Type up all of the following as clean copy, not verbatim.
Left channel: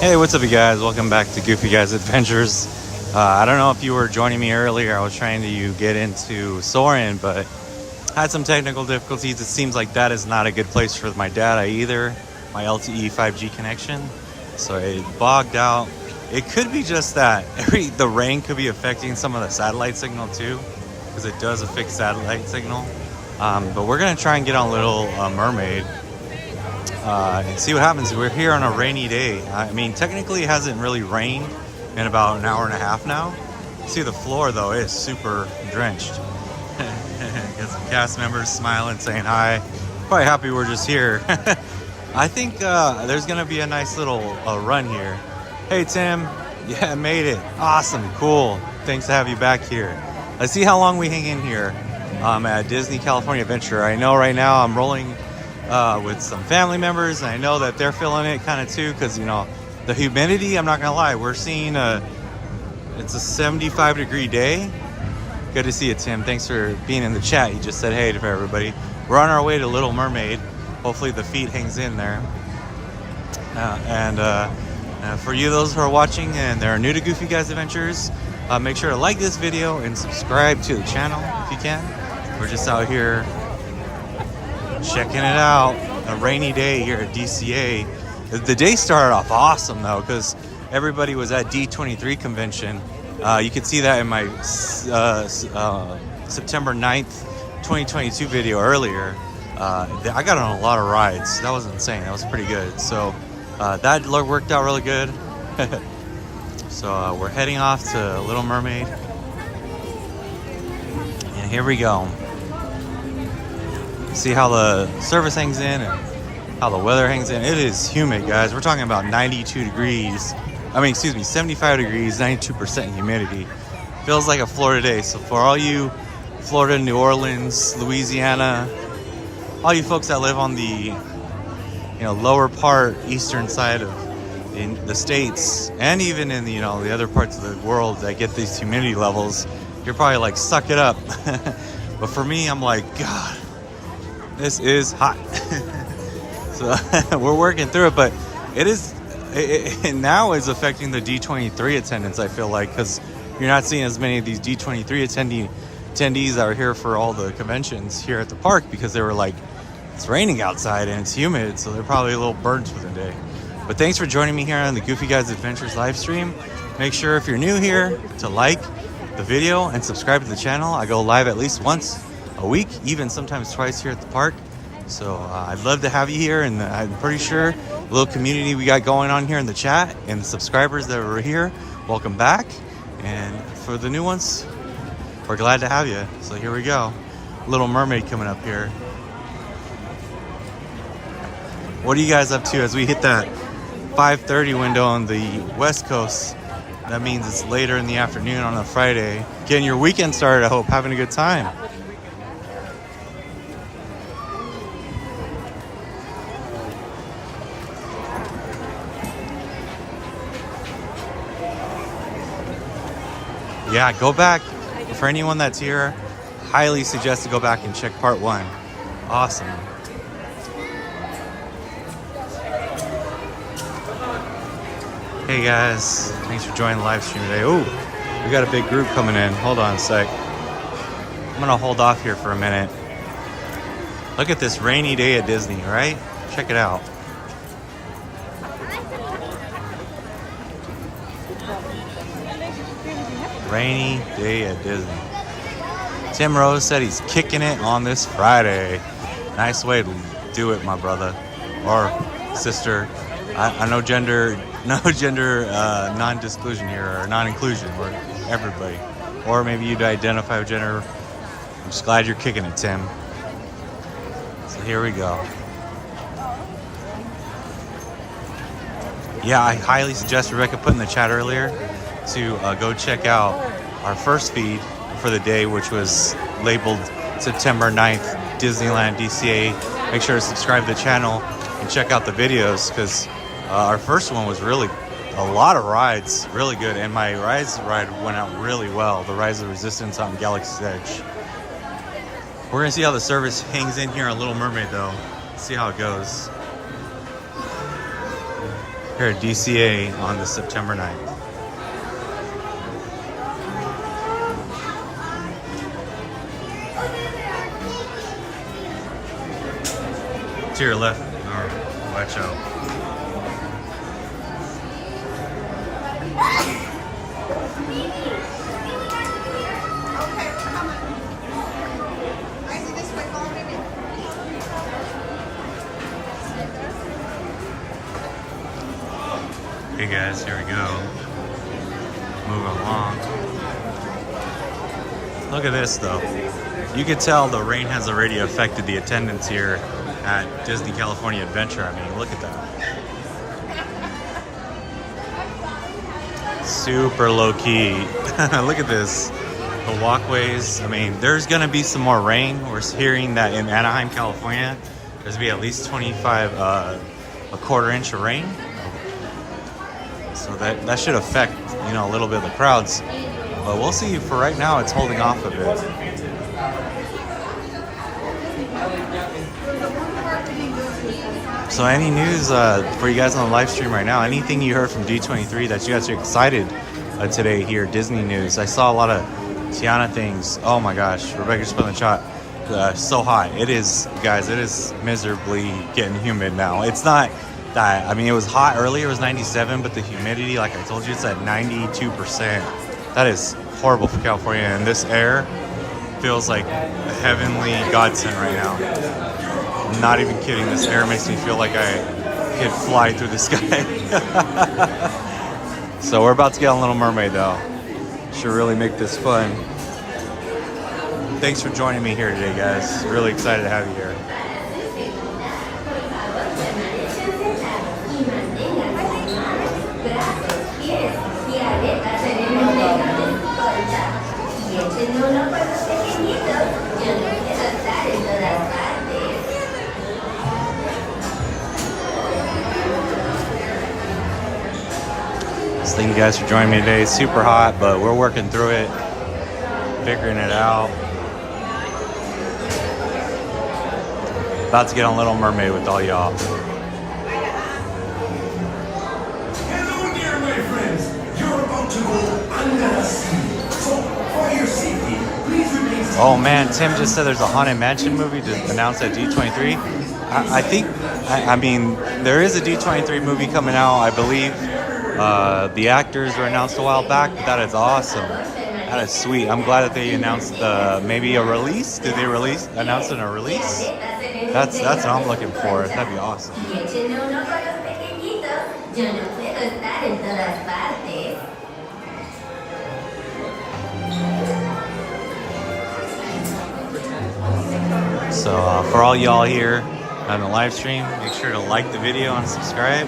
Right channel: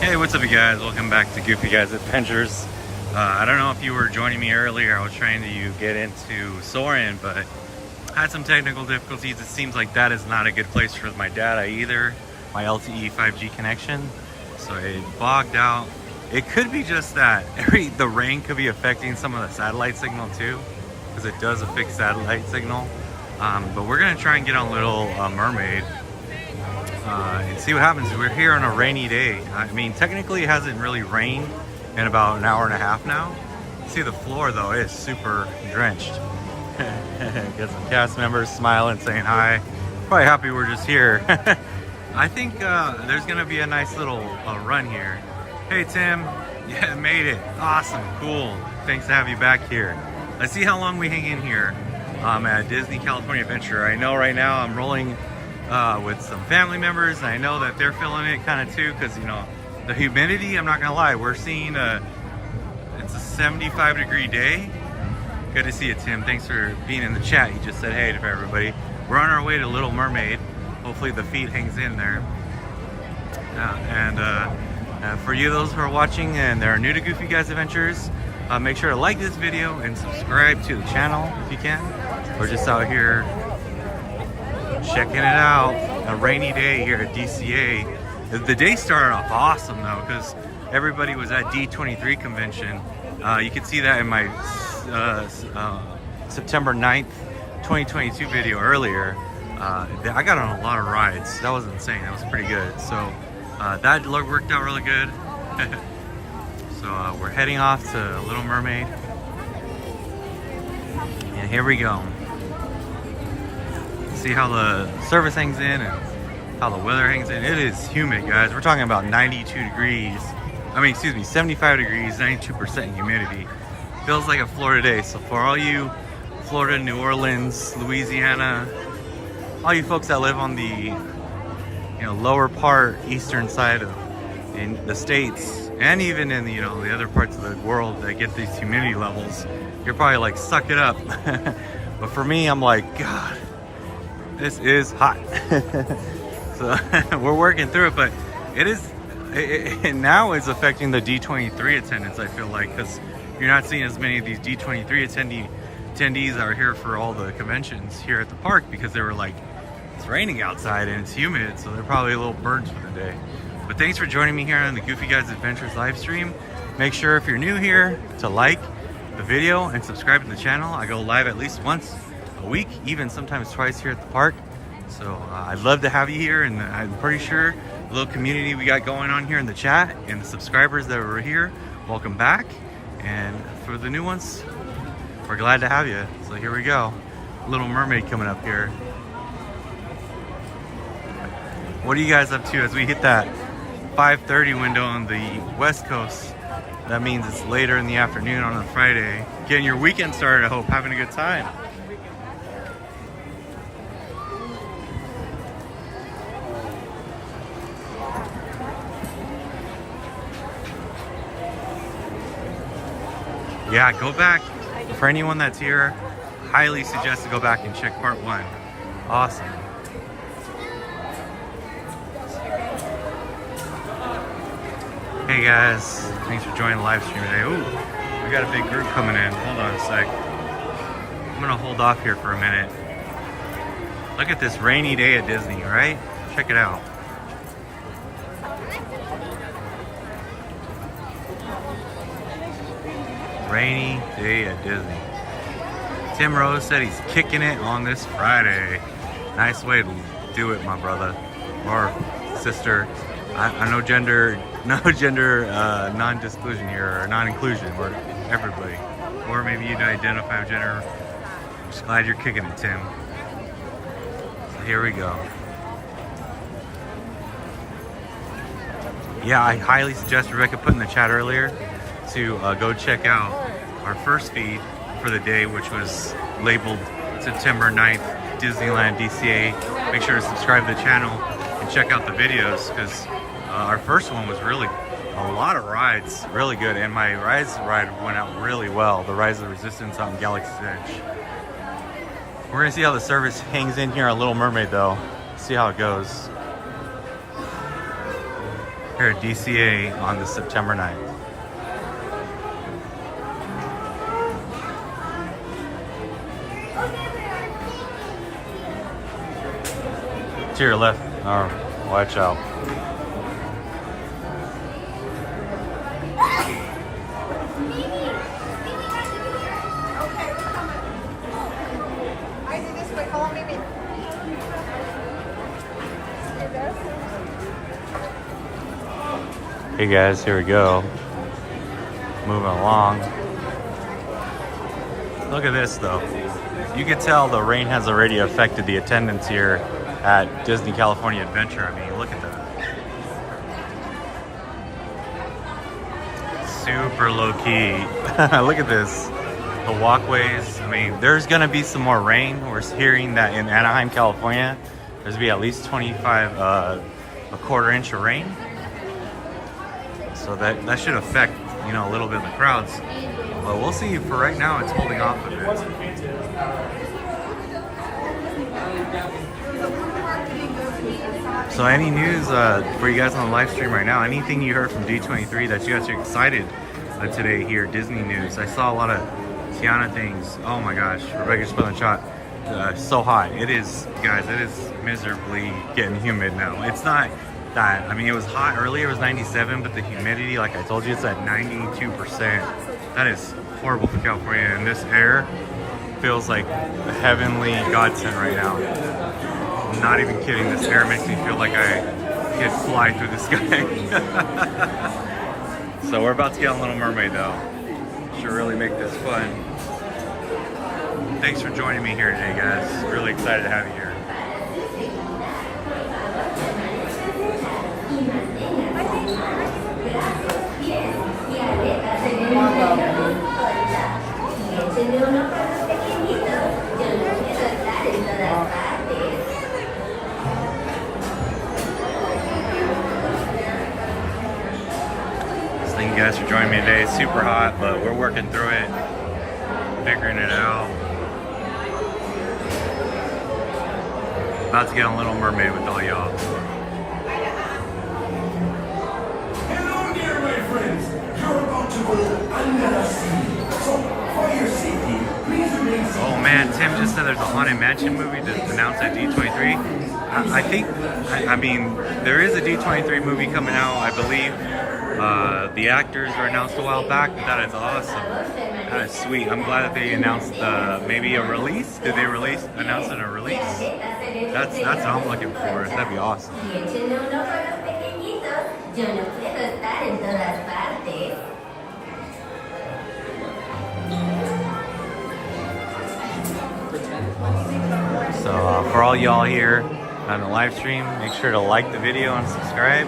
Hey, what's up you guys? Welcome back to Goofy Guys Adventures. I don't know if you were joining me earlier. I was trying to get into Soarin', but had some technical difficulties. It seems like that is not a good place for my data either, my LTE 5G connection. So it bogged out. It could be just that. The rain could be affecting some of the satellite signal too, because it does affect satellite signal. But we're gonna try and get on Little Mermaid. And see what happens. We're here on a rainy day. I mean, technically it hasn't really rained in about an hour and a half now. See the floor though is super drenched. Got some cast members smiling, saying hi. Probably happy we're just here. I think there's gonna be a nice little run here. Hey Tim, yeah, made it. Awesome, cool. Thanks to have you back here. Let's see how long we hang in here at Disney California Adventure. I know right now I'm rolling with some family members, and I know that they're feeling it kind of too, because you know the humidity. I'm not gonna lie, we're seeing it's a 75-degree day. Good to see you, Tim. Thanks for being in the chat. You just said hey to everybody. We're on our way to Little Mermaid. Hopefully the feet hangs in there. For you those who are watching and they're new to Goofy Guys Adventures, make sure to like this video and subscribe to the channel if you can. We're just out here checking it out. A rainy day here at DCA. The day started off awesome though, because everybody was at D23 convention. You can see that in my September 9th 2022 video earlier. I got on a lot of rides. That was insane. That was pretty good. So that worked out really good. So we're heading off to Little Mermaid, and here we go. See how the service hangs in and how the weather hangs in. It is humid, guys. We're talking about 92 degrees. I mean, excuse me, 75 degrees, 92% humidity. Feels like a Florida day. So for all you Florida, New Orleans, Louisiana, all you folks that live on the lower part, eastern side of the states, and even in the the other parts of the world that get these humidity levels, you're probably like, suck it up. But for me, I'm like, God, this is hot. So we're working through it, but it now is affecting the D23 attendance, I feel like, because you're not seeing as many of these D23 attendees that are here for all the conventions here at the park, because they were like, it's raining outside and it's humid, so they're probably a little burned for the day. But thanks for joining me here on the Goofy Guys Adventures live stream. Make sure if you're new here to like the video and subscribe to the channel. I go live at least once a week, even sometimes twice here at the park. So I'd love to have you here, and I'm pretty sure the little community we got going on here in the chat and the subscribers that were here, welcome back. And for the new ones, we're glad to have you. So here we go. Little Mermaid coming up here. What are you guys up to as we hit that 5:30 window on the West Coast? That means it's later in the afternoon on a Friday. Getting your weekend started, I hope. Having a good time. Yeah, go back. For anyone that's here, highly suggest to go back and check part 1. Awesome. Hey guys, thanks for joining the live stream today. Ooh, we got a big group coming in. Hold on a sec. I'm gonna hold off here for a minute. Look at this rainy day at Disney, right? Check it out. Rainy day at Disney. Tim Rose said he's kicking it on this Friday. Nice way to do it, my brother or sister. I know gender non-disclusion here, or non-inclusion, or everybody. Or maybe you'd identify with gender. I'm just glad you're kicking it, Tim. So here we go. Yeah, I highly suggest, Rebecca put in the chat earlier, to go check out our first feed for the day, which was labeled September 9th, Disneyland DCA. Make sure to subscribe to the channel and check out the videos, because our first one was really a lot of rides, really good, and my ride went out really well. The Rise of the Resistance on Galaxy's Edge. We're gonna see how the service hangs in here on Little Mermaid though. See how it goes. here at DCA on the September 9th. To your left, watch out. Hey guys, here we go. Moving along. Look at this though. You can tell the rain has already affected the attendance here at Disney California Adventure. I mean, look at that. Super low key. Look at this. The walkways. I mean, there's gonna be some more rain. We're hearing that in Anaheim, California, there's gonna be at least 25, a quarter inch of rain. So that should affect, you know, a little bit of the crowds. But we'll see. For right now, it's holding off a bit. So any news for you guys on the live stream right now? Anything you heard from D23 that you guys are excited today here? Disney news. I saw a lot of Tiana things. Oh my gosh, Rebecca just put in the chat. So hot. It is, guys, it is miserably getting humid now. It's not that, I mean, it was hot earlier, it was 97, but the humidity, like I told you, it's at 92%. That is horrible for California, and this air feels like a heavenly godsend right now. I'm not even kidding, this air makes me feel like I could fly through the sky. So we're about to get on Little Mermaid though. Should really make this fun. Thanks for joining me here today, guys. Really excited to have you here. Thank you guys for joining me today. It's super hot, but we're working through it, figuring it out. About to get on Little Mermaid with all y'all. Hello there, my friends. You're about to go under the sea. So, for your safety, please remain seated. Oh man, Tim just said there's a Haunted Mansion movie to announce at D23. I think, I mean, there is a D23 movie coming out, I believe. The actors were announced a while back, but that is awesome. That is sweet. I'm glad that they announced maybe a release. Did they announce a release? That's what I'm looking for. That'd be awesome. So for all y'all here on the live stream, make sure to like the video and subscribe.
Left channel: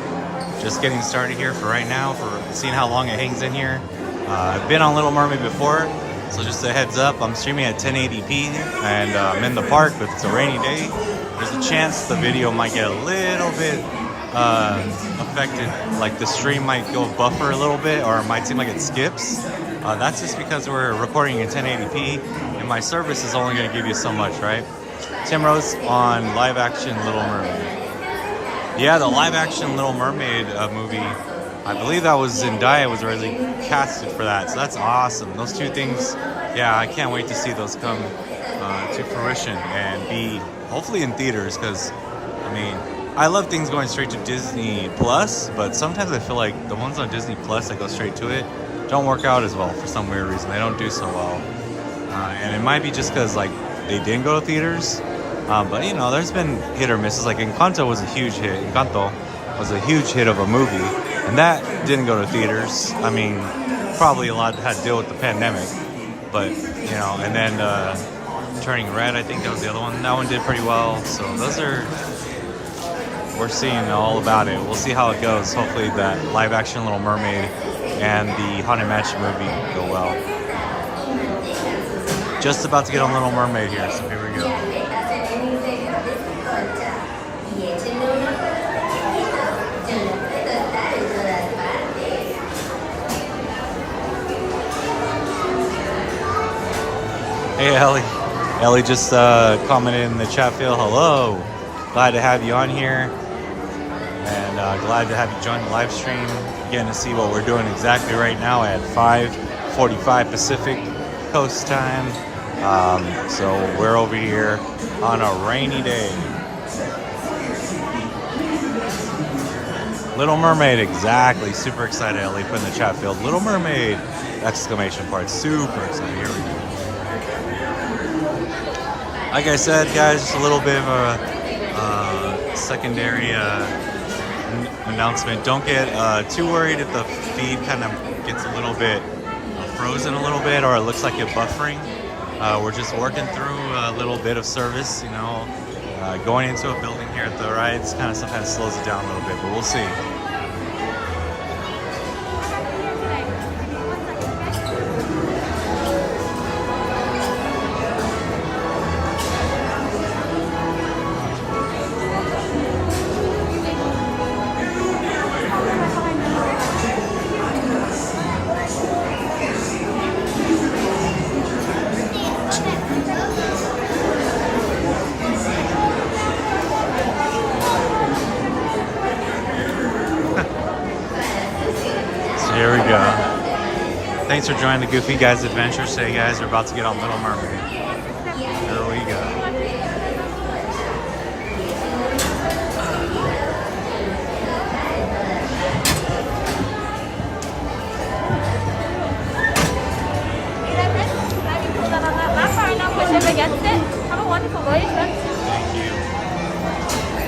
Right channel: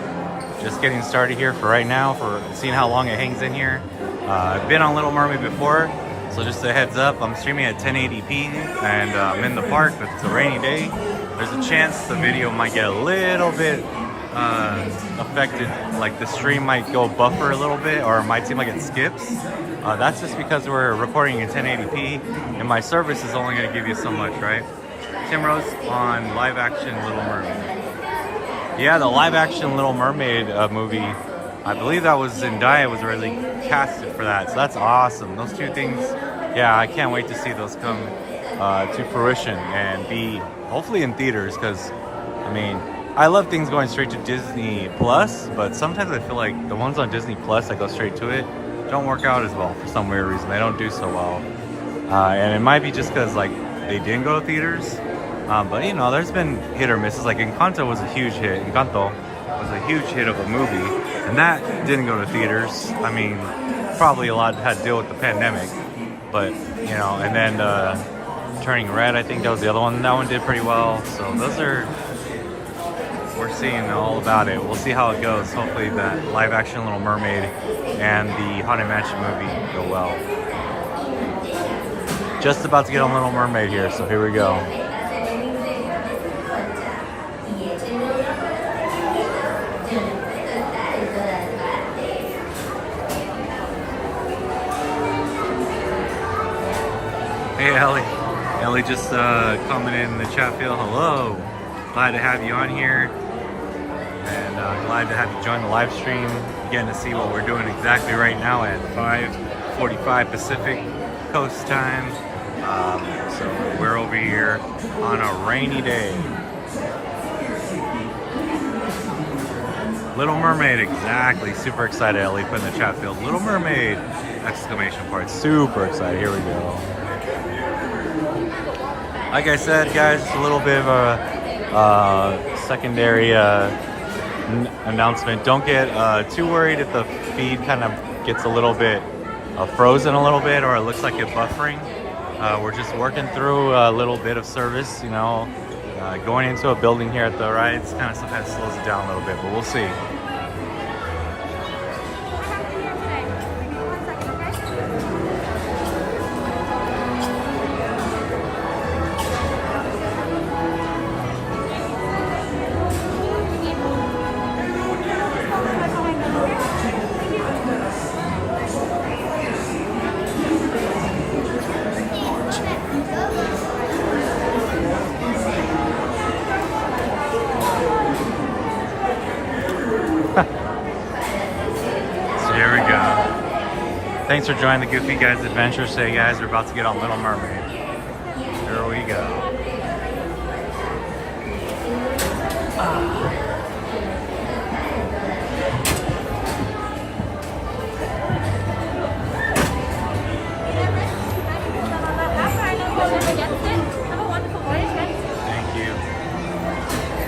Just getting started here for right now, for seeing how long it hangs in here. I've been on Little Mermaid before, so just a heads up, I'm streaming at 1080p and I'm in the park, but it's a rainy day. There's a chance the video might get a little bit affected, like the stream might go buffer a little bit, or it might seem like it skips. That's just because we're recording in 1080p and my service is only going to give you so much, right? Tim Rose on live action Little Mermaid. Yeah, the live action Little Mermaid movie, I believe that was Zendaya was already casted for that. So that's awesome. Those two things, yeah, I can't wait to see those come to fruition and be hopefully in theaters, because, I mean, I love things going straight to Disney Plus, but sometimes I feel like the ones on Disney Plus that go straight to it don't work out as well for some weird reason. They don't do so well. And it might be just because, like, they didn't go to theaters. But you know, there's been hit or misses. Like Encanto was a huge hit. Encanto was a huge hit of a movie, and that didn't go to theaters. I mean, probably a lot had to deal with the pandemic, but you know, and then Turning Red, I think that was the other one. That one did pretty well. So those are, we're seeing all about it. We'll see how it goes. Hopefully that live action Little Mermaid and the Haunted Mansion movie go well. Just about to get on Little Mermaid here, so here we go. Hey Ellie. Ellie just commented in the chat field, hello. Glad to have you on here. And glad to have you join the live stream. Getting to see what we're doing exactly right now at 5:45 Pacific Coast time. So we're over here on a rainy day. Little Mermaid, exactly. Super excited. Ellie put in the chat field. Little Mermaid! Exclamation point. Super excited. Here we go. Like I said, guys, just a little bit of a secondary announcement. Don't get too worried if the feed kind of gets a little bit frozen a little bit, or it looks like it's buffering. We're just working through a little bit of service, you know. Going into a building here at the rides kind of sometimes slows it down a little bit, but we'll see. Here we go. Thanks for joining the Goofy Guys Adventure. Say, guys, we're about to get on Little Mermaid. Here we go. Thank you.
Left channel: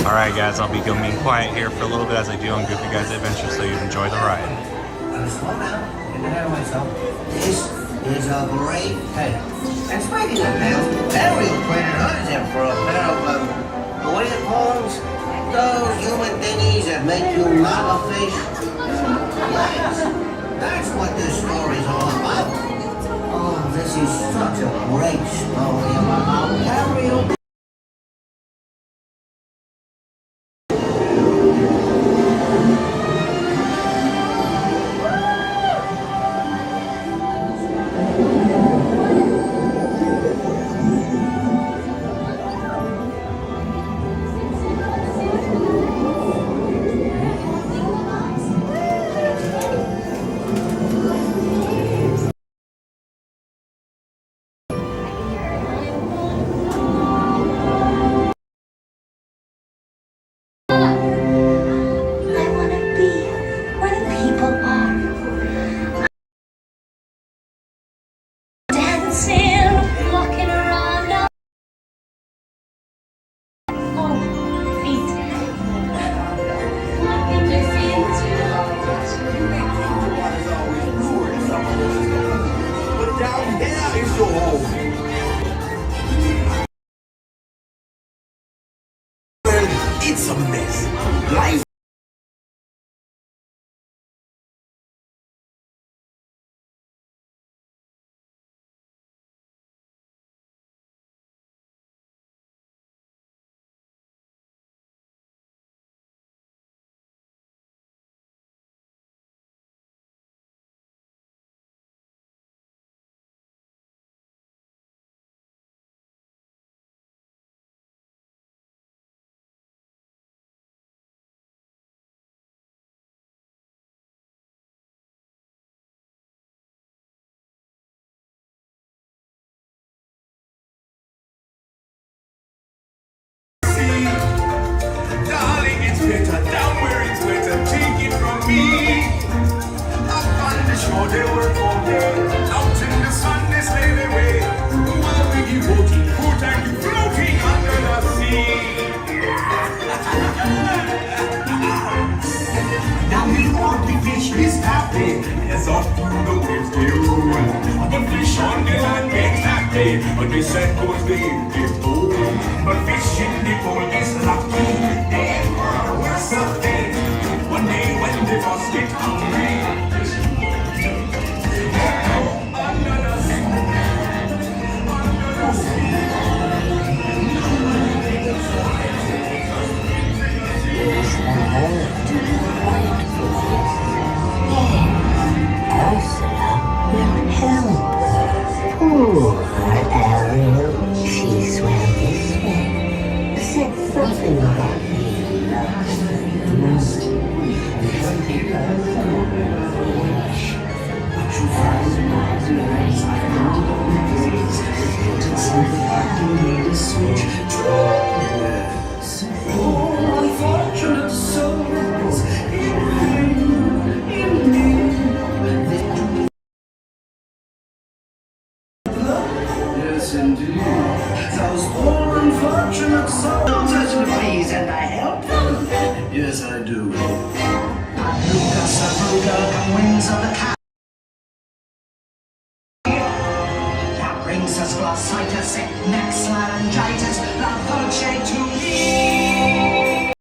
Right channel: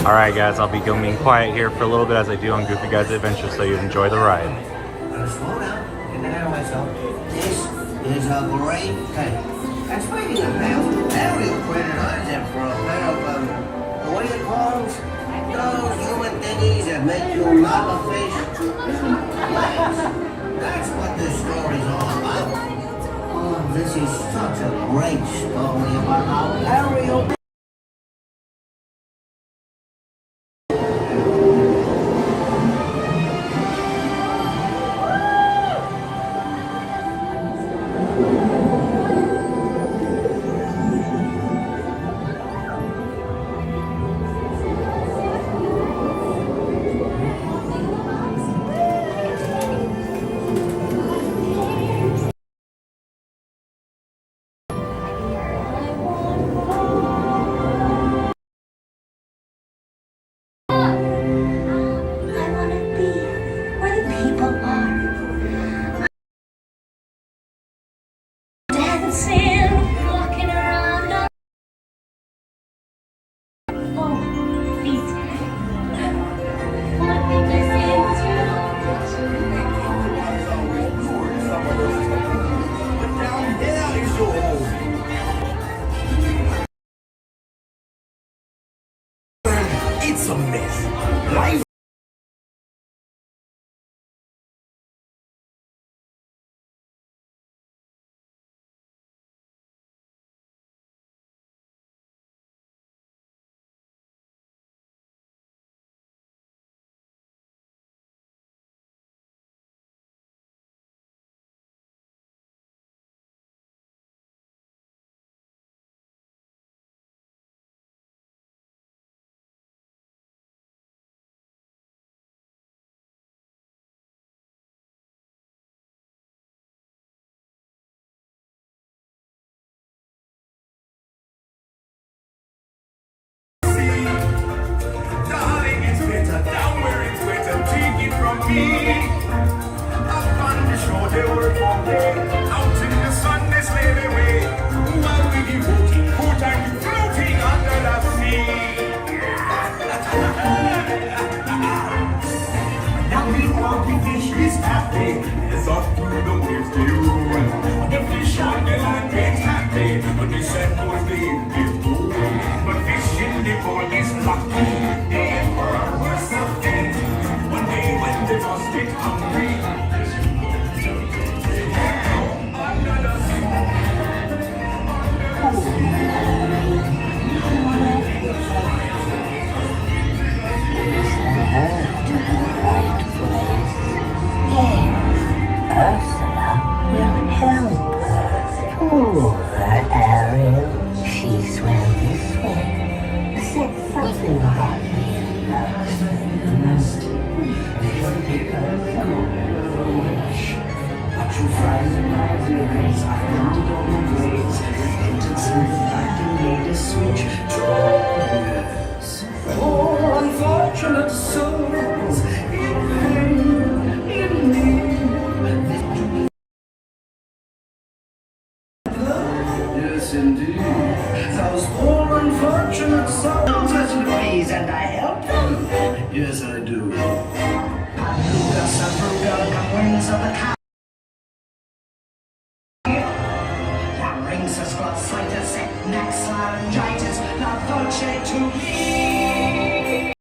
All right, guys, I'll be being quiet here for a little bit as I do on Goofy Guys Adventure, so you enjoy the ride. Slow down, getting ahead of myself. This is a great day. And speaking of nails, Ariel printed hers in for a pair of, what do you call those? Those human thingies that make you not a fish. Legs. That's what this story's all about. Oh, this is such a great story about how Ariel... It's a mess. Life. Darling, it's better down where it's wetter. Take it from me. Up on the shore, they work all day. Out in the sun, they slave away. While we keep walking, put and keep floating under the sea. Now the only fish is happy as up through the waves they roll. The fish on the land get happy, but they said goes the fool. But fish in the pool is lucky. They were something. One day when they just get hungry. Under the sea. Ursula will help her. Poor Ariel, she's ladies and I help them? Yes, I do. Luca Sabruga, the wings of the cat. Larynxus, glossitis, neck laryngitis, la dolce to me.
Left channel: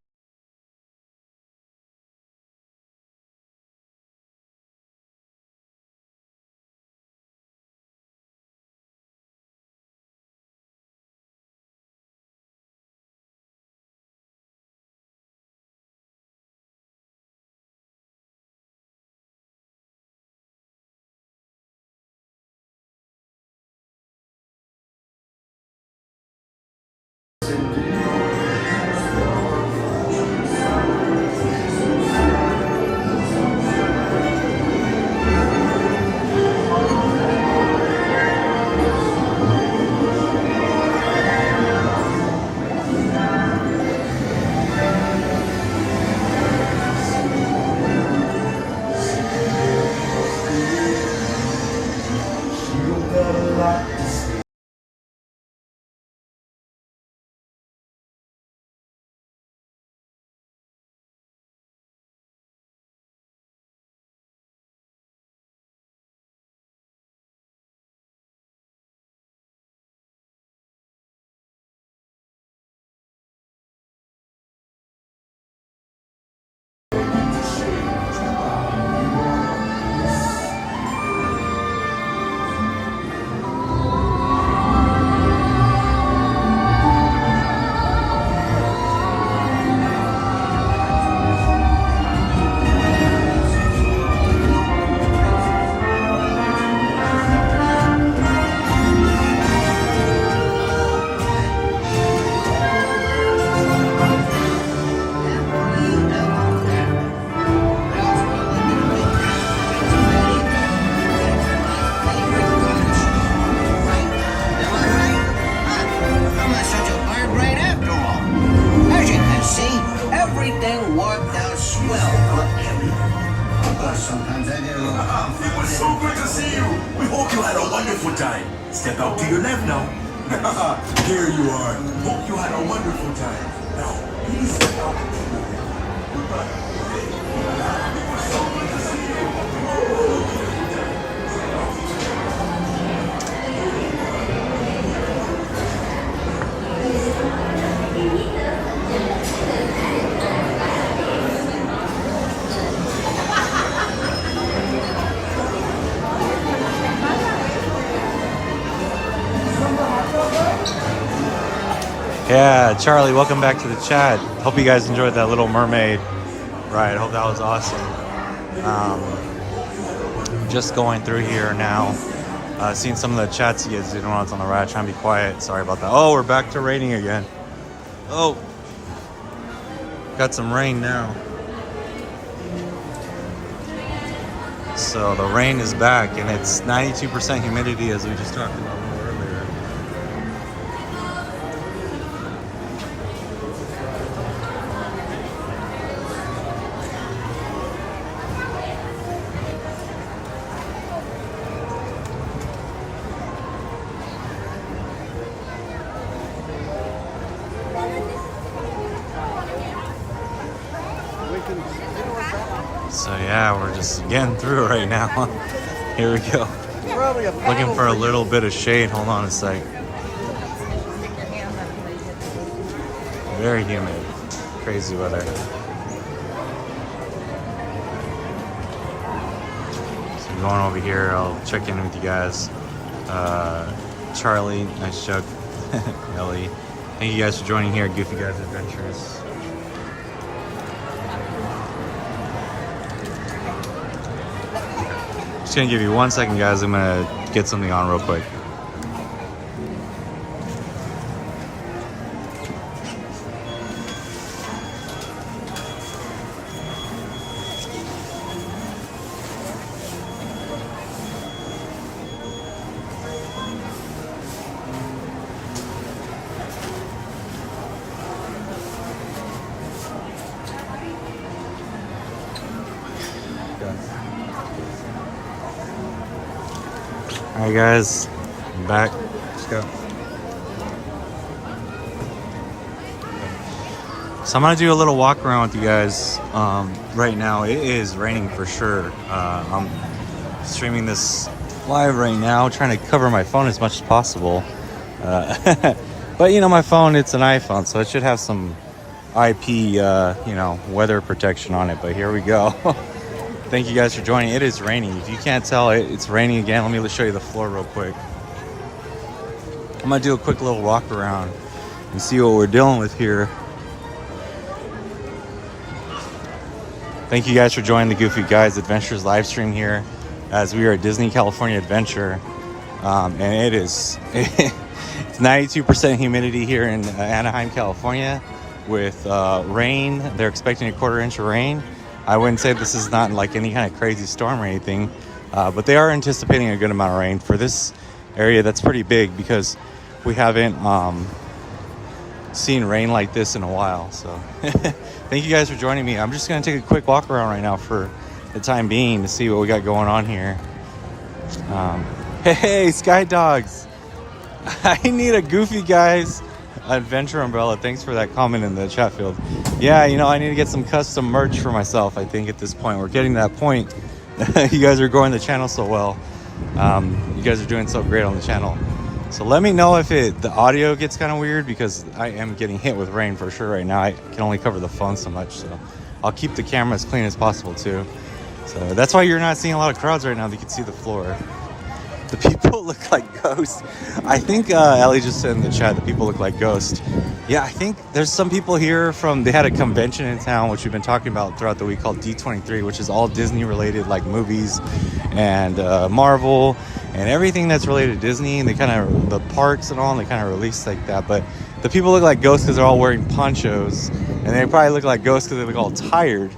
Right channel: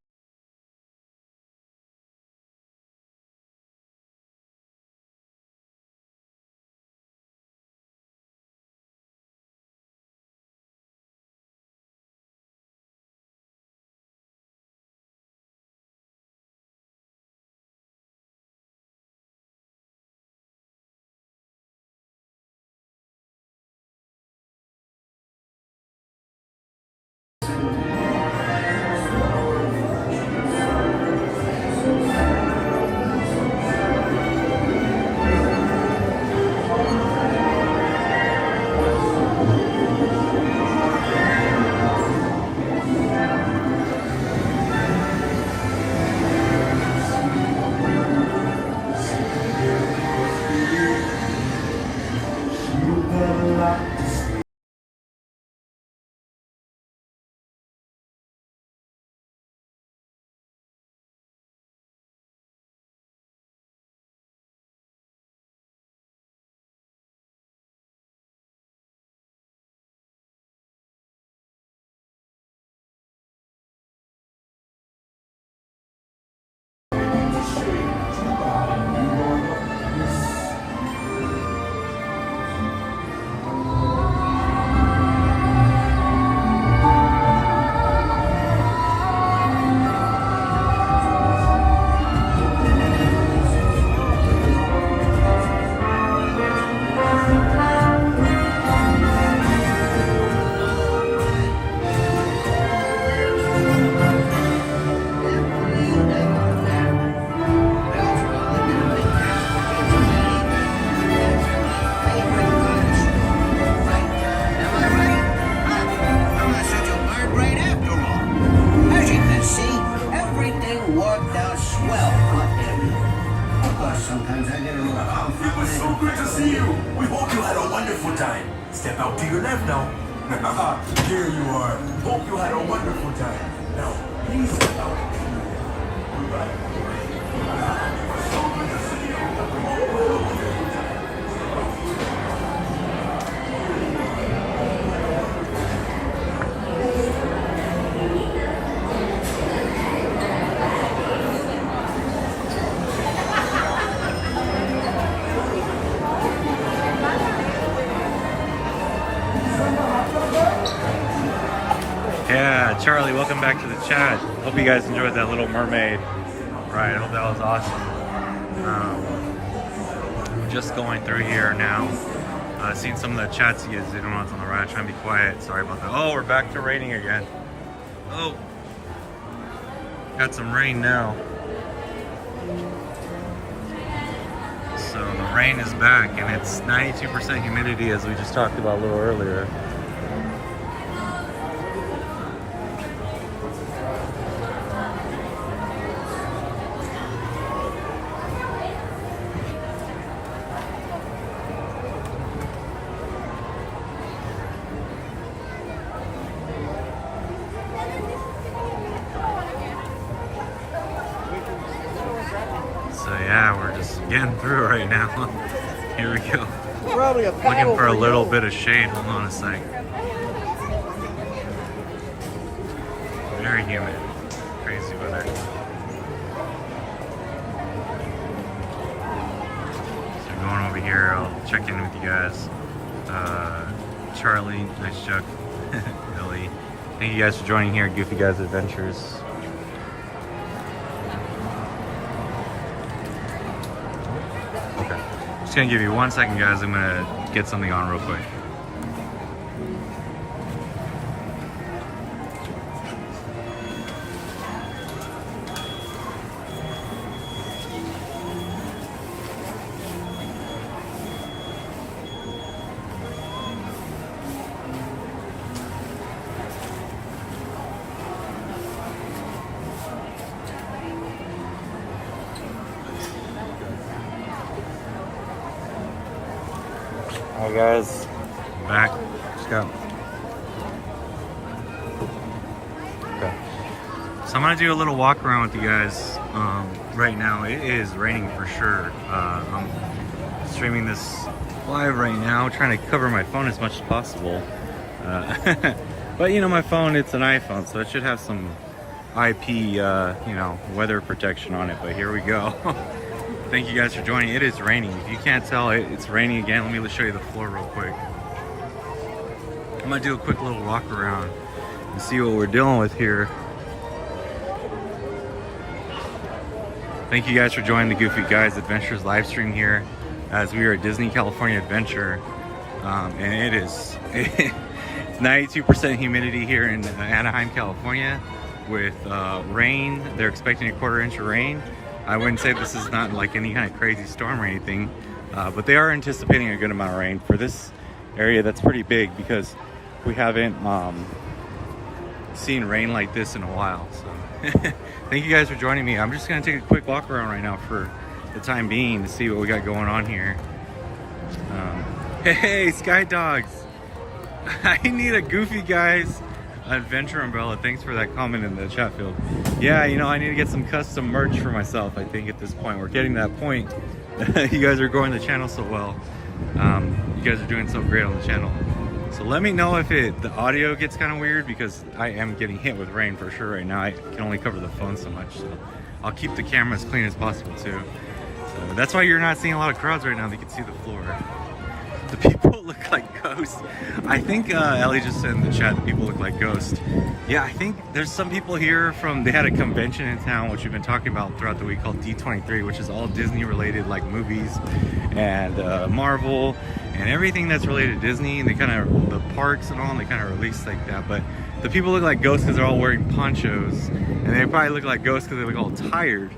Sometimes I do. It was so good to see you. We hope you had a wonderful time. Step out to your left now. Here you are. Hope you had a wonderful time. Now, please step out. Yeah, Charlie, welcome back to the chat. Hope you guys enjoyed that Little Mermaid ride. Hope that was awesome. Just going through here now. Seeing some of the chats you guys did when I was on the ride. Trying to be quiet. Sorry about that. Oh, we're back to raining again. Oh, got some rain now. So the rain is back, and it's 92% humidity, as we just talked about a little earlier. So yeah, we're just getting through right now. Here we go. Looking for a little bit of shade. Hold on a sec. Very humid. Crazy weather. So going over here, I'll check in with you guys. Charlie, nice Chuck, Ellie. Thank you guys for joining here at Goofy Guys Adventures. Just gonna give you 1 second, guys. I'm gonna get something on real quick. Hey guys, I'm back. Let's go. Okay. So I'm gonna do a little walk around with you guys. Right now it is raining for sure. I'm streaming this live right now, trying to cover my phone as much as possible. But you know, my phone, it's an iPhone, so it should have some IP, you know, weather protection on it. But here we go. Thank you guys for joining. It is raining. If you can't tell, it's raining again. Let me show you the floor real quick. I'm gonna do a quick little walk around and see what we're dealing with here. Thank you guys for joining the Goofy Guys Adventures live stream here as we are at Disney California Adventure. And it is it's 92% humidity here in Anaheim, California with rain. They're expecting a 1/4 inch of rain. I wouldn't say this is not like any kind of crazy storm or anything, but they are anticipating a good amount of rain for this area. That's pretty big because we haven't seen rain like this in a while. So thank you guys for joining me. I'm just gonna take a quick walk around right now for the time being to see what we got going on here. Hey, Sky Dogs, I need a Goofy Guys Adventure umbrella. Thanks for that comment in the chat field. Yeah, you know, I need to get some custom merch for myself. I think at this point we're getting to that point. You guys are growing the channel so well. You guys are doing so great on the channel. So let me know if the audio gets kind of weird, because I am getting hit with rain for sure right now. I can only cover the phone so much, so I'll keep the camera as clean as possible too. So that's why you're not seeing a lot of crowds right now. You can see the floor. The people look like ghosts. I think Ellie just said in the chat that people look like ghosts. Yeah, I think there's some people here they had a convention in town, which we've been talking about throughout the week, called D23, which is all Disney related, like movies and Marvel and everything that's related to Disney. They kind of, the parks and all, and they kind of release like that. But the people look like ghosts because they're all wearing ponchos, and they probably look like ghosts because they look all tired.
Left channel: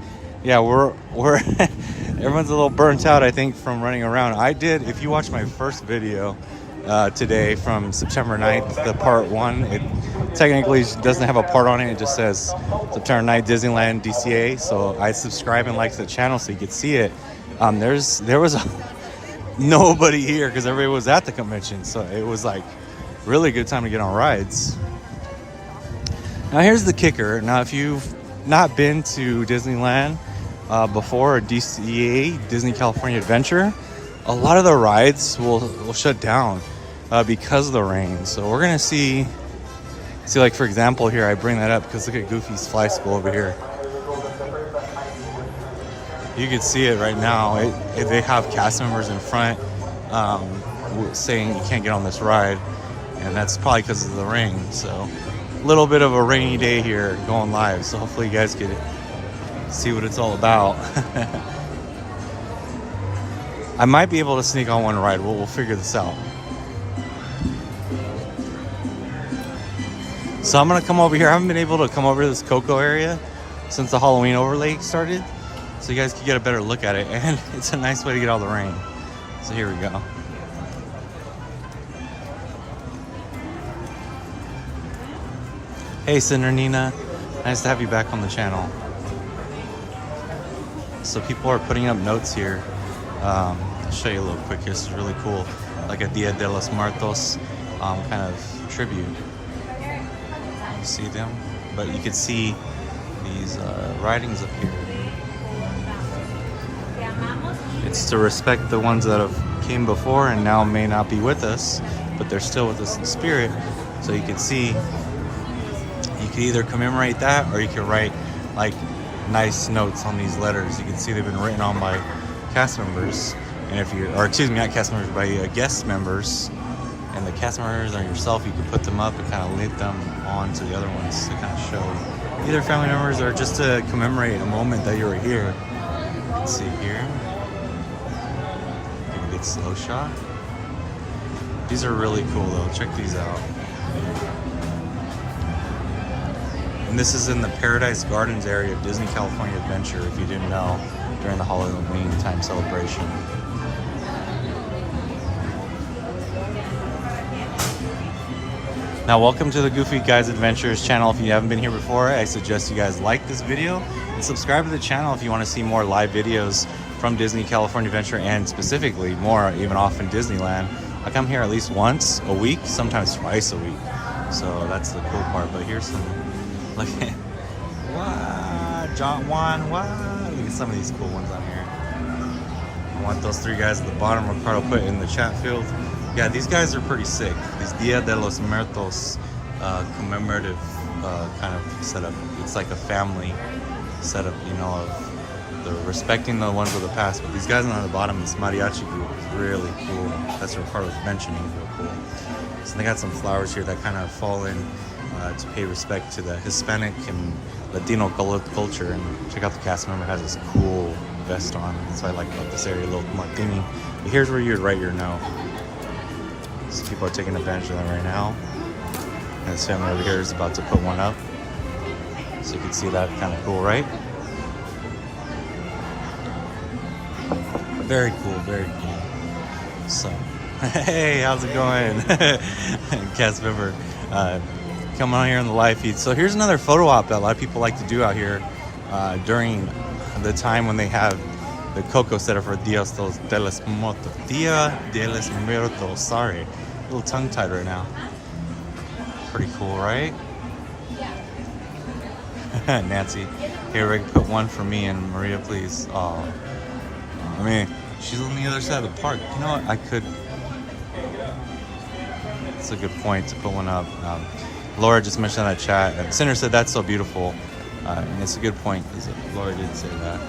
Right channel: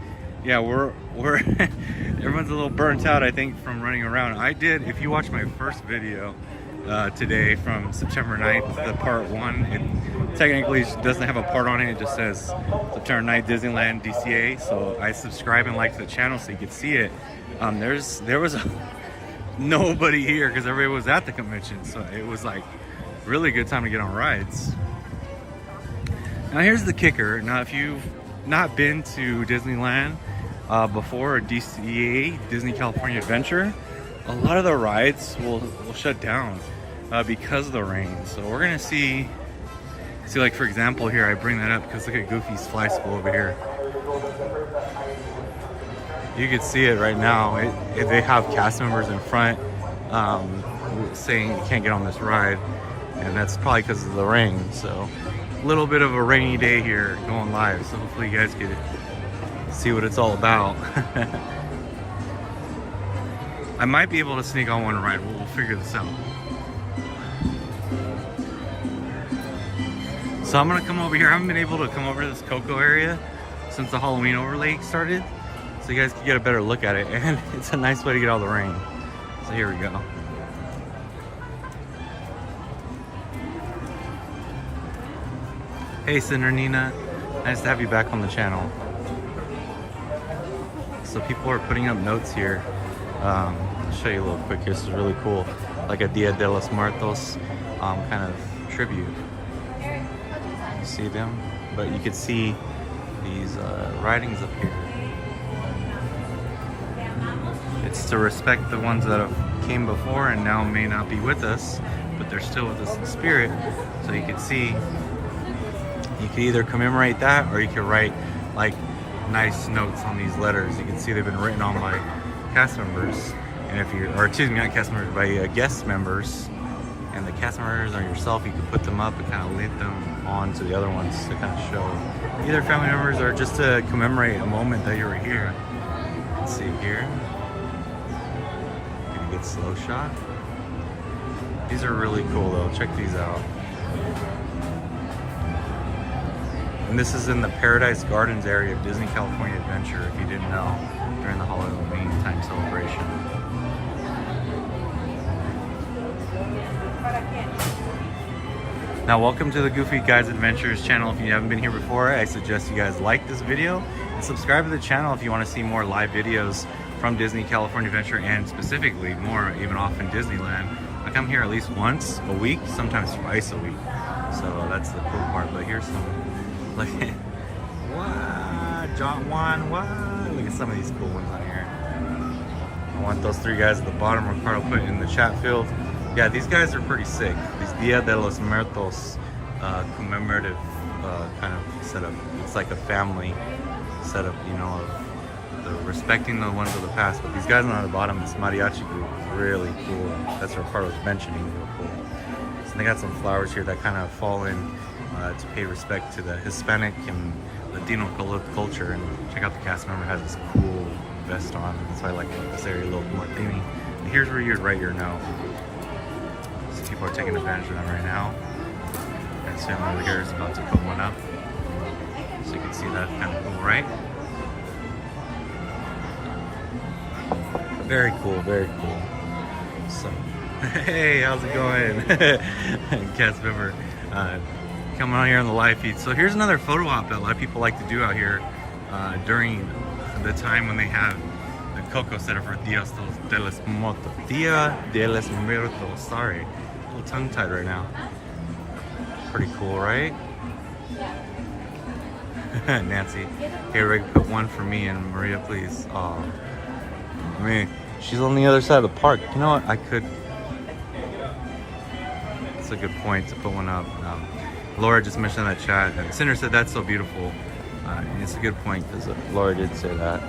Yeah, we're everyone's a little burnt out, I think, from running around. I did, if you watch my first video today from September 9th, the part 1, it technically doesn't have a part on it. It just says September 9th, Disneyland, DCA. So I subscribe and like the channel so you could see it. There was nobody here because everybody was at the convention. So it was like really good time to get on rides. Now here's the kicker. Now if you've not been to Disneyland before, or DCA, Disney California Adventure, a lot of the rides will shut down because of the rain. So we're gonna see like, for example, here I bring that up because look at Goofy's Fly School over here. You can see it right now. They have cast members in front saying you can't get on this ride, and that's probably because of the rain. So a little bit of a rainy day here going live, so hopefully you guys could see what it's all about. I might be able to sneak on one ride. We'll figure this out. So I'm gonna come over here. I haven't been able to come over to this Coco area since the Halloween overlay started, so you guys can get a better look at it, and it's a nice way to get out of the rain. So here we go. Hey Cinder Nina, nice to have you back on the channel. So people are putting up notes here. I'll show you a little quick. This is really cool, like a Dia de los Muertos kind of tribute. You see them, but you can see these writings up here. It's to respect the ones that have came before and now may not be with us, but they're still with us in spirit. So you can see, you could either commemorate that, or you could write like nice notes on these letters. You can see they've been written on by cast members, and if you, or excuse me, not cast members, by guest members, and the cast members or yourself, you could put them up and kind of link them on to the other ones to kind of show either family members or just to commemorate a moment that you were here. Let's see here. You can get slow shot. These are really cool though. Check these out. And this is in the Paradise Gardens area of Disney California Adventure, if you didn't know, during the Halloween time celebration. Now, welcome to the Goofy Guys Adventures channel. If you haven't been here before, I suggest you guys like this video and subscribe to the channel if you want to see more live videos from Disney California Adventure, and specifically more even often Disneyland. I come here at least once a week, sometimes twice a week. So that's the cool part. But here's some, look at What? John Juan, what? Look at some of these cool ones on here. I want those three guys at the bottom. Ricardo put in the chat field. Yeah, these guys are pretty sick. These Dia de los Muertos commemorative kind of setup. It's like a family setup, you know, of the respecting the ones of the past. But these guys on the bottom, this mariachi group is really cool. That's what Ricardo was mentioning, real cool. So they got some flowers here that kind of fall in to pay respect to the Hispanic and Latino culture. And check out the cast member has this cool vest on. That's what I like about this area, little martini. But here's where you'd write your note. So people are taking advantage of that right now. And this family over here is about to put one up. So you can see that, kind of cool, right? Very cool, very cool. So, hey, how's it going? Cast member coming on here on the live feed. So here's another photo op that a lot of people like to do out here during the time when they have the Coco set up for Dia de los Muertos. Dia de los Muertos, sorry. A little tongue-tied right now. Pretty cool, right? Nancy, hey Rick, put one for me and Maria, please. Oh, I mean, she's on the other side of the park. You know what? I could. It's a good point to put one up. Laura just mentioned that chat, and Sinner said that's so beautiful. And it's a good point because Laura did say that.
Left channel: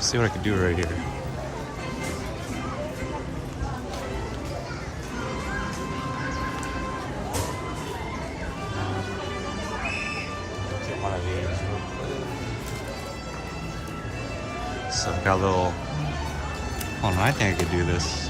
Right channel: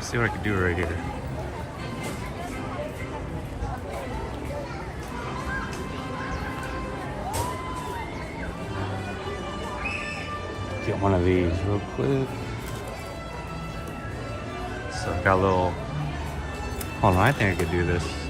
See what I could do right here. Get one of these real quick. So I got a little. Hold on, I think I could do this.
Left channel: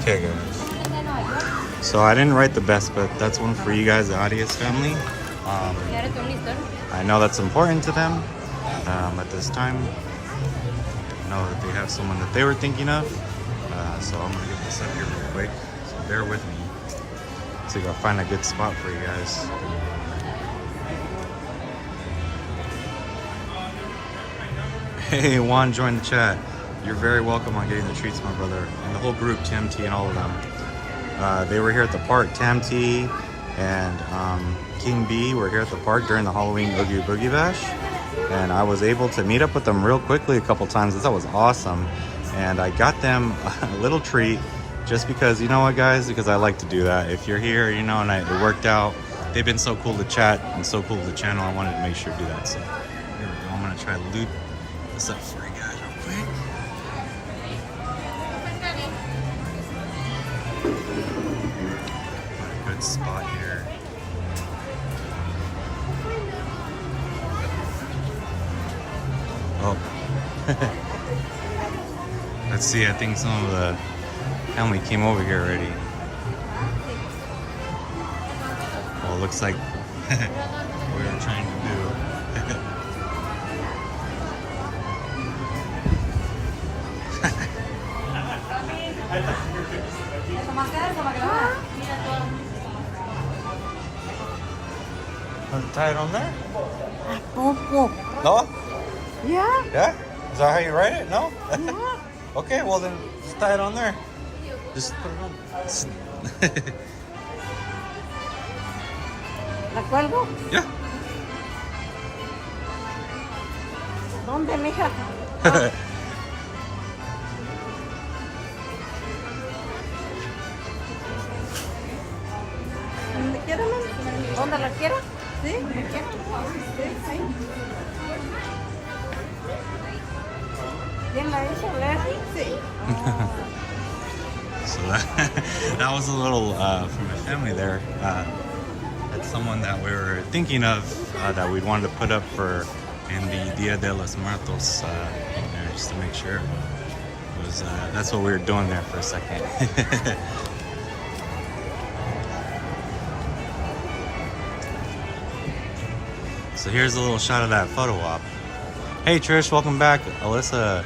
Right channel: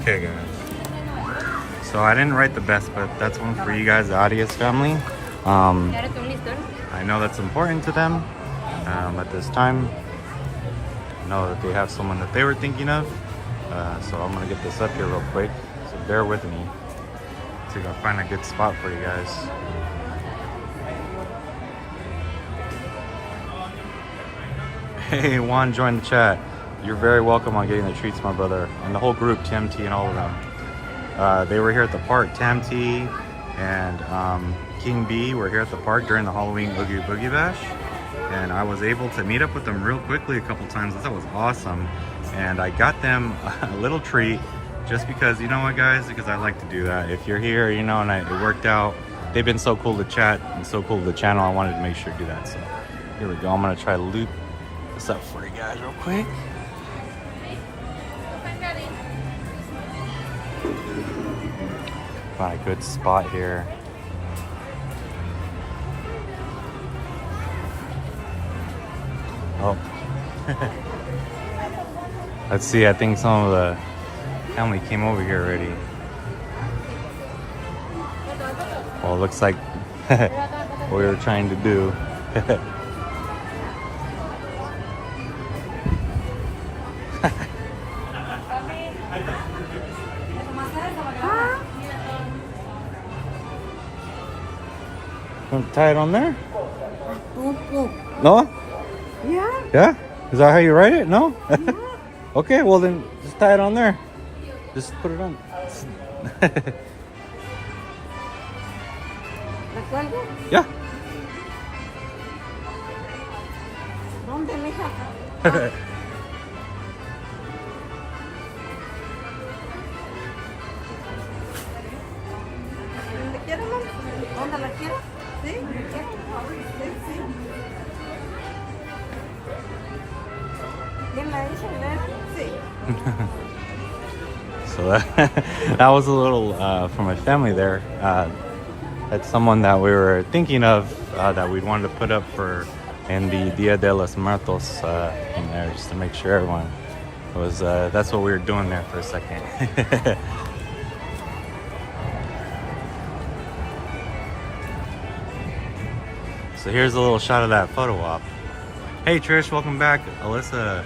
Okay guys, so I didn't write the best, but that's one for you guys, the Arias family. I know that's important to them at this time. I know that they have someone that they were thinking of, so I'm gonna get this up here real quick, so bear with me. So I gotta find a good spot for you guys. Hey, Juan joined the chat. You're very welcome on getting the treats, my brother. And the whole group, TMT and all of them. They were here at the park. TMT and King B were here at the park during the Halloween Oogie Boogie Bash. And I was able to meet up with them real quickly a couple times. That was awesome. And I got them a little treat just because, you know what guys, because I like to do that. If you're here, you know, and it worked out. They've been so cool to chat and so cool to the channel. I wanted to make sure to do that. So here we go. I'm gonna try to loop this up for you guys real quick. Got a good spot here. Oh. Let's see, I think some of the family came over here already. Well, it looks like what we were trying to do. Want to tie it on there? No? Yeah. Yeah? Is that how you write it? No? Yeah. Okay, well then just tie it on there. Just put it on. ¿La cuelgo? Yeah. ¿Dónde, mija? ¿Dónde quiero? ¿Dónde la quiero? Sí. Sí. ¿Quién la hizo? Sí. So that was a little from my family there. It's someone that we were thinking of that we'd wanted to put up for in the Dia de los Muertos in there, just to make sure everyone was that's what we were doing there for a second. So here's a little shot of that photo op. Hey Trish, welcome back. Alyssa,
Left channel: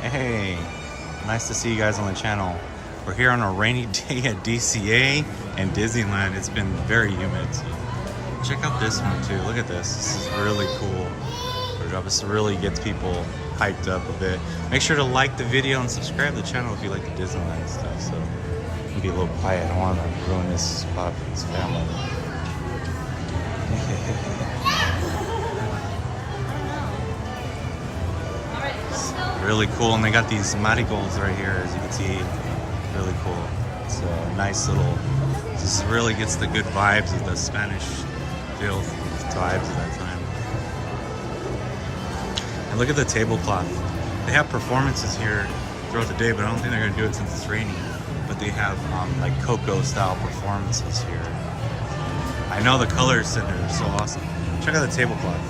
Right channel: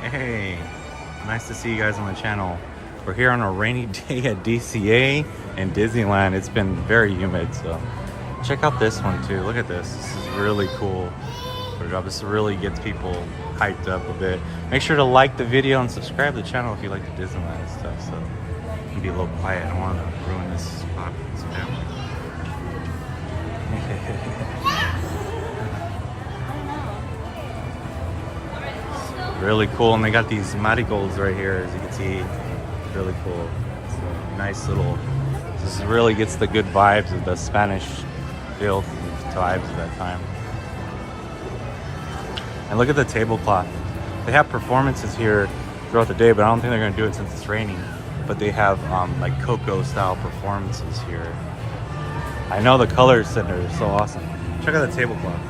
hey, nice to see you guys on the channel. We're here on a rainy day at DCA and Disneyland. It's been very humid, so check out this one too. Look at this. This is really cool. This really gets people hyped up a bit. Make sure to like the video and subscribe to the channel if you like the Disneyland stuff. So I'm gonna be a little quiet. I don't want to ruin this spot for this family. Really cool, and they got these marigolds right here, as you can see. Really cool. It's a nice little. This really gets the good vibes of the Spanish feel vibes of that time. And look at the tablecloth. They have performances here throughout the day, but I don't think they're gonna do it since it's raining. But they have like Coco style performances here. I know the colors center is so awesome. Check out the tablecloth.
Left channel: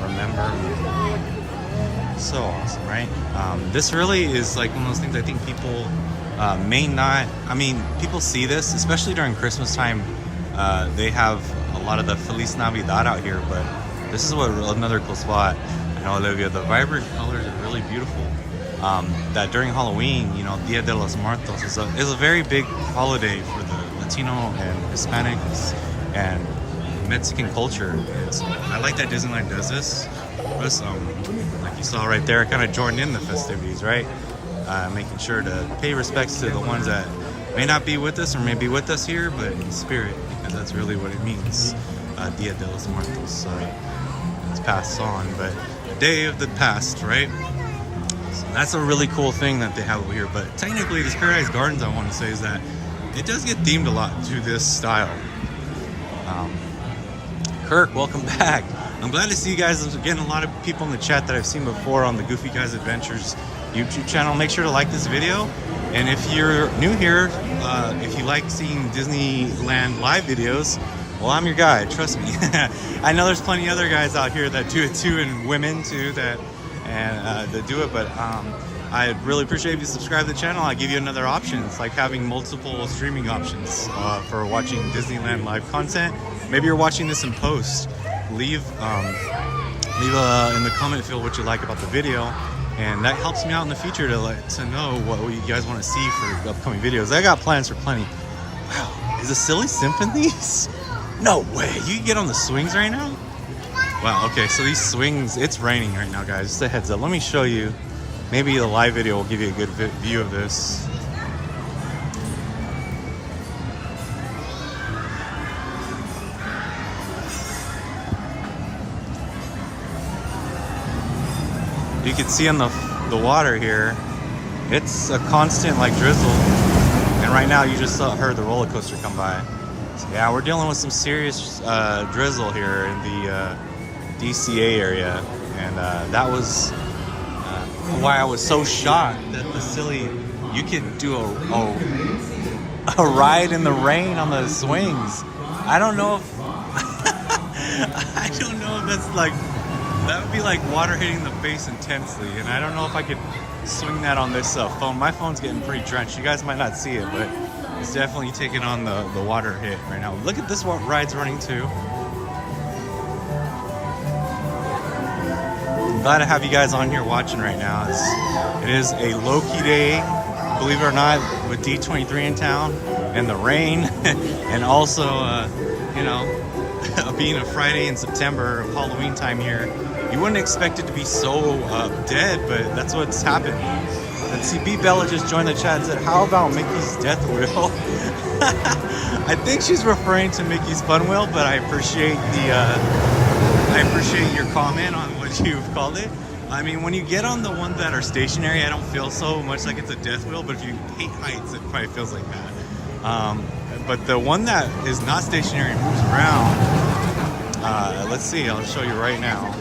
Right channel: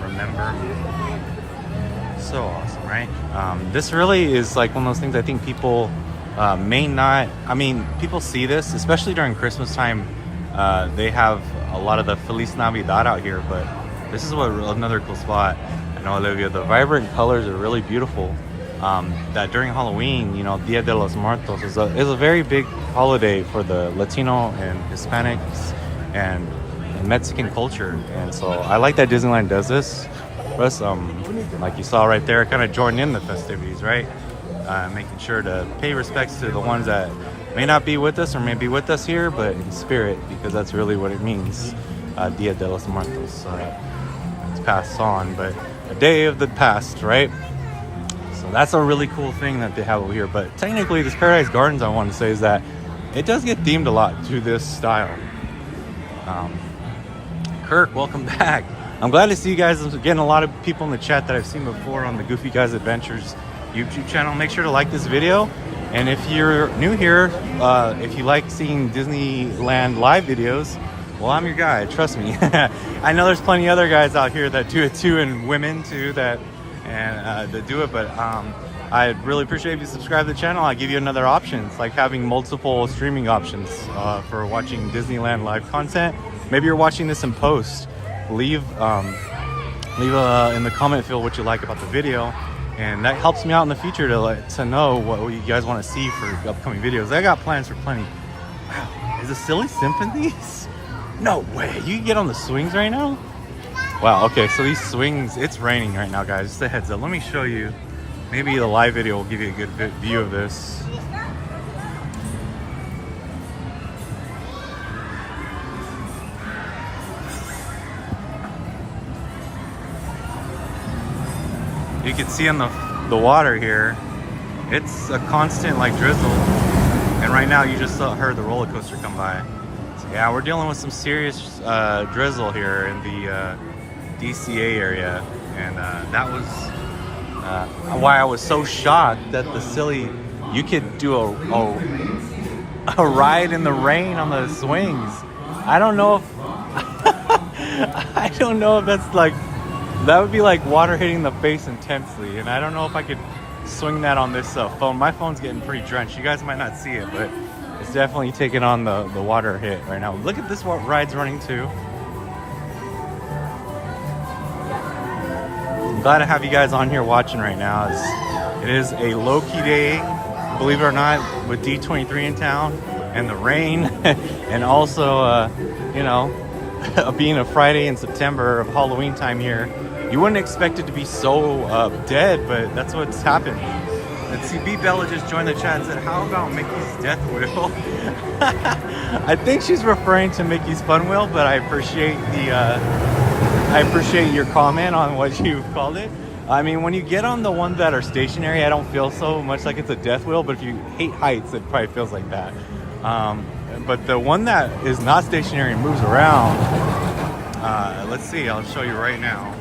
Remember me. So awesome, right? This really is like one of those things I think people may not, I mean, people see this, especially during Christmas time. They have a lot of the Feliz Navidad out here, but this is what another cool spot. I know, Olivia, the vibrant colors are really beautiful. That during Halloween, you know, Dia de los Muertos is a very big holiday for the Latino and Hispanics and Mexican culture. And so I like that Disneyland does this. Plus, like you saw right there, kind of joined in the festivities, right? Making sure to pay respects to the ones that may not be with us or may be with us here, but in spirit, because that's really what it means. Dia de los Muertos. It's passed on, but a day of the past, right? So that's a really cool thing that they have over here. But technically, this Paradise Gardens, I want to say, is that it does get themed a lot to this style. Kirk, welcome back. I'm glad to see you guys. I'm getting a lot of people in the chat that I've seen before on the Goofy Guys Adventures YouTube channel. Make sure to like this video. And if you're new here, if you like seeing Disneyland live videos, well, I'm your guy, trust me. I know there's plenty of other guys out here that do it too, and women too that do it, but I'd really appreciate if you subscribe to the channel. I give you another option. It's like having multiple streaming options for watching Disneyland live content. Maybe you're watching this in post. Leave in the comment field what you like about the video, and that helps me out in the future to know what you guys want to see for upcoming videos. I got plans for plenty. Wow, is it Silly Symphonies? No way, you can get on the swings right now? Wow, okay, so these swings, it's raining right now, guys. Just a heads up. Let me show you. Maybe the live video will give you a good view of this. You can see on the water here, it's a constant like drizzle. And right now you just heard the roller coaster come by. So yeah, we're dealing with some serious drizzle here in the DCA area. And that was why I was so shocked that you could do a ride in the rain on the swings. I don't know if, I don't know if that's like, that would be like water hitting the face intensely, and I don't know if I could swing that on this phone. My phone's getting pretty drenched. You guys might not see it, but it's definitely taking on the water hit right now. Look at this, what ride's running too. I'm glad to have you guys on here watching right now. It is a low-key day, believe it or not, with D23 in town and the rain, and also, you know, being a Friday in September of Halloween time here. You wouldn't expect it to be so dead, but that's what's happened. And see, B Bella just joined the chat and said, how about Mickey's Death Wheel? I think she's referring to Mickey's Fun Wheel, but I appreciate your comment on what you've called it. I mean, when you get on the ones that are stationary, I don't feel so much like it's a death wheel, but if you hate heights, it probably feels like that. But the one that is not stationary and moves around, let's see, I'll show you right now.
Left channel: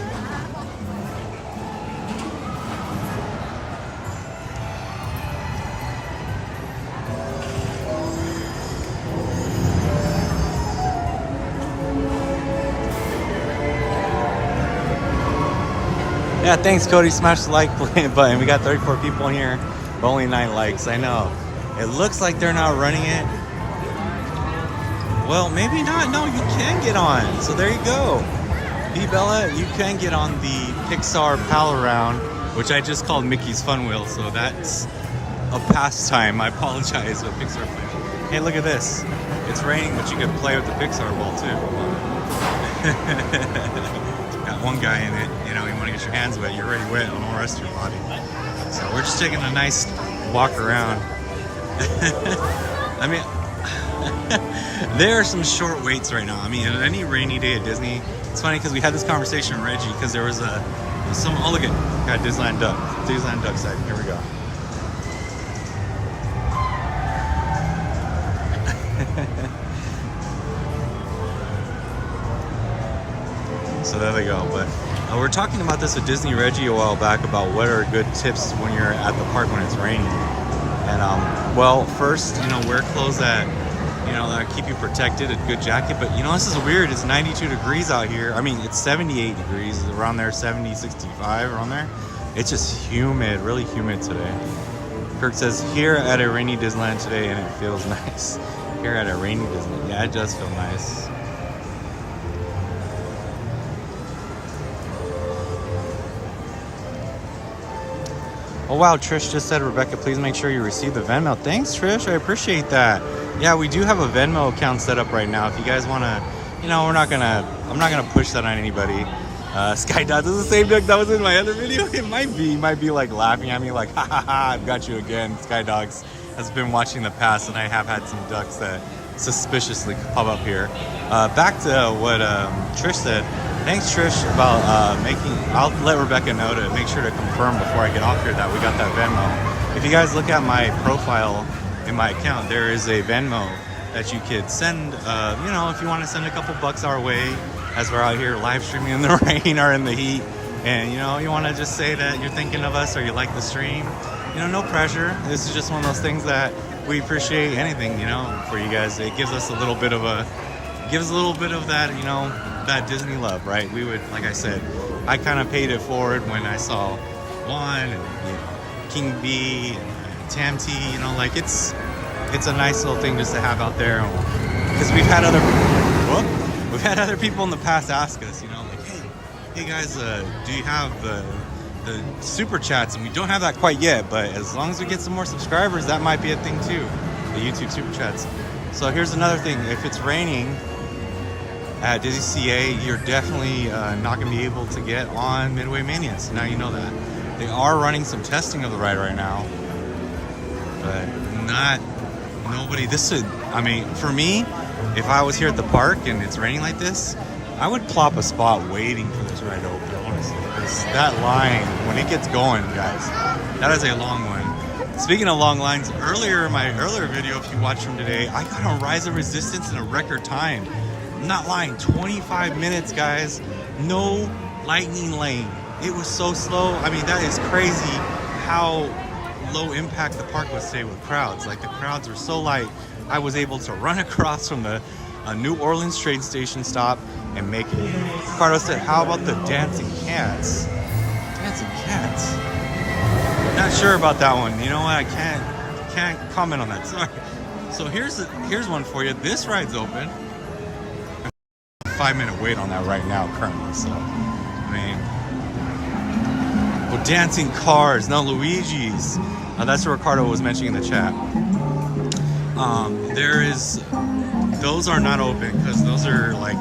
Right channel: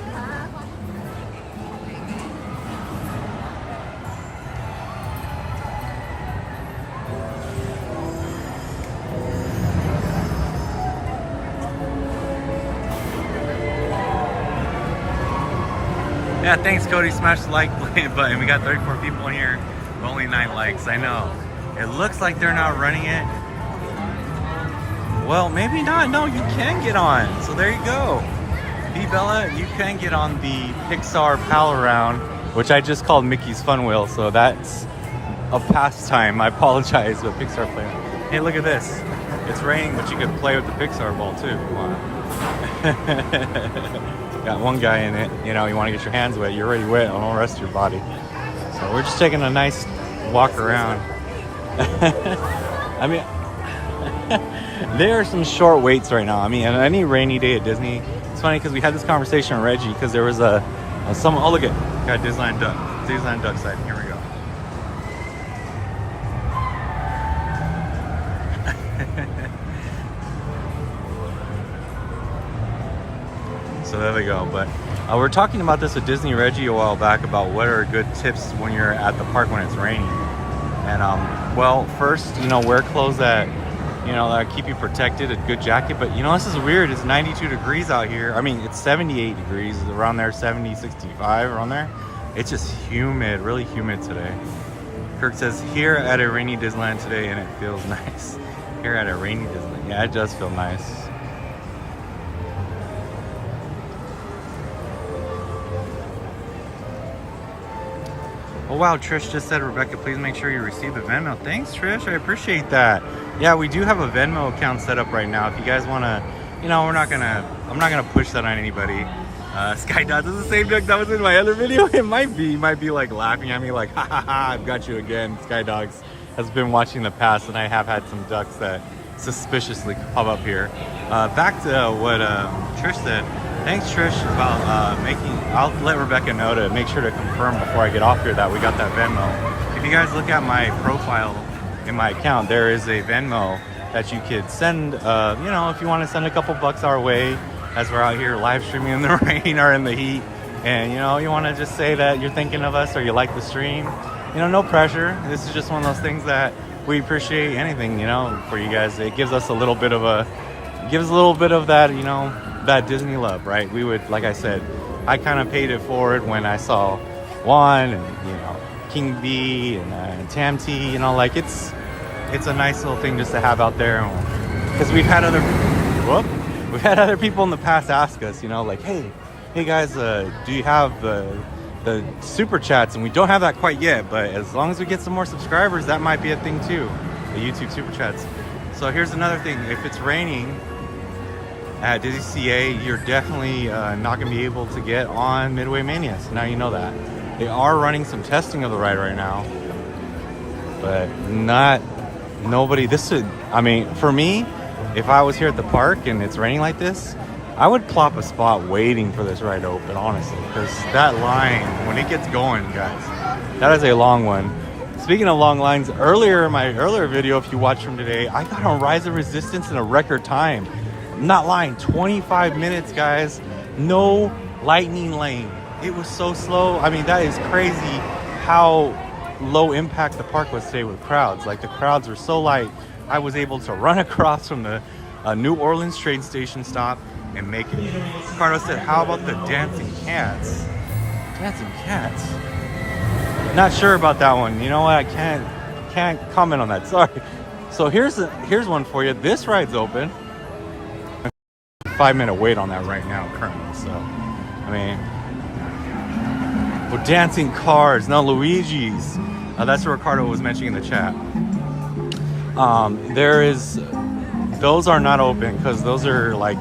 Yeah, thanks Cody. Smash the like button. We got 34 people in here, but only 9 likes. I know. It looks like they're not running it. Well, maybe not. No, you can get on. So there you go. B Bella, you can get on the Pixar Pal Around, which I just called Mickey's Fun Wheel. So that's a pastime. I apologize with Pixar Play. Hey, look at this. It's raining, but you can play with the Pixar ball too if you want. Got one guy in it. You know, you want to get your hands wet. You're already wet on all the rest of your body. So we're just taking a nice walk around. I mean, there are some short waits right now. I mean, on any rainy day at Disney, it's funny because we had this conversation with Reggie because there was oh look at, got Disneyland duck side. Here we go. So there they go. But we're talking about this with Disney Reggie a while back about what are good tips when you're at the park when it's raining. And well, first, you know, wear clothes that, you know, that keep you protected, a good jacket. But you know, this is weird. It's 92 degrees out here. I mean, it's 78 degrees around there, 70, 65 around there. It's just humid, really humid today. Kirk says, here at a rainy Disneyland today, and it feels nice. Here at a rainy Disneyland. Yeah, it does feel nice. Oh wow, Trish just said, Rebecca, please make sure you receive the Venmo. Thanks, Trish. I appreciate that. Yeah, we do have a Venmo account set up right now. If you guys want to, you know, I'm not gonna push that on anybody. Sky Dot is the same duck that was in my other video. It might be like laughing at me like, ha ha ha, I've got you again. Sky Dogs has been watching the past, and I have had some ducks that suspiciously pop up here. Back to what Trish said. Thanks, Trish, about I'll let Rebecca know to make sure to confirm before I get off here that we got that Venmo. If you guys look at my profile in my account, there is a Venmo that you could send, you know, if you want to send a couple bucks our way as we're out here live streaming in the rain or in the heat. And, you know, you want to just say that you're thinking of us or you like the stream. You know, no pressure. This is just one of those things that we appreciate anything, you know, for you guys. It gives us a little bit of that, you know, that Disney love, right? We would, like I said, I kind of paid it forward when I saw Juan and, you know, King B and Tam T, you know, like it's a nice little thing just to have out there. Because we've had other people in the past ask us, you know, like, hey guys, do you have the super chats? And we don't have that quite yet, but as long as we get some more subscribers, that might be a thing too, the YouTube super chats. So here's another thing. If it's raining at DCA, you're definitely not going to be able to get on Midway Mania. So now you know that. They are running some testing of the ride right now, but nobody. I mean, for me, if I was here at the park and it's raining like this, I would plop a spot waiting for this ride to open, honestly, because that line, when it gets going, guys, that is a long one. Speaking of long lines, in my earlier video, if you watched from today, I got on Rise of Resistance in a record time. I'm not lying, 25 minutes, guys. No lightning lane. It was so slow. I mean, that is crazy how low impact the park was today with crowds. Like, the crowds were so light, I was able to run across from the New Orleans train station stop and make it. Ricardo said, how about the dancing cats? Dancing cats? Not sure about that one. You know what? I can't comment on that. Sorry. So here's one for you. This ride's open. 5-minute wait on that right now currently. So, I mean, well, dancing cars, no Luigi's. That's what Ricardo was mentioning in the chat. Those are not open because those are like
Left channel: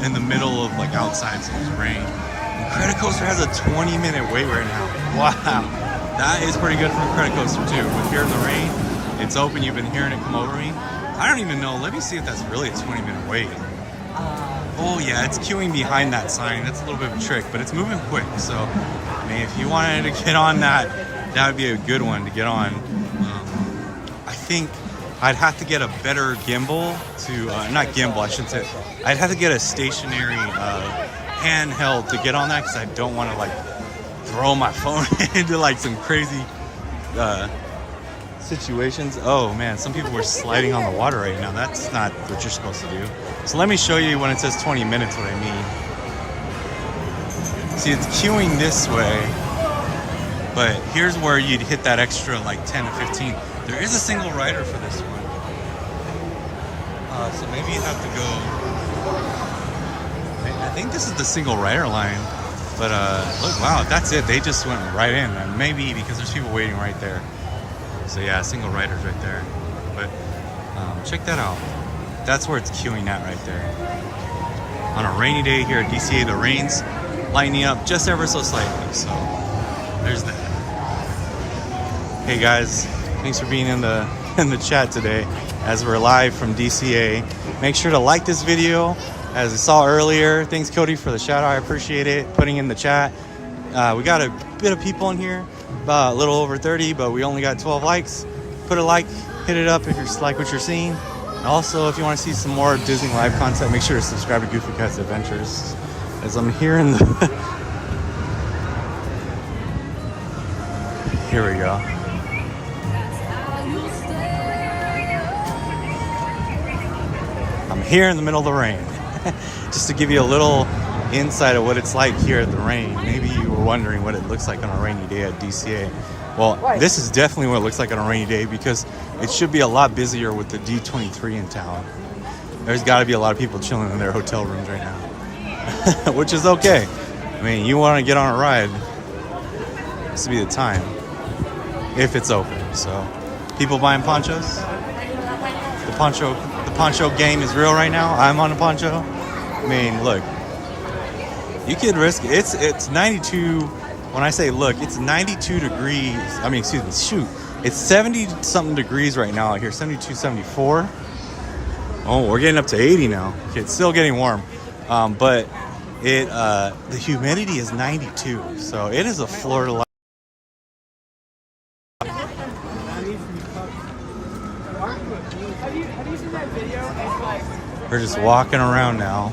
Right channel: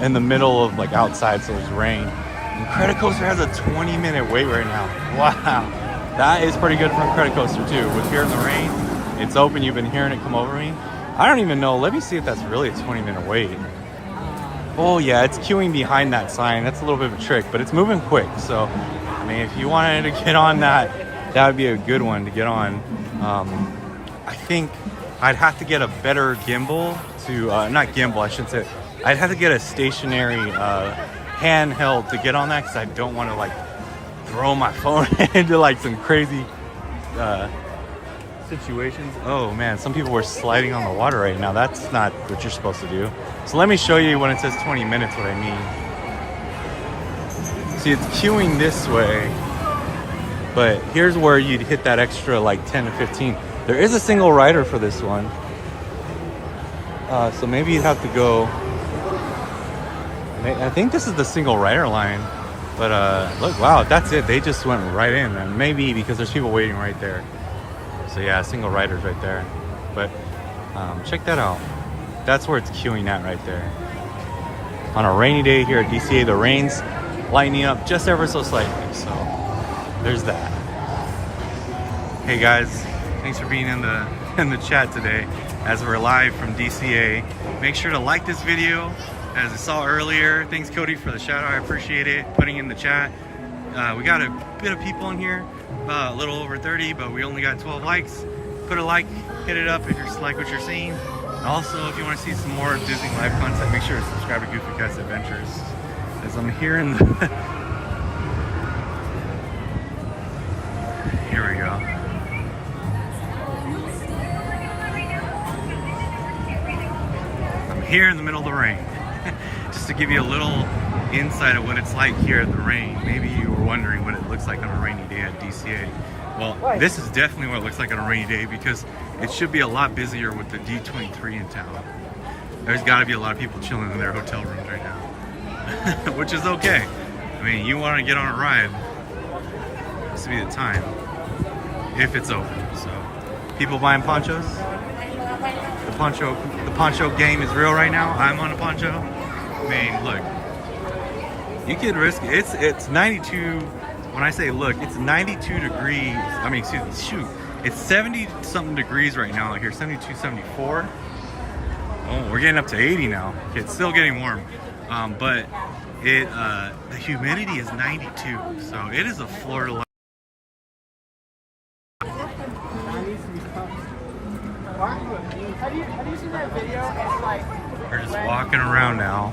in the middle of like outside, so it's rain. And Credit Coaster has a 20-minute wait right now. Wow, that is pretty good for Credit Coaster too. With Here in the Rain, it's open. You've been hearing it come over me. I don't even know. Let me see if that's really a 20-minute wait. Oh yeah, it's queuing behind that sign. That's a little bit of a trick, but it's moving quick. So, I mean, if you wanted to get on that, that would be a good one to get on. I think I'd have to get a better gimbal to, not gimbal, I shouldn't say. I'd have to get a stationary handheld to get on that because I don't want to like throw my phone into like some crazy situations. Oh man, some people were sliding on the water right now. That's not what you're supposed to do. So let me show you when it says 20 minutes what I mean. See, it's queuing this way, but here's where you'd hit that extra like 10 to 15. There is a single rider for this one. So maybe you'd have to go. I think this is the single rider line. But look, wow, that's it. They just went right in. And maybe because there's people waiting right there. So yeah, single riders right there. But check that out. That's where it's queuing at right there. On a rainy day here at DCA, the rain's lightening up just ever so slightly. So there's that. Hey guys, thanks for being in the chat today as we're live from DCA. Make sure to like this video. As I saw earlier, thanks Cody for the shout out. I appreciate it. Putting in the chat. We got a bit of people in here, about a little over 30, but we only got 12 likes. Put a like, hit it up if you like what you're seeing. And also, if you want to see some more Disney live content, make sure to subscribe to Goofy Cat's Adventures. As I'm here in the here we go. I'm here in the middle of the rain. Just to give you a little insight of what it's like here at the rain. Maybe you were wondering what it looks like on a rainy day at DCA. Well, this is definitely what it looks like on a rainy day because it should be a lot busier with the D23 in town. There's got to be a lot of people chilling in their hotel rooms right now, which is okay. I mean, you want to get on a ride, this would be the time if it's open. So, people buying ponchos. The poncho game is real right now. I'm on a poncho. I mean, look, you could risk it's 92. When I say look, it's 92 degrees. I mean, excuse me, shoot. It's 70 something degrees right now out here, 72, 74. Oh, we're getting up to 80 now. It's still getting warm. But the humidity is 92. So it is a Florida life. Have you seen that video? It's like We're just walking around now.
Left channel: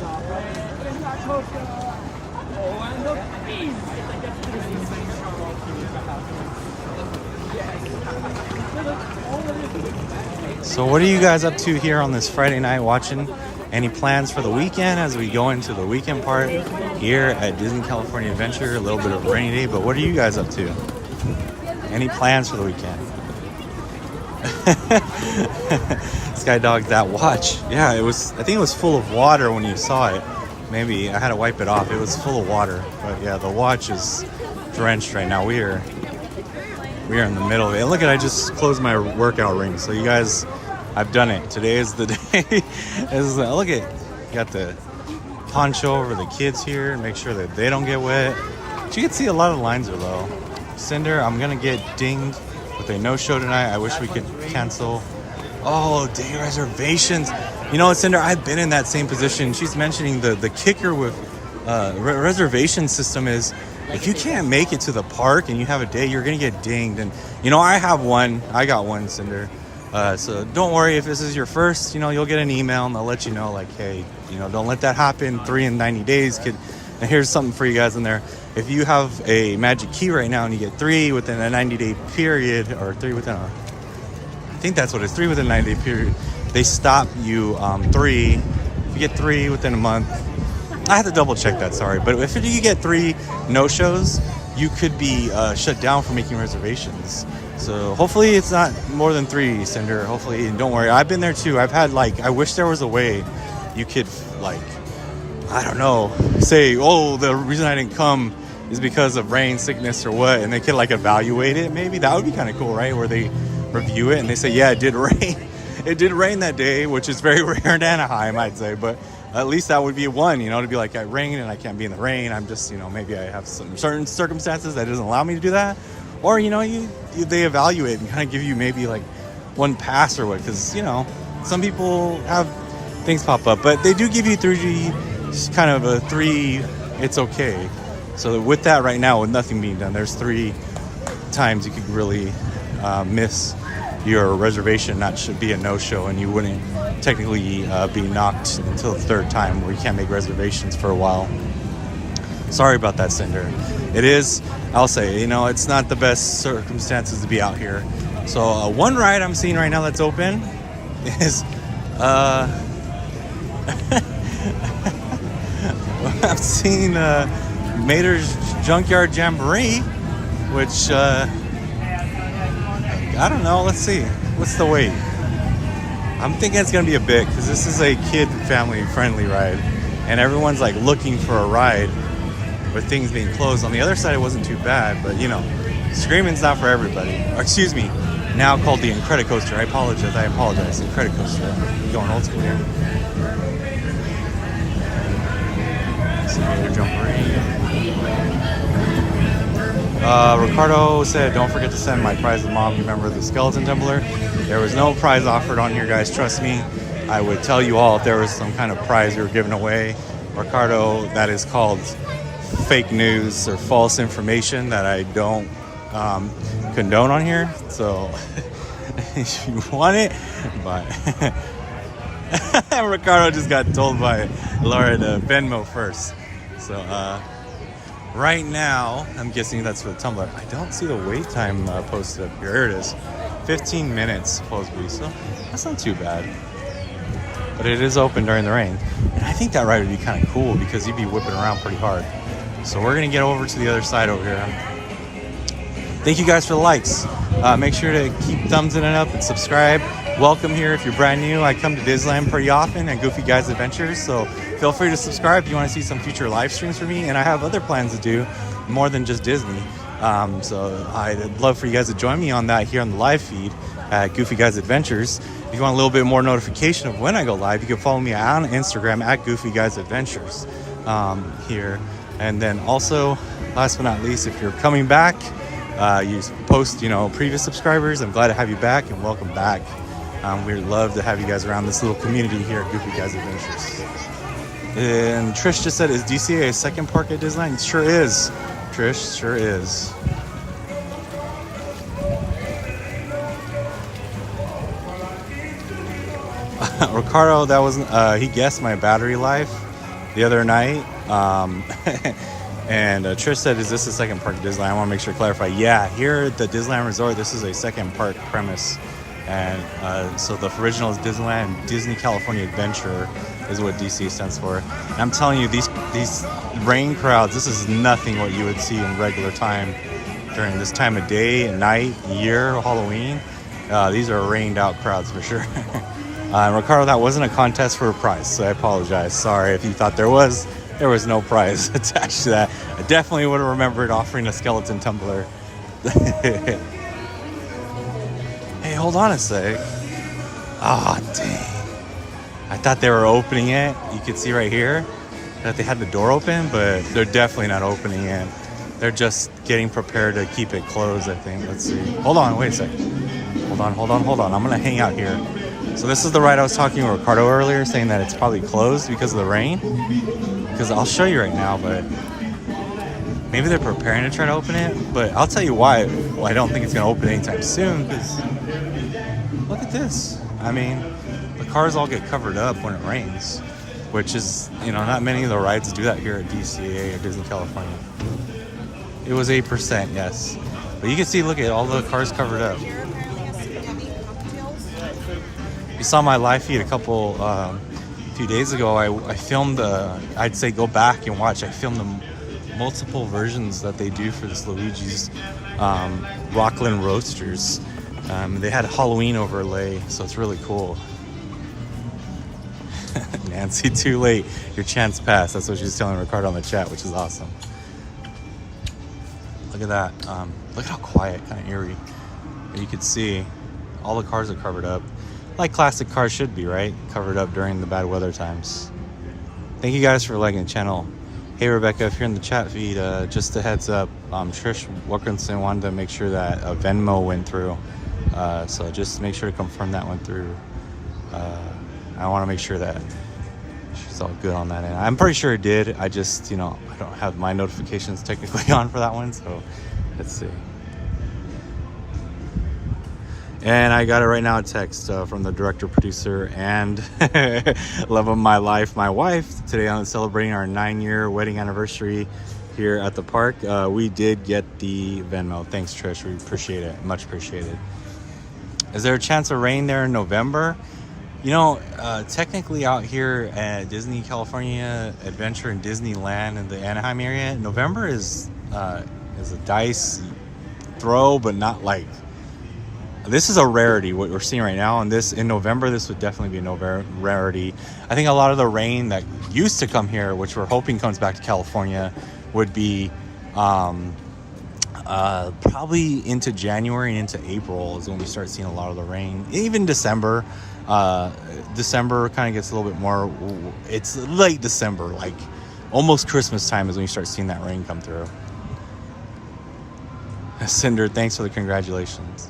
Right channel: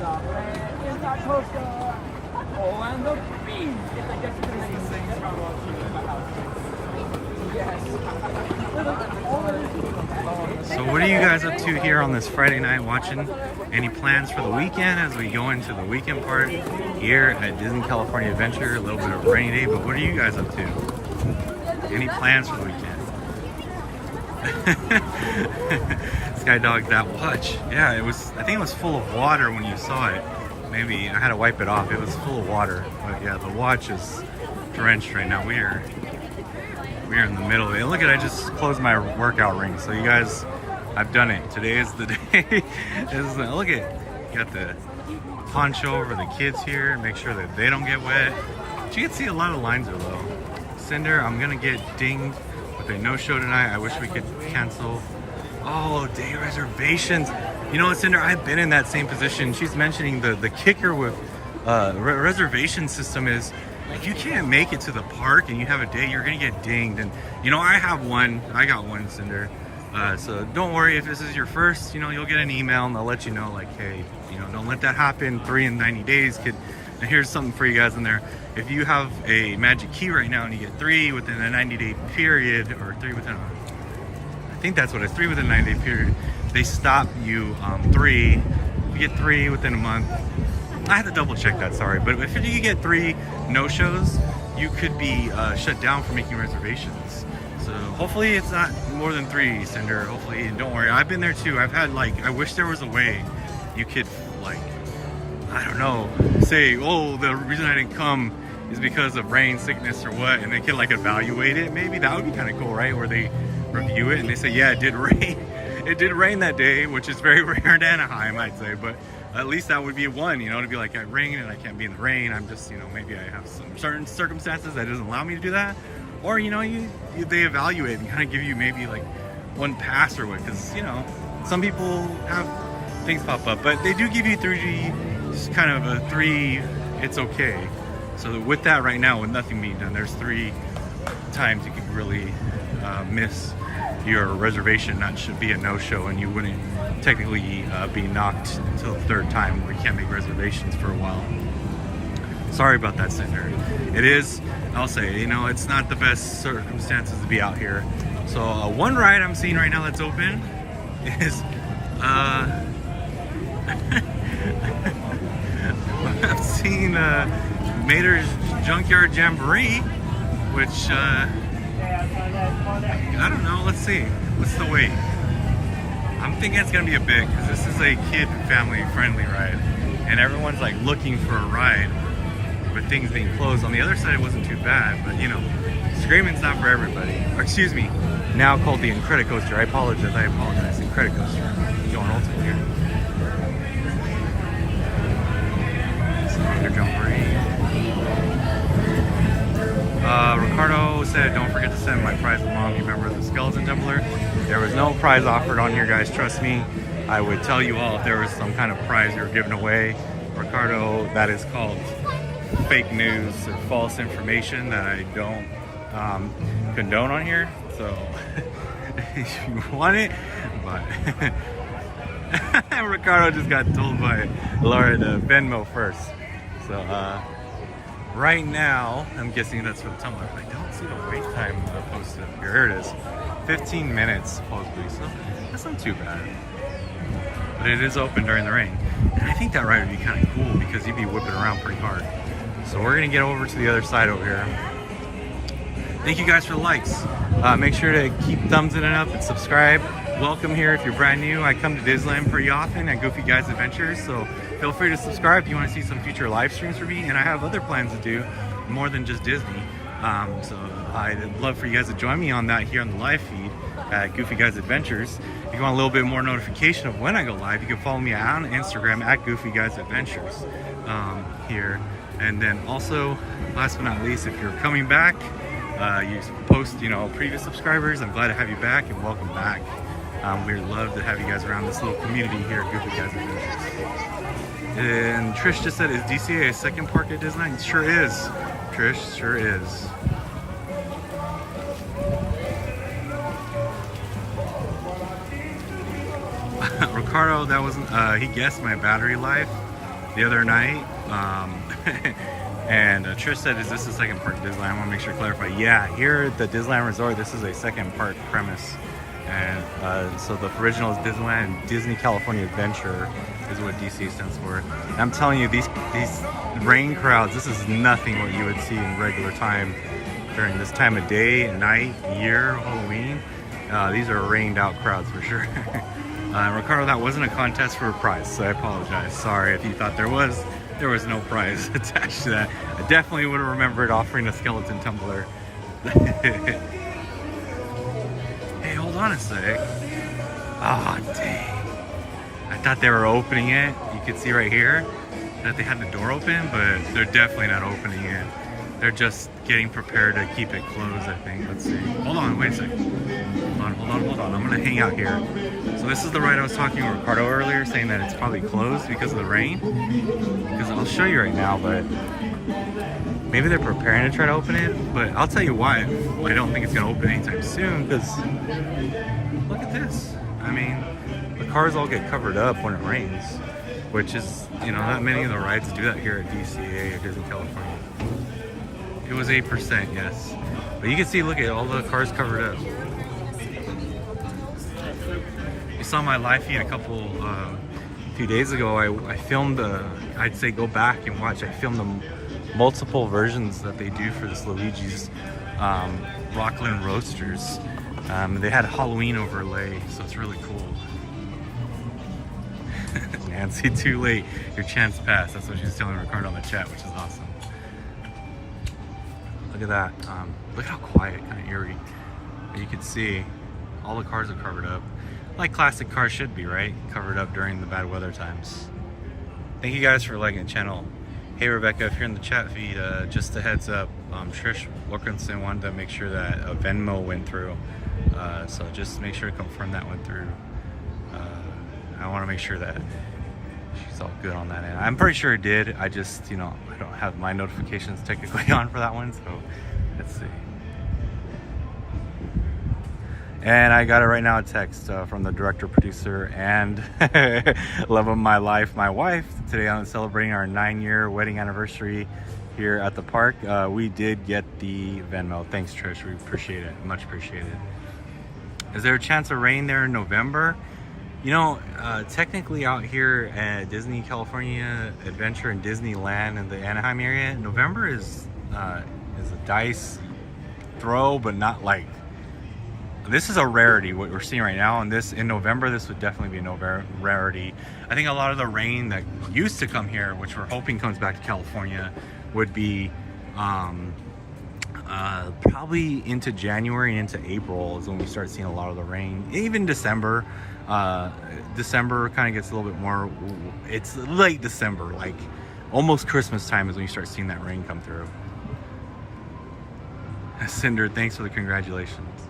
So what are you guys up to here on this Friday night watching? Any plans for the weekend as we go into the weekend part here at Disney California Adventure? A little bit of a rainy day, but what are you guys up to? Any plans for the weekend? Skydog, that watch. Yeah, it was, I think it was full of water when you saw it. Maybe I had to wipe it off. It was full of water. But yeah, the watch is drenched right now. We are in the middle of it. Look at, I just closed my workout ring. So you guys, I've done it. Today is the day. Look at, you got the poncho over the kids here and make sure that they don't get wet. But you can see a lot of the lines are low. Cinder, I'm gonna get dinged with a no-show tonight. I wish we could cancel. Oh, day reservations. You know what, Cinder, I've been in that same position. She's mentioning the kicker with reservation system is if you can't make it to the park and you have a day, you're gonna get dinged. And you know, I got one, Cinder. So don't worry if this is your first, you know, you'll get an email and they'll let you know, like, hey, you know, don't let that happen. 3 in 90 days could. And here's something for you guys in there. If you have a magic key right now and you get 3 within a 90-day period, or 3 within a, I think that's what it's, 3 within a 90-day period, they stop you 3. If you get 3 within a month, I have to double check that, sorry. But if you get 3 no-shows, you could be shut down for making reservations. So hopefully it's not more than 3, Cinder. Hopefully, don't worry. I've been there too. I've had, like, I wish there was a way you could, like, I don't know, say, oh, the reason I didn't come is because of rain, sickness, or what, and they could, like, evaluate it. Maybe that would be kind of cool, right? Where they review it and they say, yeah, it did rain. It did rain that day, which is very rare in Anaheim, I'd say, but at least that would be one, you know, to be like, I rain and I can't be in the rain. I'm just, you know, maybe I have some certain circumstances that doesn't allow me to do that. Or, you know, they evaluate and kind of give you maybe like one pass or what, because, you know, some people have things pop up, but they do give you 3G, kind of a 3, it's okay. So with that right now, with nothing being done, there's 3 times you could really miss your reservation, not should be a no-show, and you wouldn't technically be knocked until the 3rd time where you can't make reservations for a while. Sorry about that, Cinder. It is, I'll say, you know, it's not the best circumstances to be out here. So one ride I'm seeing right now that's open is I've seen Mater's Junkyard Jamboree, which I don't know. Let's see. What's the wait? I'm thinking it's gonna be a bit because this is a kid family friendly ride, and everyone's like looking for a ride with things being closed. On the other side, it wasn't too bad, but you know, screaming's not for everybody. Or excuse me, now called the Incredicoaster. I apologize. Incredicoaster. Going old school here. Simulator Jamboree. Ricardo said, don't forget to send my prize to mom. You remember the skeleton tumbler? There was no prize offered on here, guys. Trust me. I would tell you all if there was some kind of prize we were giving away. Ricardo, that is called fake news or false information that I don't condone on here. So if you want it, but Ricardo just got told by Laura to Venmo first. So right now, I'm guessing that's for the tumbler. I don't see the wait time posted up here. Here it is. 15 minutes supposedly, so that's not too bad. But it is open during the rain. And I think that ride would be kind of cool because you'd be whipping around pretty hard. So we're gonna get over to the other side over here. Thank you guys for the likes. Make sure to keep thumbs in and up and subscribe. Welcome here if you're brand new. I come to Disneyland pretty often and Goofy Guys Adventures, so feel free to subscribe if you want to see some future live streams for me. And I have other plans to do more than just Disney. So I'd love for you guys to join me on that here on the live feed at Goofy Guys Adventures. If you want a little bit more notification of when I go live, you can follow me on Instagram at Goofy Guys Adventures here. And then also, last but not least, if you're coming back, you post, you know, previous subscribers. I'm glad to have you back and welcome back. We'd love to have you guys around this little community here at Goofy Guys Adventures. And Trish just said, is DCA a second park at Disneyland? It sure is, Trish, sure is. Ricardo, that wasn't, he guessed my battery life the other night. And Trish said, is this a second park at Disneyland? I want to make sure to clarify. Yeah, here at the Disneyland Resort, this is a second park premise. And so the original is Disneyland, Disney California Adventure is what DC stands for. And I'm telling you, these rain crowds, this is nothing what you would see in regular time during this time of day, night, year, Halloween. These are rained out crowds for sure. Ricardo, that wasn't a contest for a prize, so I apologize. Sorry if you thought there was no prize attached to that. I definitely would have remembered offering a skeleton tumbler. Hey, hold on a sec. Ah, oh, dang. I thought they were opening it. You could see right here that they had the door open, but they're definitely not opening it. They're just getting prepared to keep it closed, I think. Let's see. Hold on, wait a sec. Hold on. I'm gonna hang out here. So this is the ride I was talking to Ricardo earlier, saying that it's probably closed because of the rain. Because I'll show you right now, but maybe they're preparing to try to open it. But I'll tell you why I don't think it's gonna open anytime soon, because look at this. I mean, the cars all get covered up when it rains, which is, you know, not many of the rides do that here at DCA or Disney California. It was 8%, yes. But you can see, look at all the cars covered up. You saw my live feed a few days ago. I filmed, I'd say go back and watch. I filmed the multiple versions that they do for this Luigi's Rockland Roadsters. They had a Halloween overlay, so it's really cool. Nancy, too late. Your chance passed. That's what she's telling Ricardo on the chat, which is awesome. Look at that. Look how quiet, kind of eerie. You can see all the cars are covered up. Like classic cars should be, right? Covered up during the bad weather times. Thank you guys for liking the channel. Hey Rebecca, if you're in the chat feed, just a heads up, Trish Wilkinson wanted to make sure that Venmo went through. So just make sure to confirm that went through. I want to make sure that she's all good on that end. I'm pretty sure it did. I just, you know, I don't have my notifications technically on for that one, so let's see. And I got it right now, a text from the director, producer, and love of my life, my wife. Today I'm celebrating our 9-year wedding anniversary here at the park. We did get the Venmo. Thanks, Trish. We appreciate it. Much appreciated. Is there a chance of rain there in November? You know, technically out here at Disney California Adventure and Disneyland in the Anaheim area, November is a dice throw, but not like, this is a rarity what we're seeing right now. And this in November, this would definitely be a rarity. I think a lot of the rain that used to come here, which we're hoping comes back to California, would be probably into January and into April is when we start seeing a lot of the rain. Even December. December kind of gets a little bit more, it's late December, like almost Christmas time is when you start seeing that rain come through. Cinder, thanks for the congratulations.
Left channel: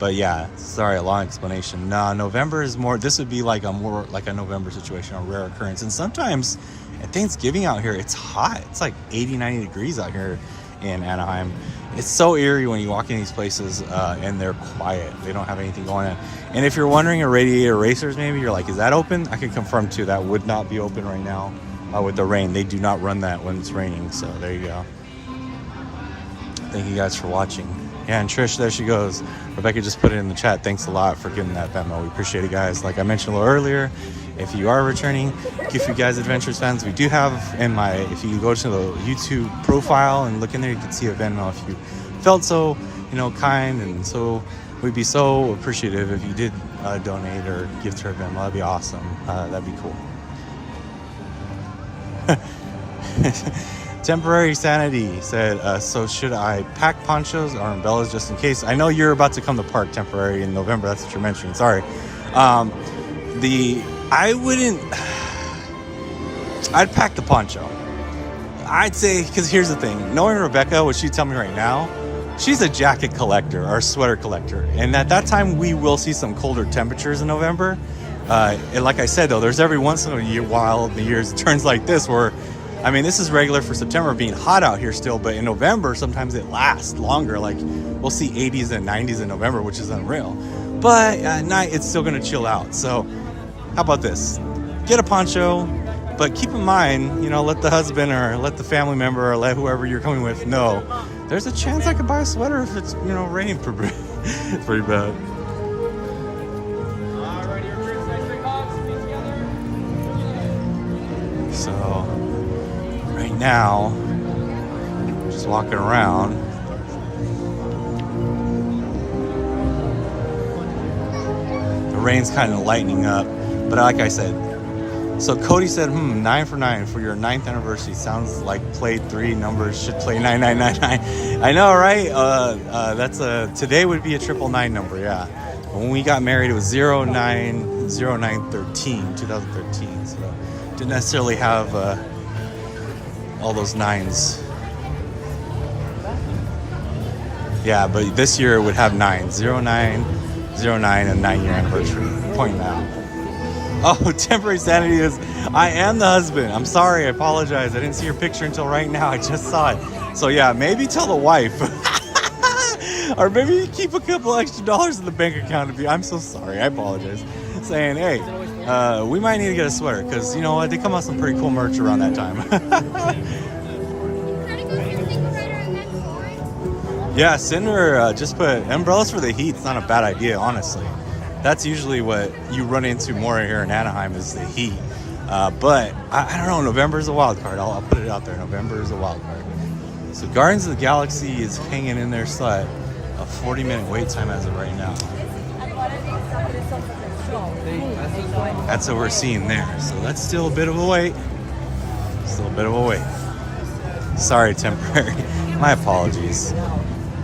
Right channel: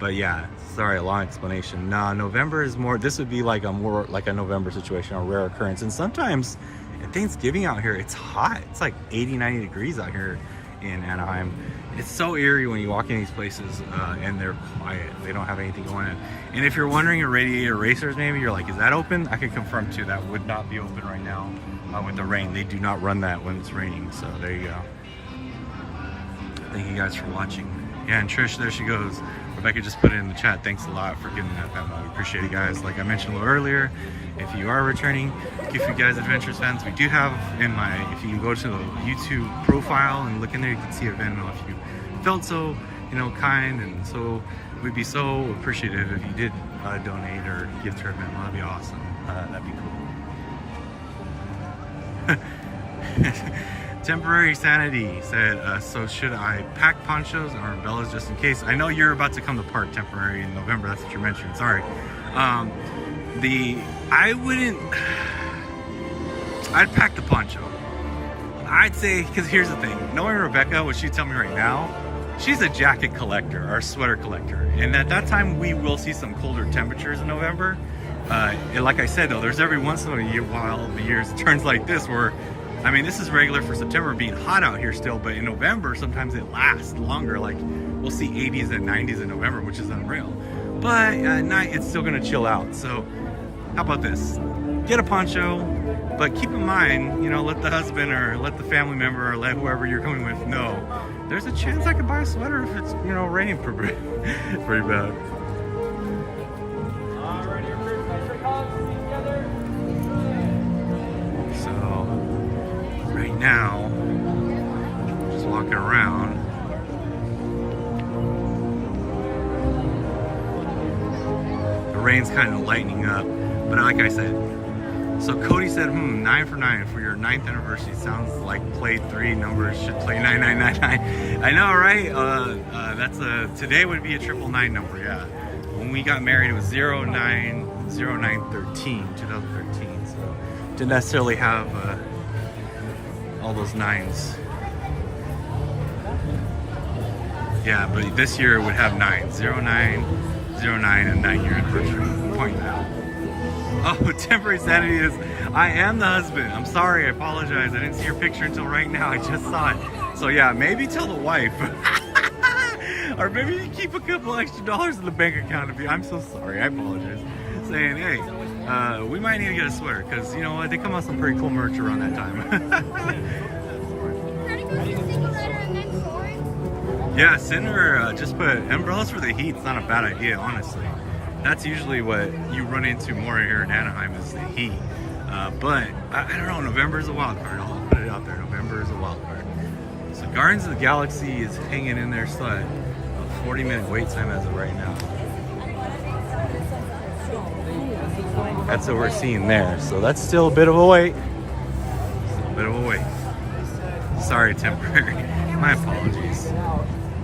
But yeah, sorry, a long explanation. Nah, November is more, this would be like a more like a November situation, a rare occurrence. And sometimes at Thanksgiving out here, it's hot. It's like 80, 90 degrees out here in Anaheim. It's so eerie when you walk in these places and they're quiet. They don't have anything going on. And if you're wondering, a Radiator Racers, maybe you're like, is that open? I can confirm too, that would not be open right now with the rain. They do not run that when it's raining. So there you go. Thank you guys for watching. Yeah, and Trish, there she goes. Rebecca just put it in the chat. Thanks a lot for getting that Venmo. We appreciate it, guys. Like I mentioned a little earlier, if you are returning, if you guys Adventures fans, we do have in my, if you go to the YouTube profile and look in there, you can see a Venmo if you felt so, you know, kind. And so we'd be so appreciative if you did donate or give to our Venmo. That'd be awesome. That'd be cool. Temporary Sanity said, so should I pack ponchos or umbrellas just in case? I know you're about to come to Park Temporary in November. That's what you're mentioning. Sorry. I wouldn't, I'd pack the poncho. I'd say, because here's the thing. Knowing Rebecca, what she'd tell me right now, she's a jacket collector or sweater collector. And at that time, we will see some colder temperatures in November. And like I said, though, there's every once in a while the years it turns like this where, I mean, this is regular for September being hot out here still, but in November, sometimes it lasts longer. Like we'll see 80s and 90s in November, which is unreal. But at night, it's still gonna chill out. So how about this? Get a poncho, but keep in mind, you know, let the husband or let the family member or let whoever you're coming with know, there's a chance I could buy a sweater if it's, you know, raining pretty bad. So right now, just walking around. The rain's kind of lightening up, but like I said, so Cody said, 9 for 9 for your 9th anniversary. Sounds like play 3 numbers should play 9999. I know, right? That's today would be a 999 number, yeah. But when we got married, it was 2013. So didn't necessarily have all those nines. Yeah, but this year it would have 9, 0909, a 9-year anniversary. Point out. Oh, Temporary Sanity is, I am the husband. I'm sorry, I apologize. I didn't see your picture until right now. I just saw it. So yeah, maybe tell the wife. Or maybe you keep a couple extra dollars in the bank account. I'm so sorry, I apologize. Saying, hey, we might need to get a sweater because you know what, they come out some pretty cool merch around that time. Yeah, Cinder just put umbrellas for the heat. It's not a bad idea, honestly. That's usually what you run into more here in Anaheim is the heat. But I don't know, November is a wild card. I'll put it out there. November is a wild card. So Guardians of the Galaxy is hanging in there still at a 40-minute wait time as of right now. That's what we're seeing there. So that's still a bit of a wait. Still a bit of a wait. Sorry, Temporary. My apologies.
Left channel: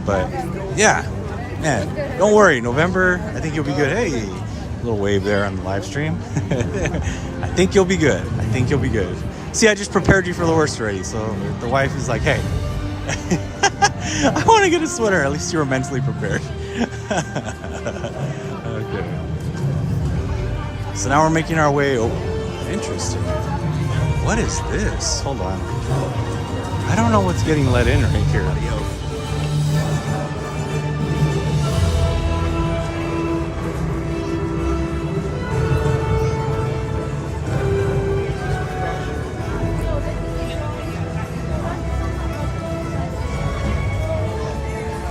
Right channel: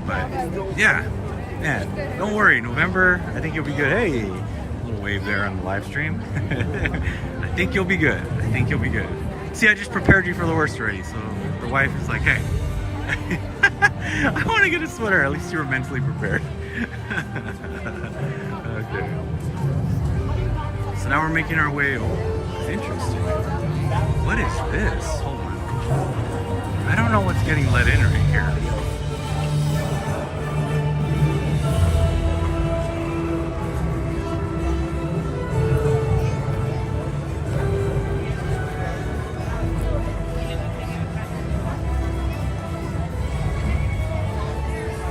But yeah, man, don't worry. November, I think you'll be good. Hey, a little wave there on the live stream. I think you'll be good. I think you'll be good. See, I just prepared you for the worst already. So the wife is like, hey, I want to get a sweater. At least you were mentally prepared. Okay. So now we're making our way over. Interesting. What is this? Hold on. I don't know what's getting let in right here.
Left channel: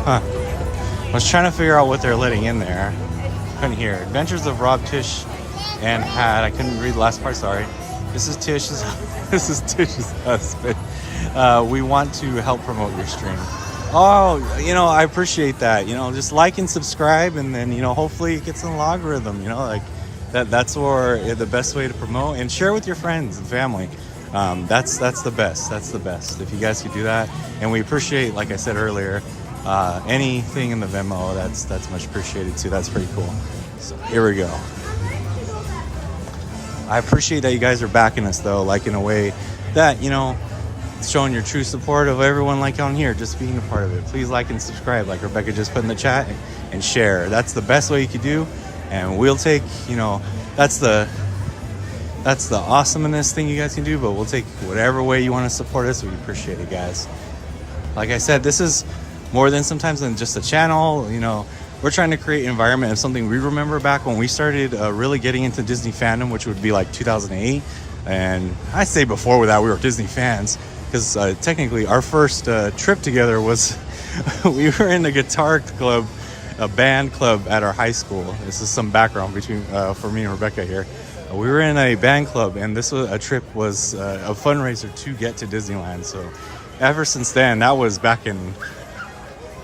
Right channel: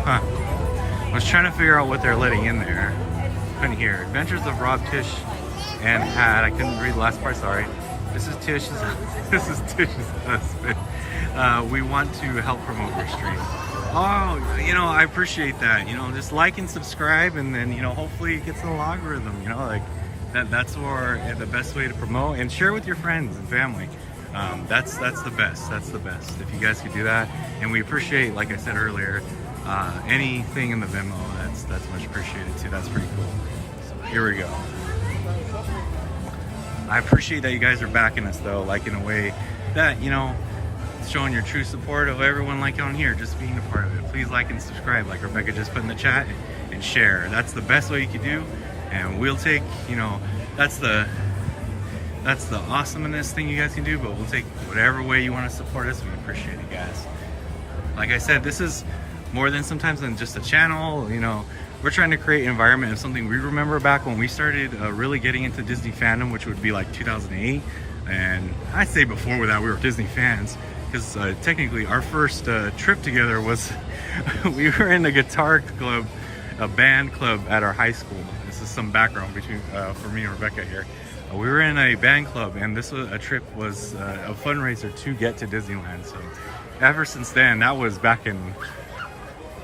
Huh. I was trying to figure out what they're letting in there. Couldn't hear. Adventures of Rob Tish and had, I couldn't read the last part, sorry. This is Tish's, this is Tish's husband. We want to help promote your stream. Oh, you know, I appreciate that. You know, just like and subscribe, and then, you know, hopefully it gets in the logarithm, you know, like that's where the best way to promote, and share with your friends and family. That's the best. That's the best. If you guys could do that, and we appreciate, like I said earlier, anything in the Venmo, that's much appreciated too. That's pretty cool. So here we go. I appreciate that you guys are backing us though, like in a way that, you know, showing your true support of everyone like on here, just being a part of it. Please like and subscribe, like Rebecca just put in the chat, and share. That's the best way you could do, and we'll take, you know, that's the awesomeness thing you guys can do, but we'll take whatever way you want to support us. We appreciate it, guys. Like I said, this is more than sometimes than just a channel. You know, we're trying to create an environment of something we remember back when we started really getting into Disney fandom, which would be like 2008. And I say before that we were Disney fans, because technically our first trip together was we were in a guitar club, a band club at our high school. This is some background between for me and Rebecca here. We were in a band club, and this was a fundraiser to get to Disneyland. So ever since then, that was back in,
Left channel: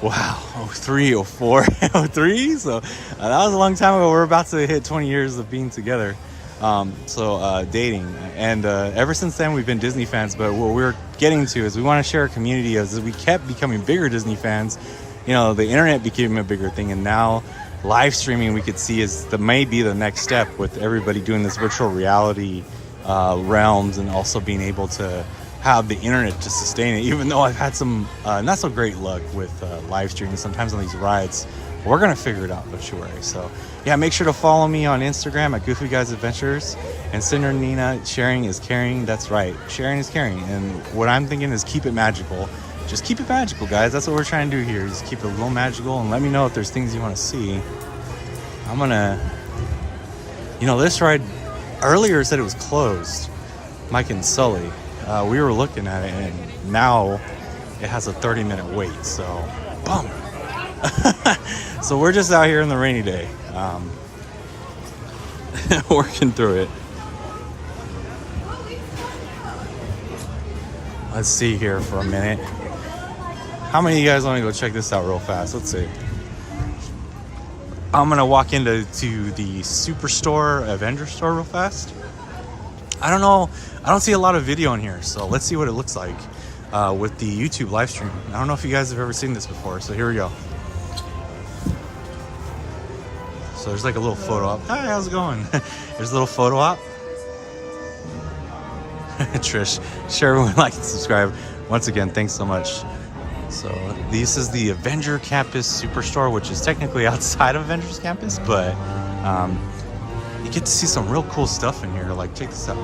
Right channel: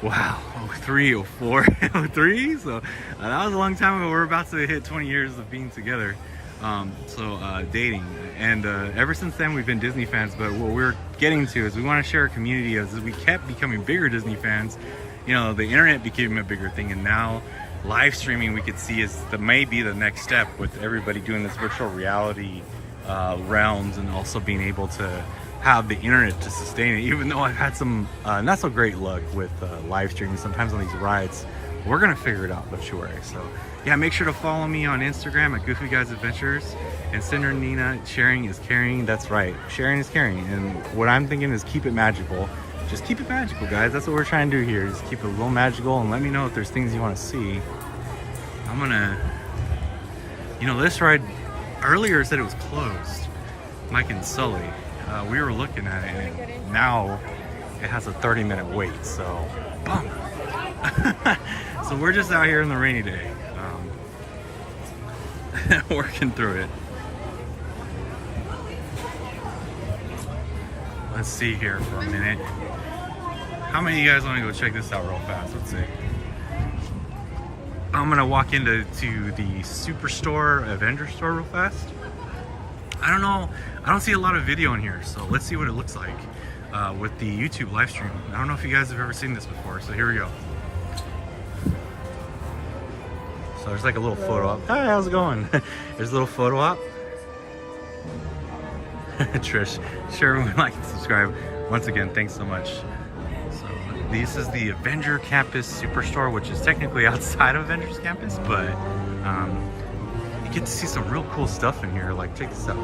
wow, 03, 04, 03. So that was a long time ago. We're about to hit 20 years of being together. Dating, and ever since then we've been Disney fans. But what we're getting to is we want to share a community. As we kept becoming bigger Disney fans, you know, the internet became a bigger thing, and now live streaming we could see is may be the next step, with everybody doing this virtual reality realms, and also being able to have the internet to sustain it. Even though I've had some not so great luck with live streaming sometimes on these rides, we're gonna figure it out, don't you worry. So yeah, make sure to follow me on Instagram at Goofy Guys Adventures, and Cinder Nina, sharing is caring. That's right, sharing is caring. And what I'm thinking is keep it magical. Just keep it magical, guys. That's what we're trying to do here. Just keep it a little magical, and let me know if there's things you want to see. I'm gonna, you know, this ride earlier said it was closed. Mike and Sully, we were looking at it, and now it has a 30-minute wait. So, bummer. So we're just out here in the rainy day, working through it. Let's see here for a minute. How many of you guys want to go check this out real fast? Let's see. I'm gonna walk into the Superstore, Avengers store real fast. I don't know, I don't see a lot of video in here, so let's see what it looks like with the YouTube live stream. I don't know if you guys have ever seen this before, so here we go. So there's like a little photo op. Hi, how's it going? There's a little photo op. Trish, share everyone, like and subscribe. Once again, thanks so much. So this is the Avengers Campus Superstore, which is technically outside of Avengers Campus, but you get to see some real cool stuff in here. Like, check this out.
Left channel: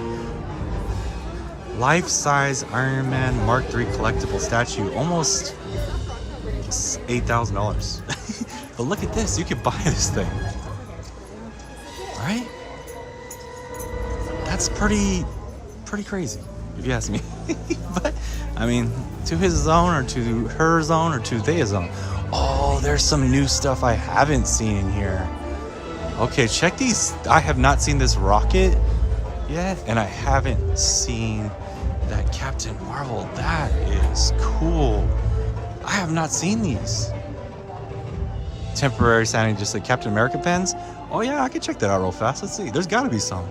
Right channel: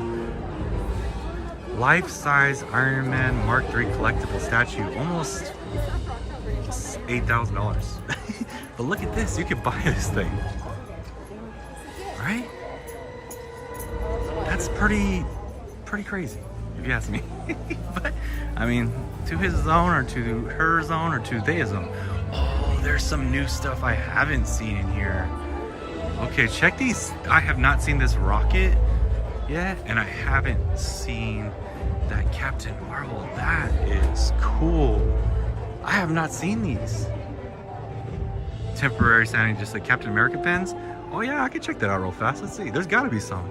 Life-size Iron Man Mark III collectible statue, almost $8,000. But look at this, you can buy this thing. Right? That's pretty crazy, if you ask me. But I mean, to his own, or to her own, or to their own. Oh, there's some new stuff I haven't seen in here. Okay, check these. I have not seen this rocket yet, and I haven't seen that Captain Marvel. That is cool. I have not seen these. Temporary sounding, just like Captain America pens. Oh yeah, I can check that out real fast. Let's see. There's got to be some.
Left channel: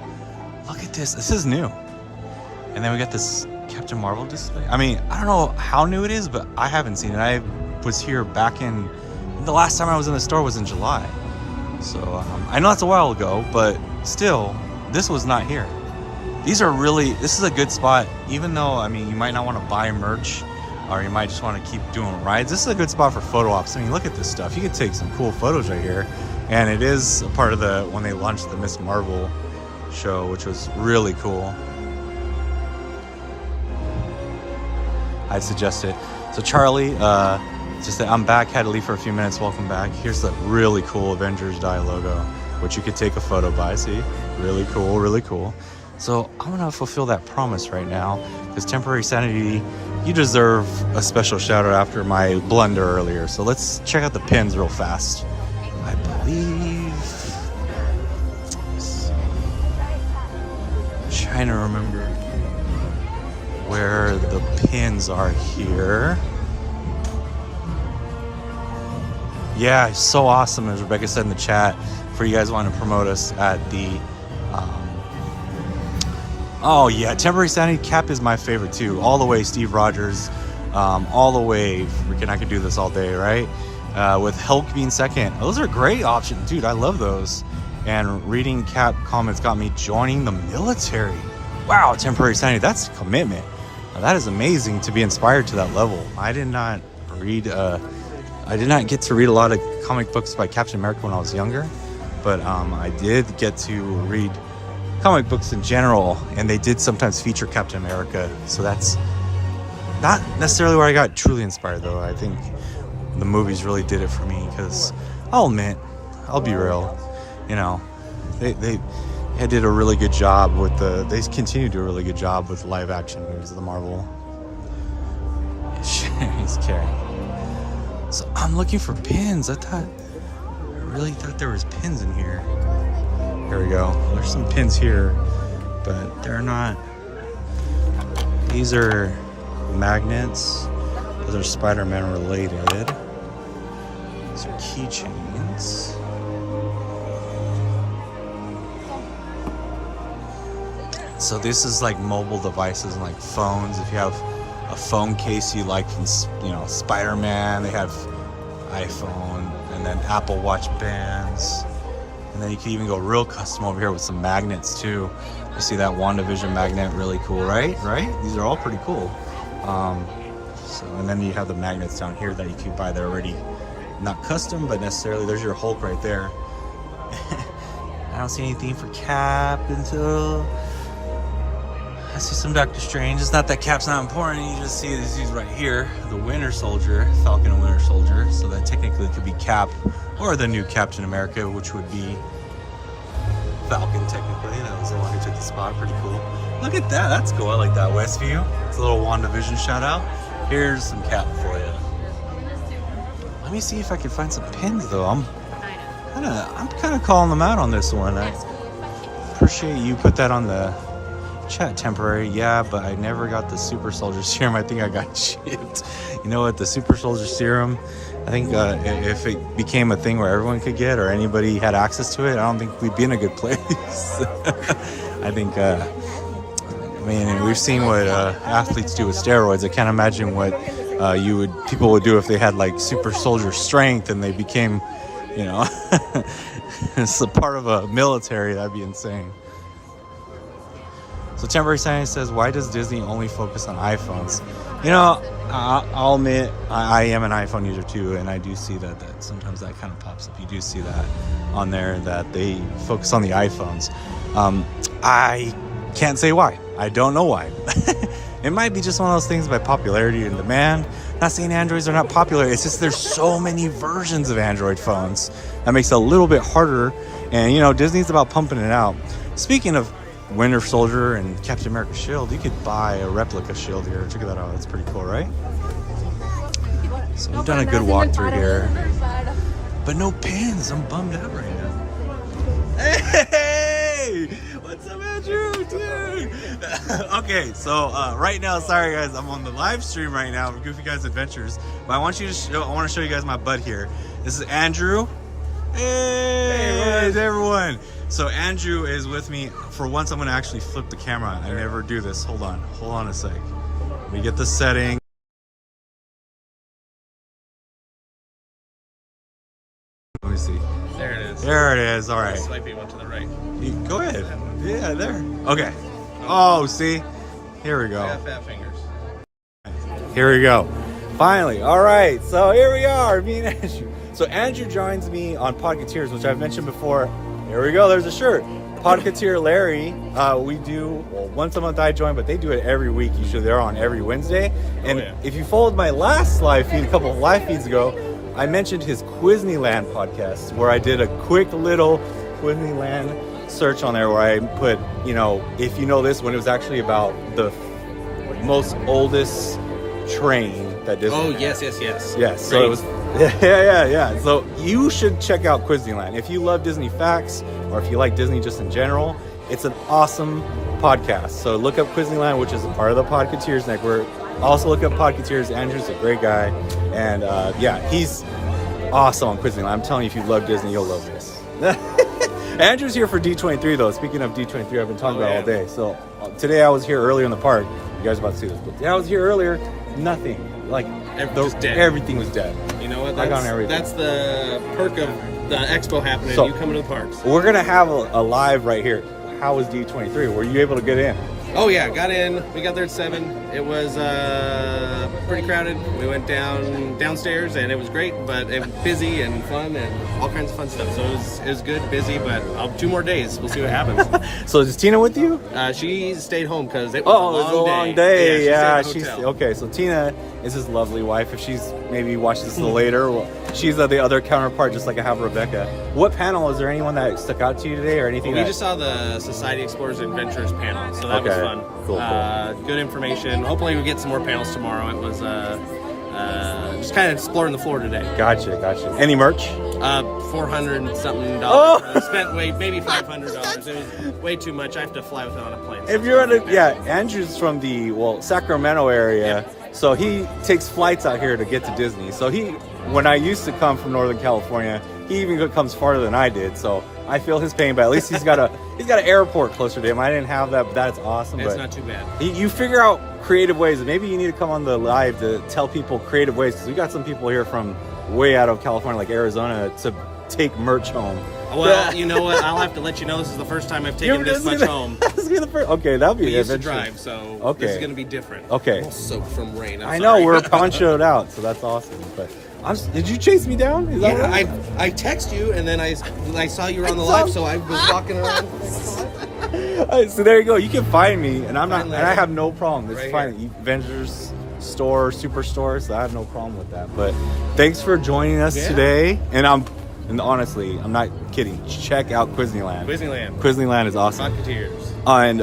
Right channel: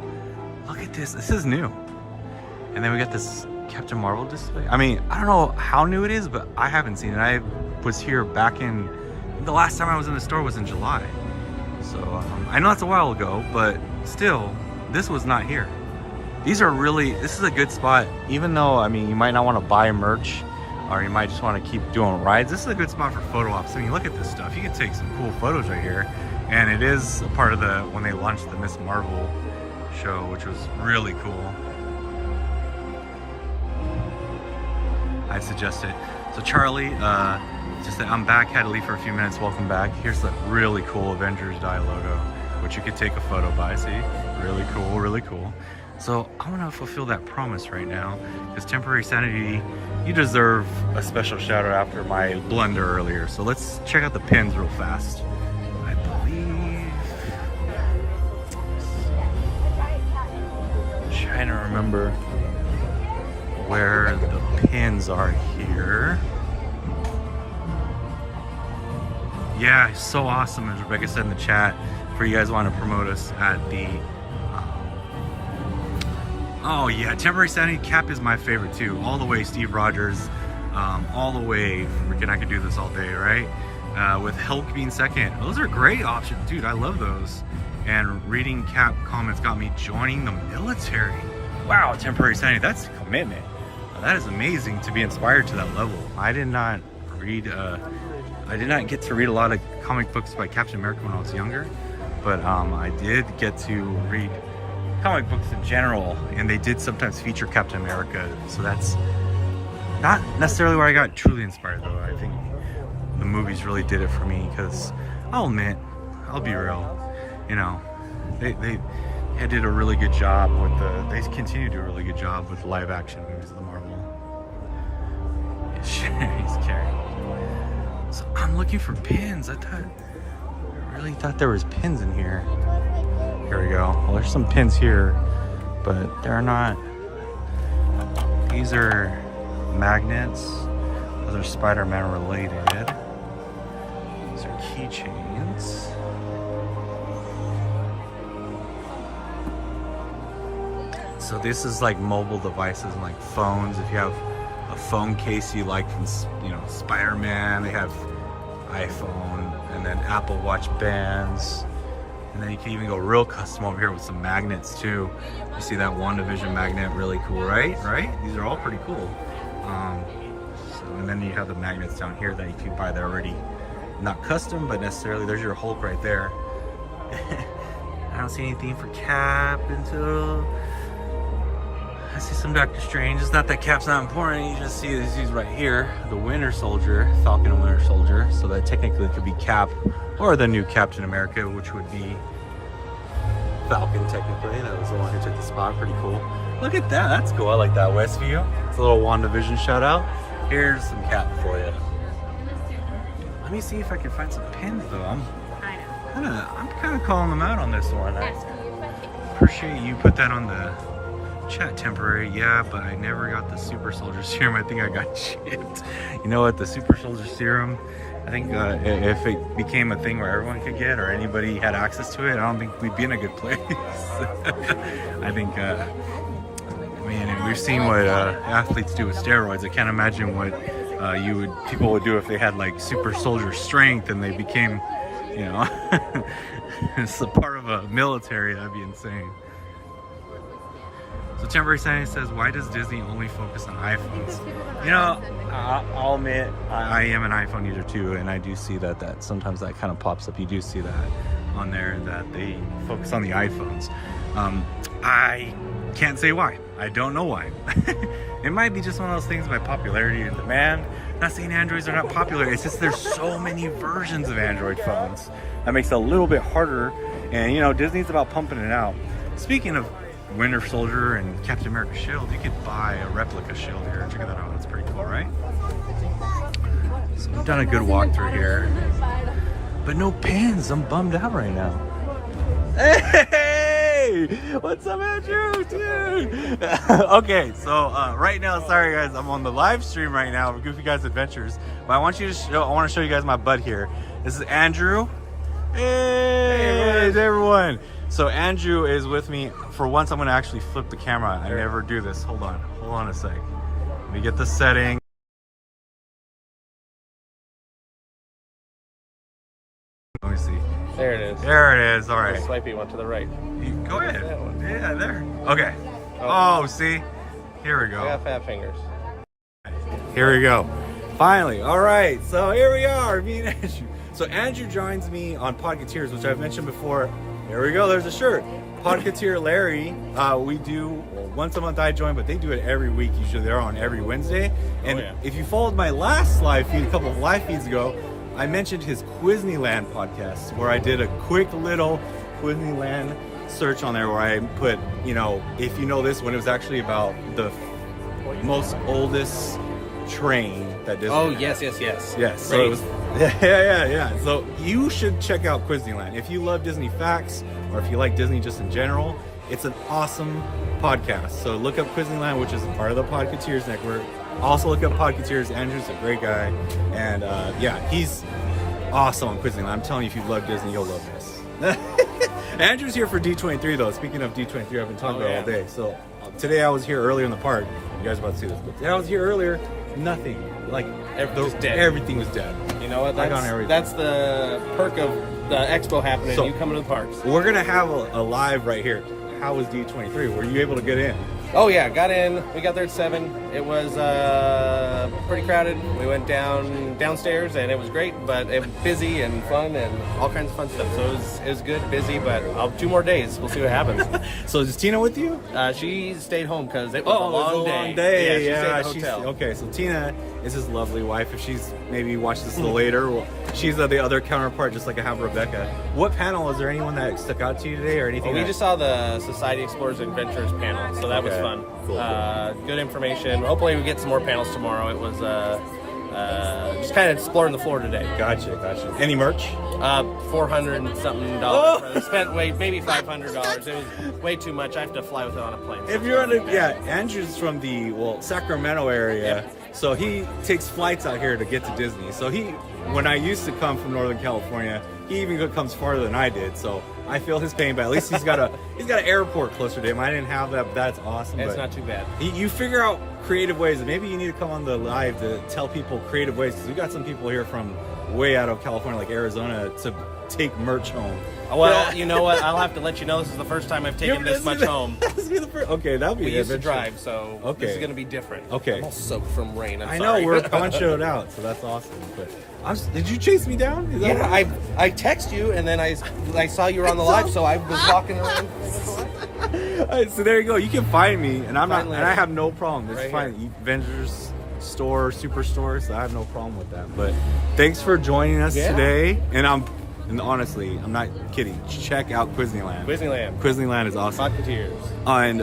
Look at this. This is new. And then we got this Captain Marvel display. I mean, I don't know how new it is, but I haven't seen it. I was here back in, the last time I was in the store was in July. So I know that's a while ago, but still, this was not here. These are really, this is a good spot, even though, I mean, you might not want to buy merch, or you might just want to keep doing rides. This is a good spot for photo ops. I mean, look at this stuff. You can take some cool photos right here. And it is a part of the, when they launched the Miss Marvel show, which was really cool. I'd suggest it. So Charlie, just that I'm back, had to leave for a few minutes. Welcome back. Here's the really cool Avengers Die logo, which you could take a photo by. See, really cool, really cool. So I'm gonna fulfill that promise right now, because Temporary Sanity, you deserve a special shout out after my blunder earlier. So let's check out the pins real fast. I believe trying to remember where the pins are here. Yeah, it's so awesome, as Rebecca said in the chat, for you guys want to promote us at the oh yeah, temporary sanity cap is my favorite too, all the way Steve Rogers, all the way freaking, I could do this all day, right? With Hulk being second, those are great options, dude. I love those. And reading cap comments got me joining the military. Wow, temporary sanity, that's a commitment. That is amazing to be inspired to that level. I did not get to read a lot of comic books by Captain America when I was younger, but I did get to read comic books in general, and they did sometimes feature Captain America. So that's not necessarily where I got truly inspired, though. I think the movies really did it for me, because I'll admit, I'll be real, you know, they did a really good job with they continue to do a really good job with live action movies of the Marvel. Sherry's carrying. So I'm looking for pins. I really thought there was pins in here. Here we go. Well, there's some pins here, but they're not. These are magnets. Those are Spider-Man related. These are keychains. So this is like mobile devices and like phones. If you have a phone case you like from, you know, Spider-Man, they have iPhone, and then Apple Watch bands. And then you can even go real custom over here with some magnets too. You see that WandaVision magnet, really cool, right? These are all pretty cool. So, and then you have the magnets down here that you can buy. They're already not custom, but necessarily. There's your Hulk right there. I don't see anything for Cap until I see some Doctor Strange. It's not that Cap's not important. You just see these right here, the Winter Soldier, Falcon and Winter Soldier. So that technically could be Cap or the new Captain America, which would be Falcon technically. That was the one who took the spot. Pretty cool. Look at that. That's cool. I like that Westview. It's a little WandaVision shout out. Here's some Cap for you. Let me see if I can find some pins though. I'm kind of calling them out on this one. I appreciate you put that on the chat. Temporary, yeah, but I never got the Super Soldier Serum. I think I got chipped. You know what? The Super Soldier Serum, I think if it became a thing where everyone could get, or anybody had access to it, I don't think we'd be in a good place. I think, I mean, we've seen what athletes do with steroids. I can't imagine what people would do if they had like Super Soldier strength and they became, you know, it's a part of a military. That'd be insane. So Temporary Science says, why does Disney only focus on iPhones? You know, I'll admit, I am an iPhone user too, and I do see that sometimes that kind of pops up. You do see that on there, that they focus on the iPhones. I can't say why. I don't know why. It might be just one of those things by popularity and demand. Not saying Androids are not popular. It's just there's so many versions of Android phones. That makes it a little bit harder. And, you know, Disney's about pumping it out. Speaking of Winter Soldier and Captain America shield, you could buy a replica shield here. Check that out. That's pretty cool, right? So we've done a good walkthrough here, but no pins. I'm bummed out right now. Hey, what's up, Andrew, dude? Okay, so right now, sorry guys, I'm on the live stream right now of Goofy Guys Adventures, but I want to show you guys my bud here. This is Andrew. Hey everyone. So Andrew is with me. For once, I'm gonna actually flip the camera. I never do this. Hold on a sec. Let me get the setting. Let me see. There it is. There it is. All right. Swipey one to the right. Go ahead. Yeah, there. Okay. Oh, see? Here we go. I got fat fingers. Here we go. Finally. All right. So here we are. Me and Andrew. So Andrew joins me on Podcateers, which I've mentioned before. Here we go. There's a shirt. Podcateer Larry. We do, well, once a month I join, but they do it every week. Usually they're on every Wednesday. And if you followed my last live feed, a couple of live feeds ago, I mentioned his Disneyland podcast, where I did a quick little Disneyland search on there where I put, you know, if you know this one, it was actually about the most oldest train that Disney yes. Yes, so it was, yeah. So you should check out Disneyland. If you love Disney facts, or if you like Disney just in general, It's an awesome podcast. So look up Disneyland, which is a part of the Podcateers Network. Also look up Podcateers. Andrew's a great guy. And yeah, he's awesome on Disneyland. I'm telling you, if you love Disney, you'll love this. Andrew's here for D23 though. Speaking of D23, I've been talking about all day. So today I was here earlier in the park. You guys are about to see this, but today I was here earlier. Nothing. Like everything was dead. You know what? I got everything. That's the perk of the expo happening. So, you coming to the parks. We're gonna have a live right here. How was D23? Were you able to get in? Oh yeah, got in. We got there at 7. It was pretty crowded. We went downstairs and it was great, but it was busy and fun and all kinds of fun stuff. So it was good, busy, but 2 more days. We'll see what happens. So is Tina with you? She stayed home because it was a it long was a day. long day. Yeah, she stayed in the hotel. Okay, so Tina is his lovely wife. If she's maybe watched this a little later, well, she's the other counterpart, just like I have Rebecca. What panel, is there anyone that stuck out to you today or anything? We just saw the Society Explorers Adventures panel, so that was fun. Cool. Good information. Hopefully we get some more panels tomorrow. It was just kind of exploring the floor today. Gotcha. Any merch? $400 and something dollars. Spent maybe $500. It was way too much. I have to fly with it on a plane. So If you're Andrew's from the Sacramento area, so he takes flights out here to get to Disney. So when I used to come from Northern California, he even comes farther than I did. So I feel his pain, but at least he's got an airport closer to him. I didn't have that, but that's awesome. It's but not too bad. You figure out creative ways, and maybe you need to come on the live to tell people creative ways, because we got some people here from way out of California, like Arizona, to take merch home. Well, you know what? I'll have to let you know this is the first time I've taken this much home. Okay, that'll be We used to adventure. drive, so this is going to be different. Okay. I'm all soaked from rain. I know, we're ponchoed out, so that's awesome. But did you chase me down? Is that right? I text you, and then I saw you were on the live, so I was walking around. So there you go. You can find me, and and Finally. I have no problem. It's Right fine. Avengers store, Superstore, so I have no problem with that. But thanks for joining us today. And honestly, I'm not kidding. Check out Disneyland. Disneyland is awesome. Podcateers. And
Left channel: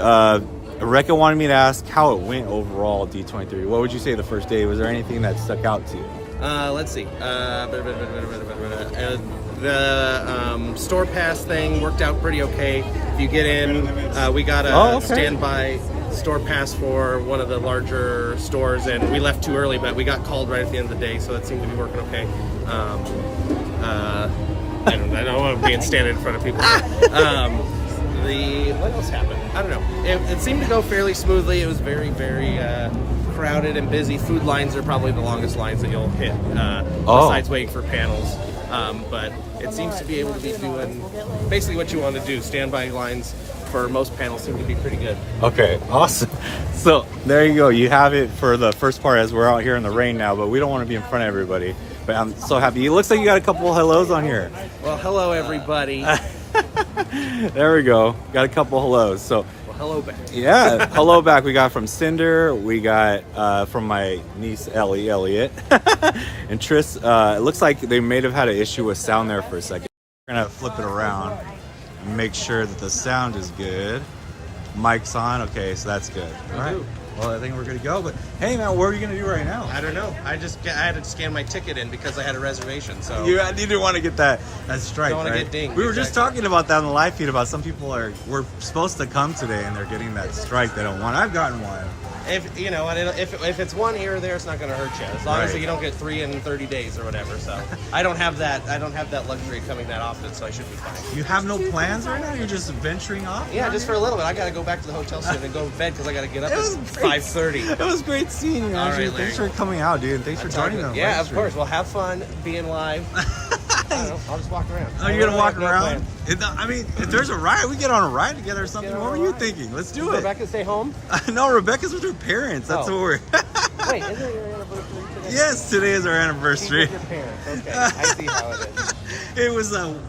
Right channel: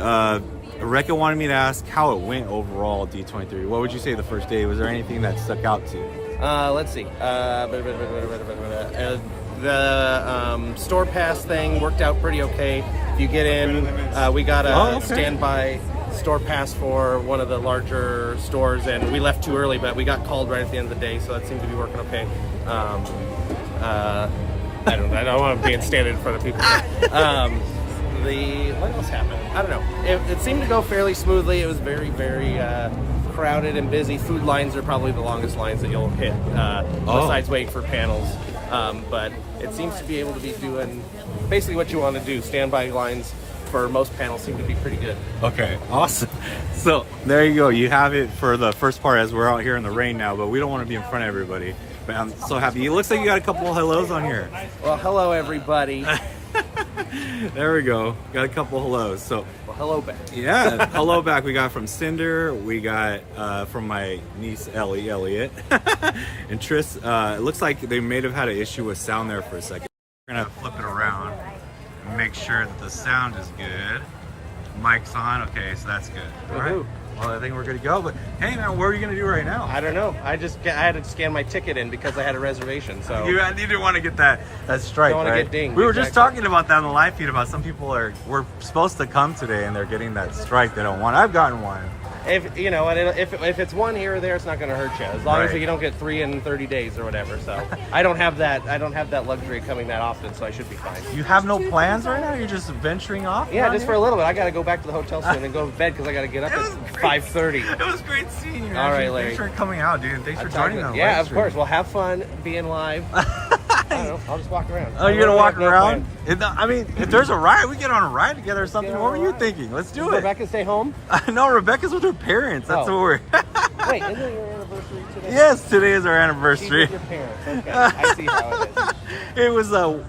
Rebecca wanted me to ask how it went overall at D23. What would you say the first day? Was there anything that stuck out to you? Let's see. The store pass thing worked out pretty okay. If you get in, we got a standby store pass for one of the larger stores, and we left too early, but we got called right at the end of the day, so that seemed to be working okay. I don't want to be standing in front of people. What else happened? I don't know. It seemed to go fairly smoothly. It was very, very crowded and busy. Food lines are probably the longest lines that you'll hit, besides waiting for panels. But it seems to be able to be doing basically what you want to do. Standby lines for most panels seem to be pretty good. Okay, awesome. So there you go. You have it for the first part, as we're out here in the rain now, but we don't want to be in front of everybody. But I'm so happy. It looks like you got a couple of hellos on here. Well, hello everybody. There we go. Got a couple hellos. So Well, hello back. yeah, hello back. We got from Cinder. We got from my niece Ellie, Elliot, and Tris. It looks like they may have had an issue with sound there for a second. We're gonna flip it around and make sure that the sound is good. Mic's on. Okay, so that's good. All right. Well, I think we're good to go. But hey, man, what are you gonna do right now? I don't know. I had to scan my ticket in because I had a reservation. So You didn't want to get that stripe, Don't wanna right? get dinged, We were just exactly. talking about that on the live feed about some people we're supposed to come today and they're getting that stripe they don't want. I've gotten one. if you know, and if it's one here or there, it's not going to hurt you as long as Right. you don't get 3 in 30 days or whatever. So I don't have that luxury coming that often, so I should be fine. You have no plans right now? You're just venturing off? Yeah, around just for here? a little bit. I got to go back to the hotel soon and go to bed because I got to get up at 5:30. It was great seeing you, All right, Andrew. Larry. Thanks for coming out, dude. Thanks for joining the Yeah, live of stream. course. Well, have fun being live. I'll just walk around. Oh, you're gonna walk around? I mean, if there's a ride, we get on a ride together or something. What were you thinking? Let's do it. Rebecca, stay home. No, Rebecca's with her parents. That's what we're. Wait, isn't it your anniversary today? Yes, today is our anniversary. She's with your parents. Okay, I see how it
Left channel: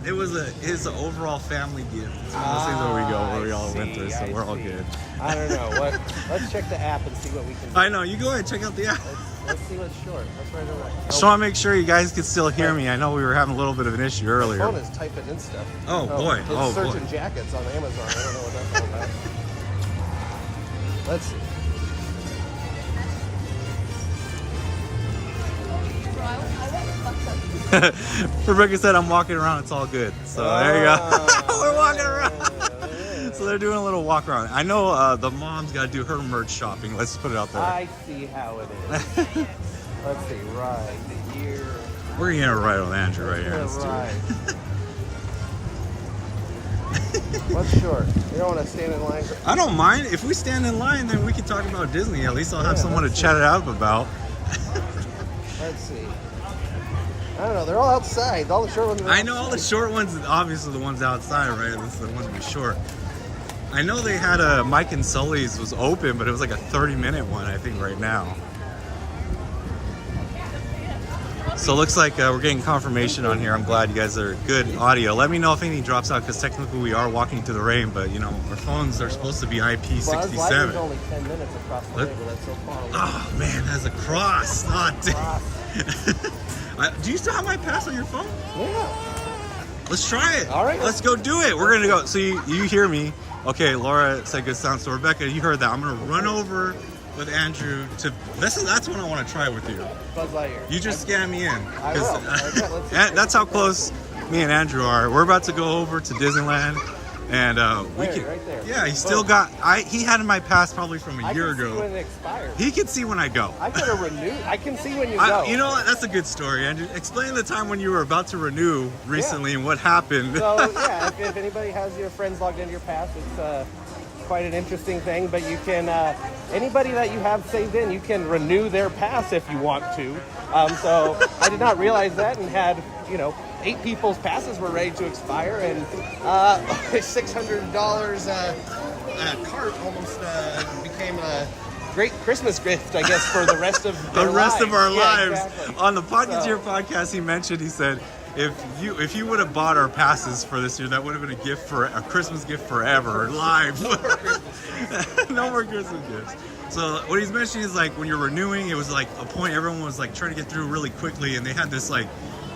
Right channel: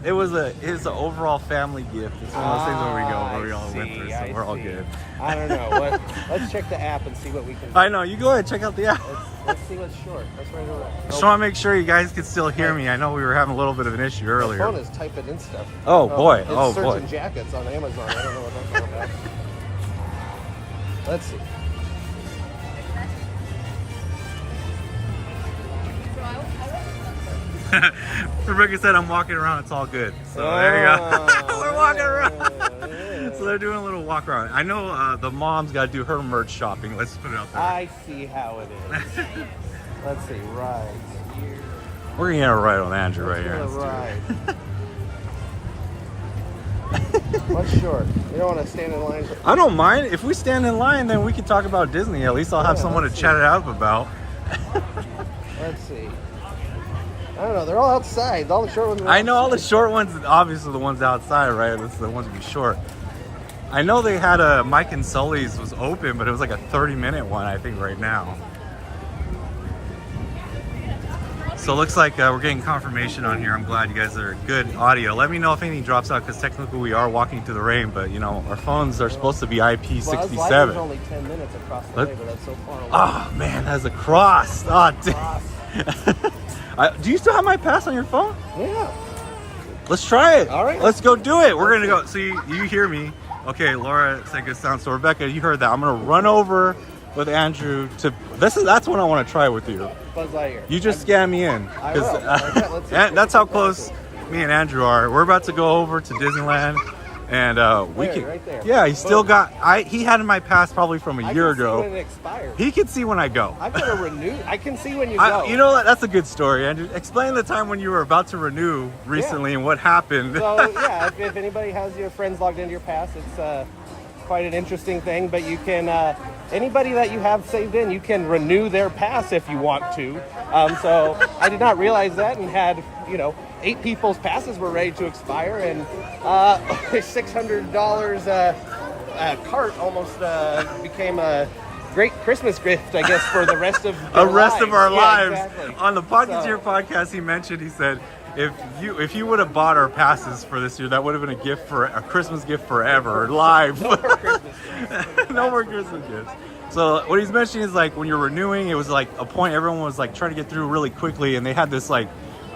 is. It's an overall family gift. It's one of those things where we all went through, so we're all good. I don't know. Let's check the app and see what we can do. I know. You go ahead, check out the app. Let's see what's short. That's right away. Just want to make sure you guys can still hear me. I know we were having a little bit of an issue earlier. Phone is typing in stuff. Oh, boy. It's Oh, boy. searching jackets on Amazon. I don't know what that's about. Let's see. Bro, I went fucked up. Rebecca said I'm walking around, it's all good. So there you go. We're walking around. So they're doing a little walk around. I know the mom's got to do her merch shopping. Let's put it out there. I see how it is. Let's see, right here. We're gonna get a ride on Andrew right here. Let's do it. What's short? We don't want to stand in line. I don't mind. If we stand in line, then we can talk about Disney. At least I'll have someone to chat it up about. Let's see. I don't know. They're all outside. All the short ones. I know all the short ones, obviously the ones outside, right? This is the ones to be short. I know they had a Mike and Sully's was open, but it was like a 30-minute one, I think, right now. So it looks like we're getting confirmation on here. I'm glad you guys are good audio. Let me know if anything drops out, because technically we are walking through the rain, but you know, our phones are supposed to be IP67. Only 10 minutes across the table. That's so fun. Oh man, that's a cross. Oh, dang. Do you still have my pass on your phone? Yeah. Let's try it. All right. Let's go do it. We're gonna go. So you hear me? Okay, Laura said good sound. So Rebecca, you heard that. I'm gonna run over with Andrew to that's what I want to try with you. You just scan me in, because that's how close me and Andrew are. We're about to go over to Disneyland, and we can. Right there. Yeah, he still got. He had my pass probably from a year ago. When it expires. He can see when I go. I gotta renew. I can see when you go. You know what? That's a good story, Andrew. Explain the time when you were about to renew recently and what happened. So yeah, if anybody has your friends logged into your pass, it's quite an interesting thing. But you can anybody that you have saved in, you can renew their pass if you want to. So I did not realize that, and had 8 people's passes were ready to expire, and $600 cart almost became a great Christmas gift, I guess, for the rest of our lives. Exactly. On the Pocketeer podcast, he mentioned, he said, if you would have bought our passes for this year, that would have been a Christmas gift forever, live. No more Christmas gifts. So what he's mentioning is, like, when you're renewing, it was like a point everyone was like trying to get through really quickly, and they had this, like,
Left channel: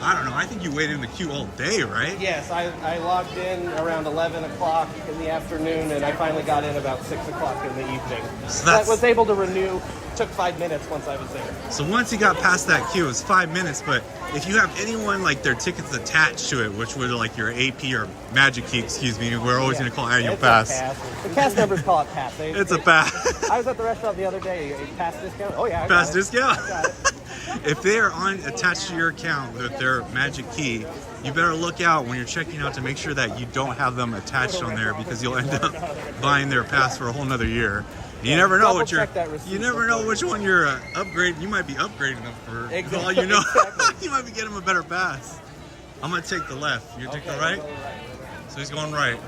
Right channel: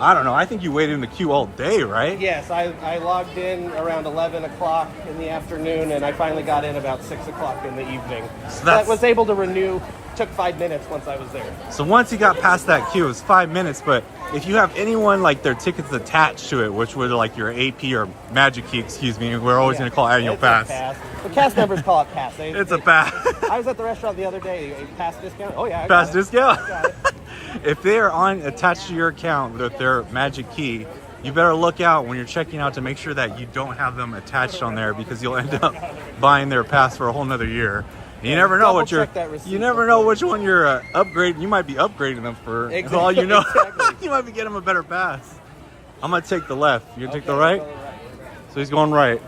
I don't know, I think you waited in the queue all day, right? Yes, I logged in around 11 o'clock in the afternoon, and I finally got in about 6 o'clock in the evening. So I was able to renew. Took 5 minutes once I was there. So once you got past that queue, it was 5 minutes, but if you have anyone, like, their tickets attached to it, which were like your AP or Magic Key, excuse me, we're always going to call it annual pass. The pass numbers call it pass. It's a pass. I was at the restaurant the other day. Pass discount? Oh, yeah. Pass discount? If they are attached to your account with their Magic Key, you better look out when you're checking out to make sure that you don't have them attached on there, because you'll end up buying their pass for a whole nother year. You never know which one you're upgrading. You might be upgrading them for all you know. You might be getting them a better pass. I'm gonna take the left. You're gonna take the right. So he's going right.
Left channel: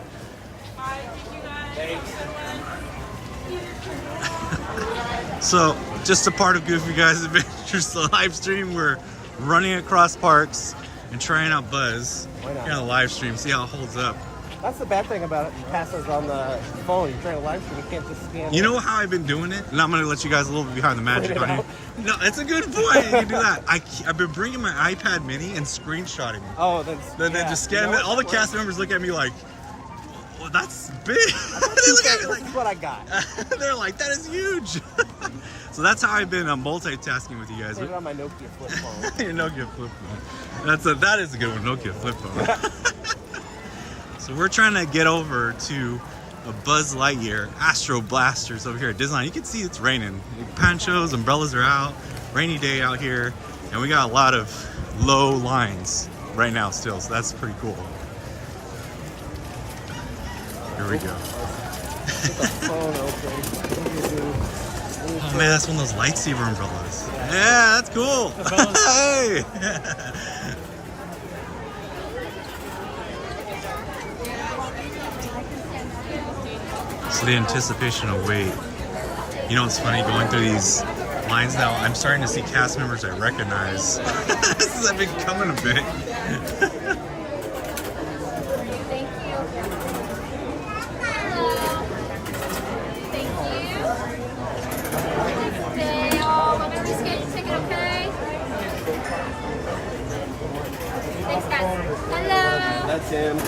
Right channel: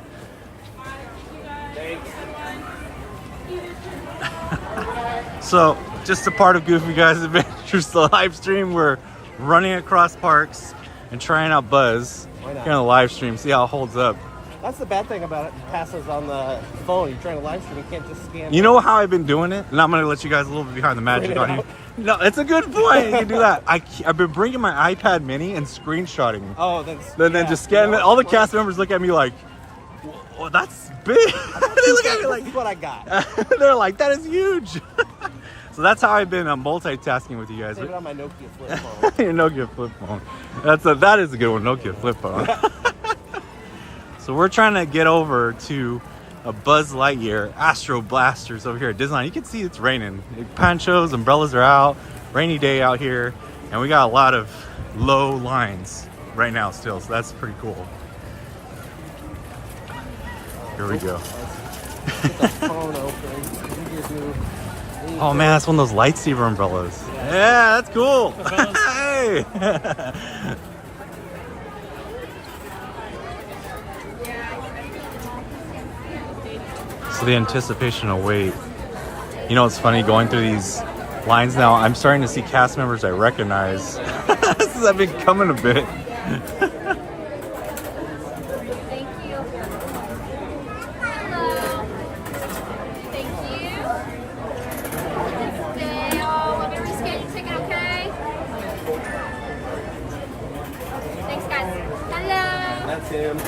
So just a part of Goofy Guys Adventures, the live stream. We're running across parks and trying out Buzz. In the live stream, see how it holds up. That's the bad thing about passes on the phone. You're trying to live stream, you can't just scan. You know how I've been doing it? And I'm going to let you guys a little bit behind the magic on here. No, it's a good point. You can do that. I've been bringing my iPad mini and screenshotting. Oh, then just scanning it. All the cast members look at me like, oh, that's big. They look at me like, this is what I got. They're like, that is huge. So that's how I've been multitasking with you guys. Put it on my Nokia flip phone. Your Nokia flip phone. That is a good one, Nokia flip phone. So we're trying to get over to a Buzz Lightyear Astro Blasters over here at Disneyland. You can see it's raining. Ponchos, umbrellas are out. Rainy day out here. And we got a lot of low lines right now still. So that's pretty cool. Here we go. Oh man, that's one of those lightsaber umbrellas. Yeah, that's cool. Hey! So the anticipation of wait. You know, it's funny going through these lines now. I'm starting to see cast members I recognize. Since I've been coming a bit. Thank you. Hello. Thank you. Stay. Oh, let me rescan your ticket, okay? Thanks, guys. Hello. That's him.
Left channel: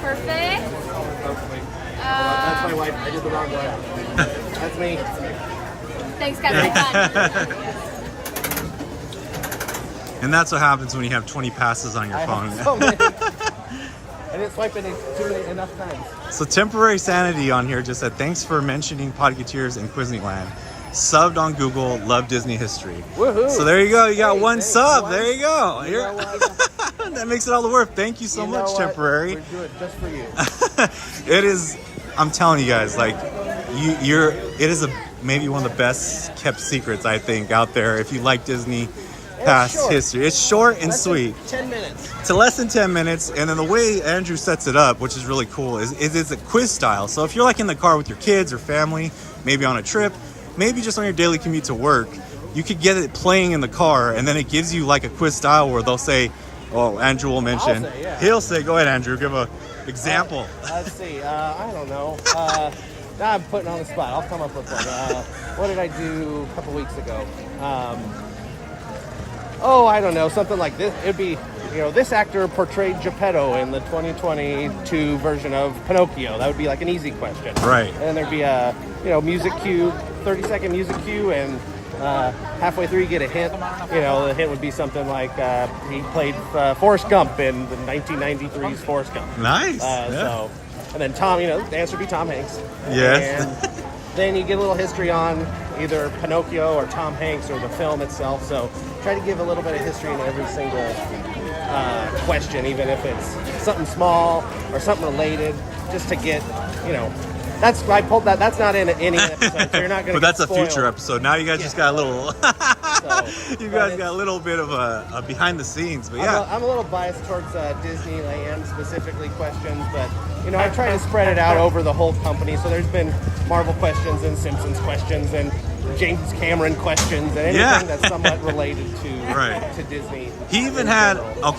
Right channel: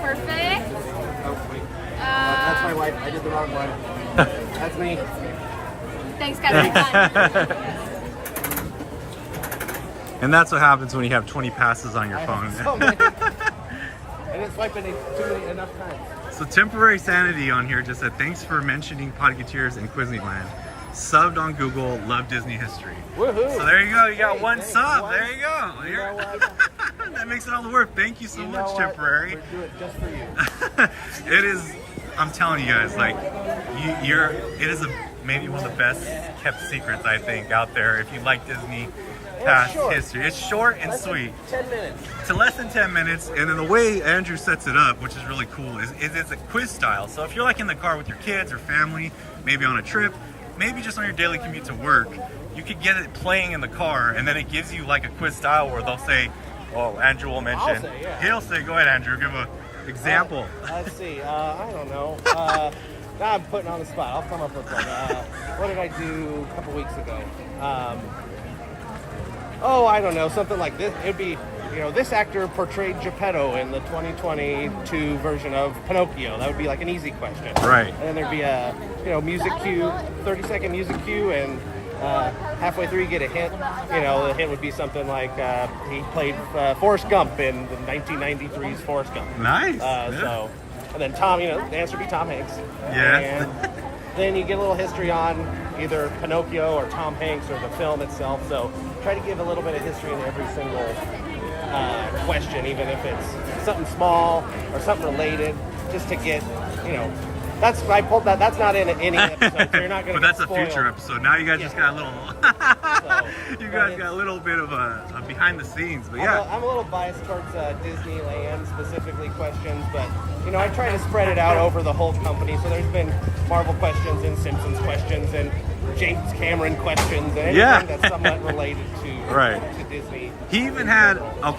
Perfect. Oh, wait. That's my wife. I did the wrong one. That's me. Thanks, guys. Have fun. And that's what happens when you have 20 passes on your phone. So many. And it's swiping enough times. So Temporary Sanity on here just said, thanks for mentioning Podcateers and Disneyland. Subbed on Google, love Disney history. Woohoo. So there you go. You got one sub. There you go. That makes it all the worth. Thank you so much, Temporary. We're doing it just for you. It is, I'm telling you guys, like, it is maybe one of the best kept secrets, I think, out there. If you like Disney past history, it's short and sweet. To less than 10 minutes, and then the way Andrew sets it up, which is really cool, is it's a quiz style. So if you're like in the car with your kids or family, maybe on a trip, maybe just on your daily commute to work, you could get it playing in the car, and then it gives you like a quiz style where they'll say, well, Andrew will mention, he'll say, go ahead, Andrew, give an example. Let's see, I don't know. Now I'm putting on the spot. I'll come up with it. What did I do a couple weeks ago? I don't know, something like this. It'd be, this actor portrayed Geppetto in the 2022 version of Pinocchio. That would be like an easy question. Right. And there'd be a, music cue, 30-second music cue, and halfway through you get a hint. The hint would be something like he played Forrest Gump in the 1993's Forrest Gump. Nice. Yeah. So, and then Tom, the answer would be Tom Hanks. Yes. And then you get a little history on either Pinocchio or Tom Hanks or the film itself. So try to give a little bit of history in every single question, even if it's something small or something related, just to get, I pulled that. That's not in any episode, so you're not going to. But that's a future episode. Now you guys just got a little. You guys got a little bit of a behind the scenes, but yeah. I'm a little biased towards Disneyland specifically questions, but I try to spread it out over the whole company. So there's been Marvel questions and Simpsons questions and James Cameron questions and anything that's somewhat related to Disney. He even had I'm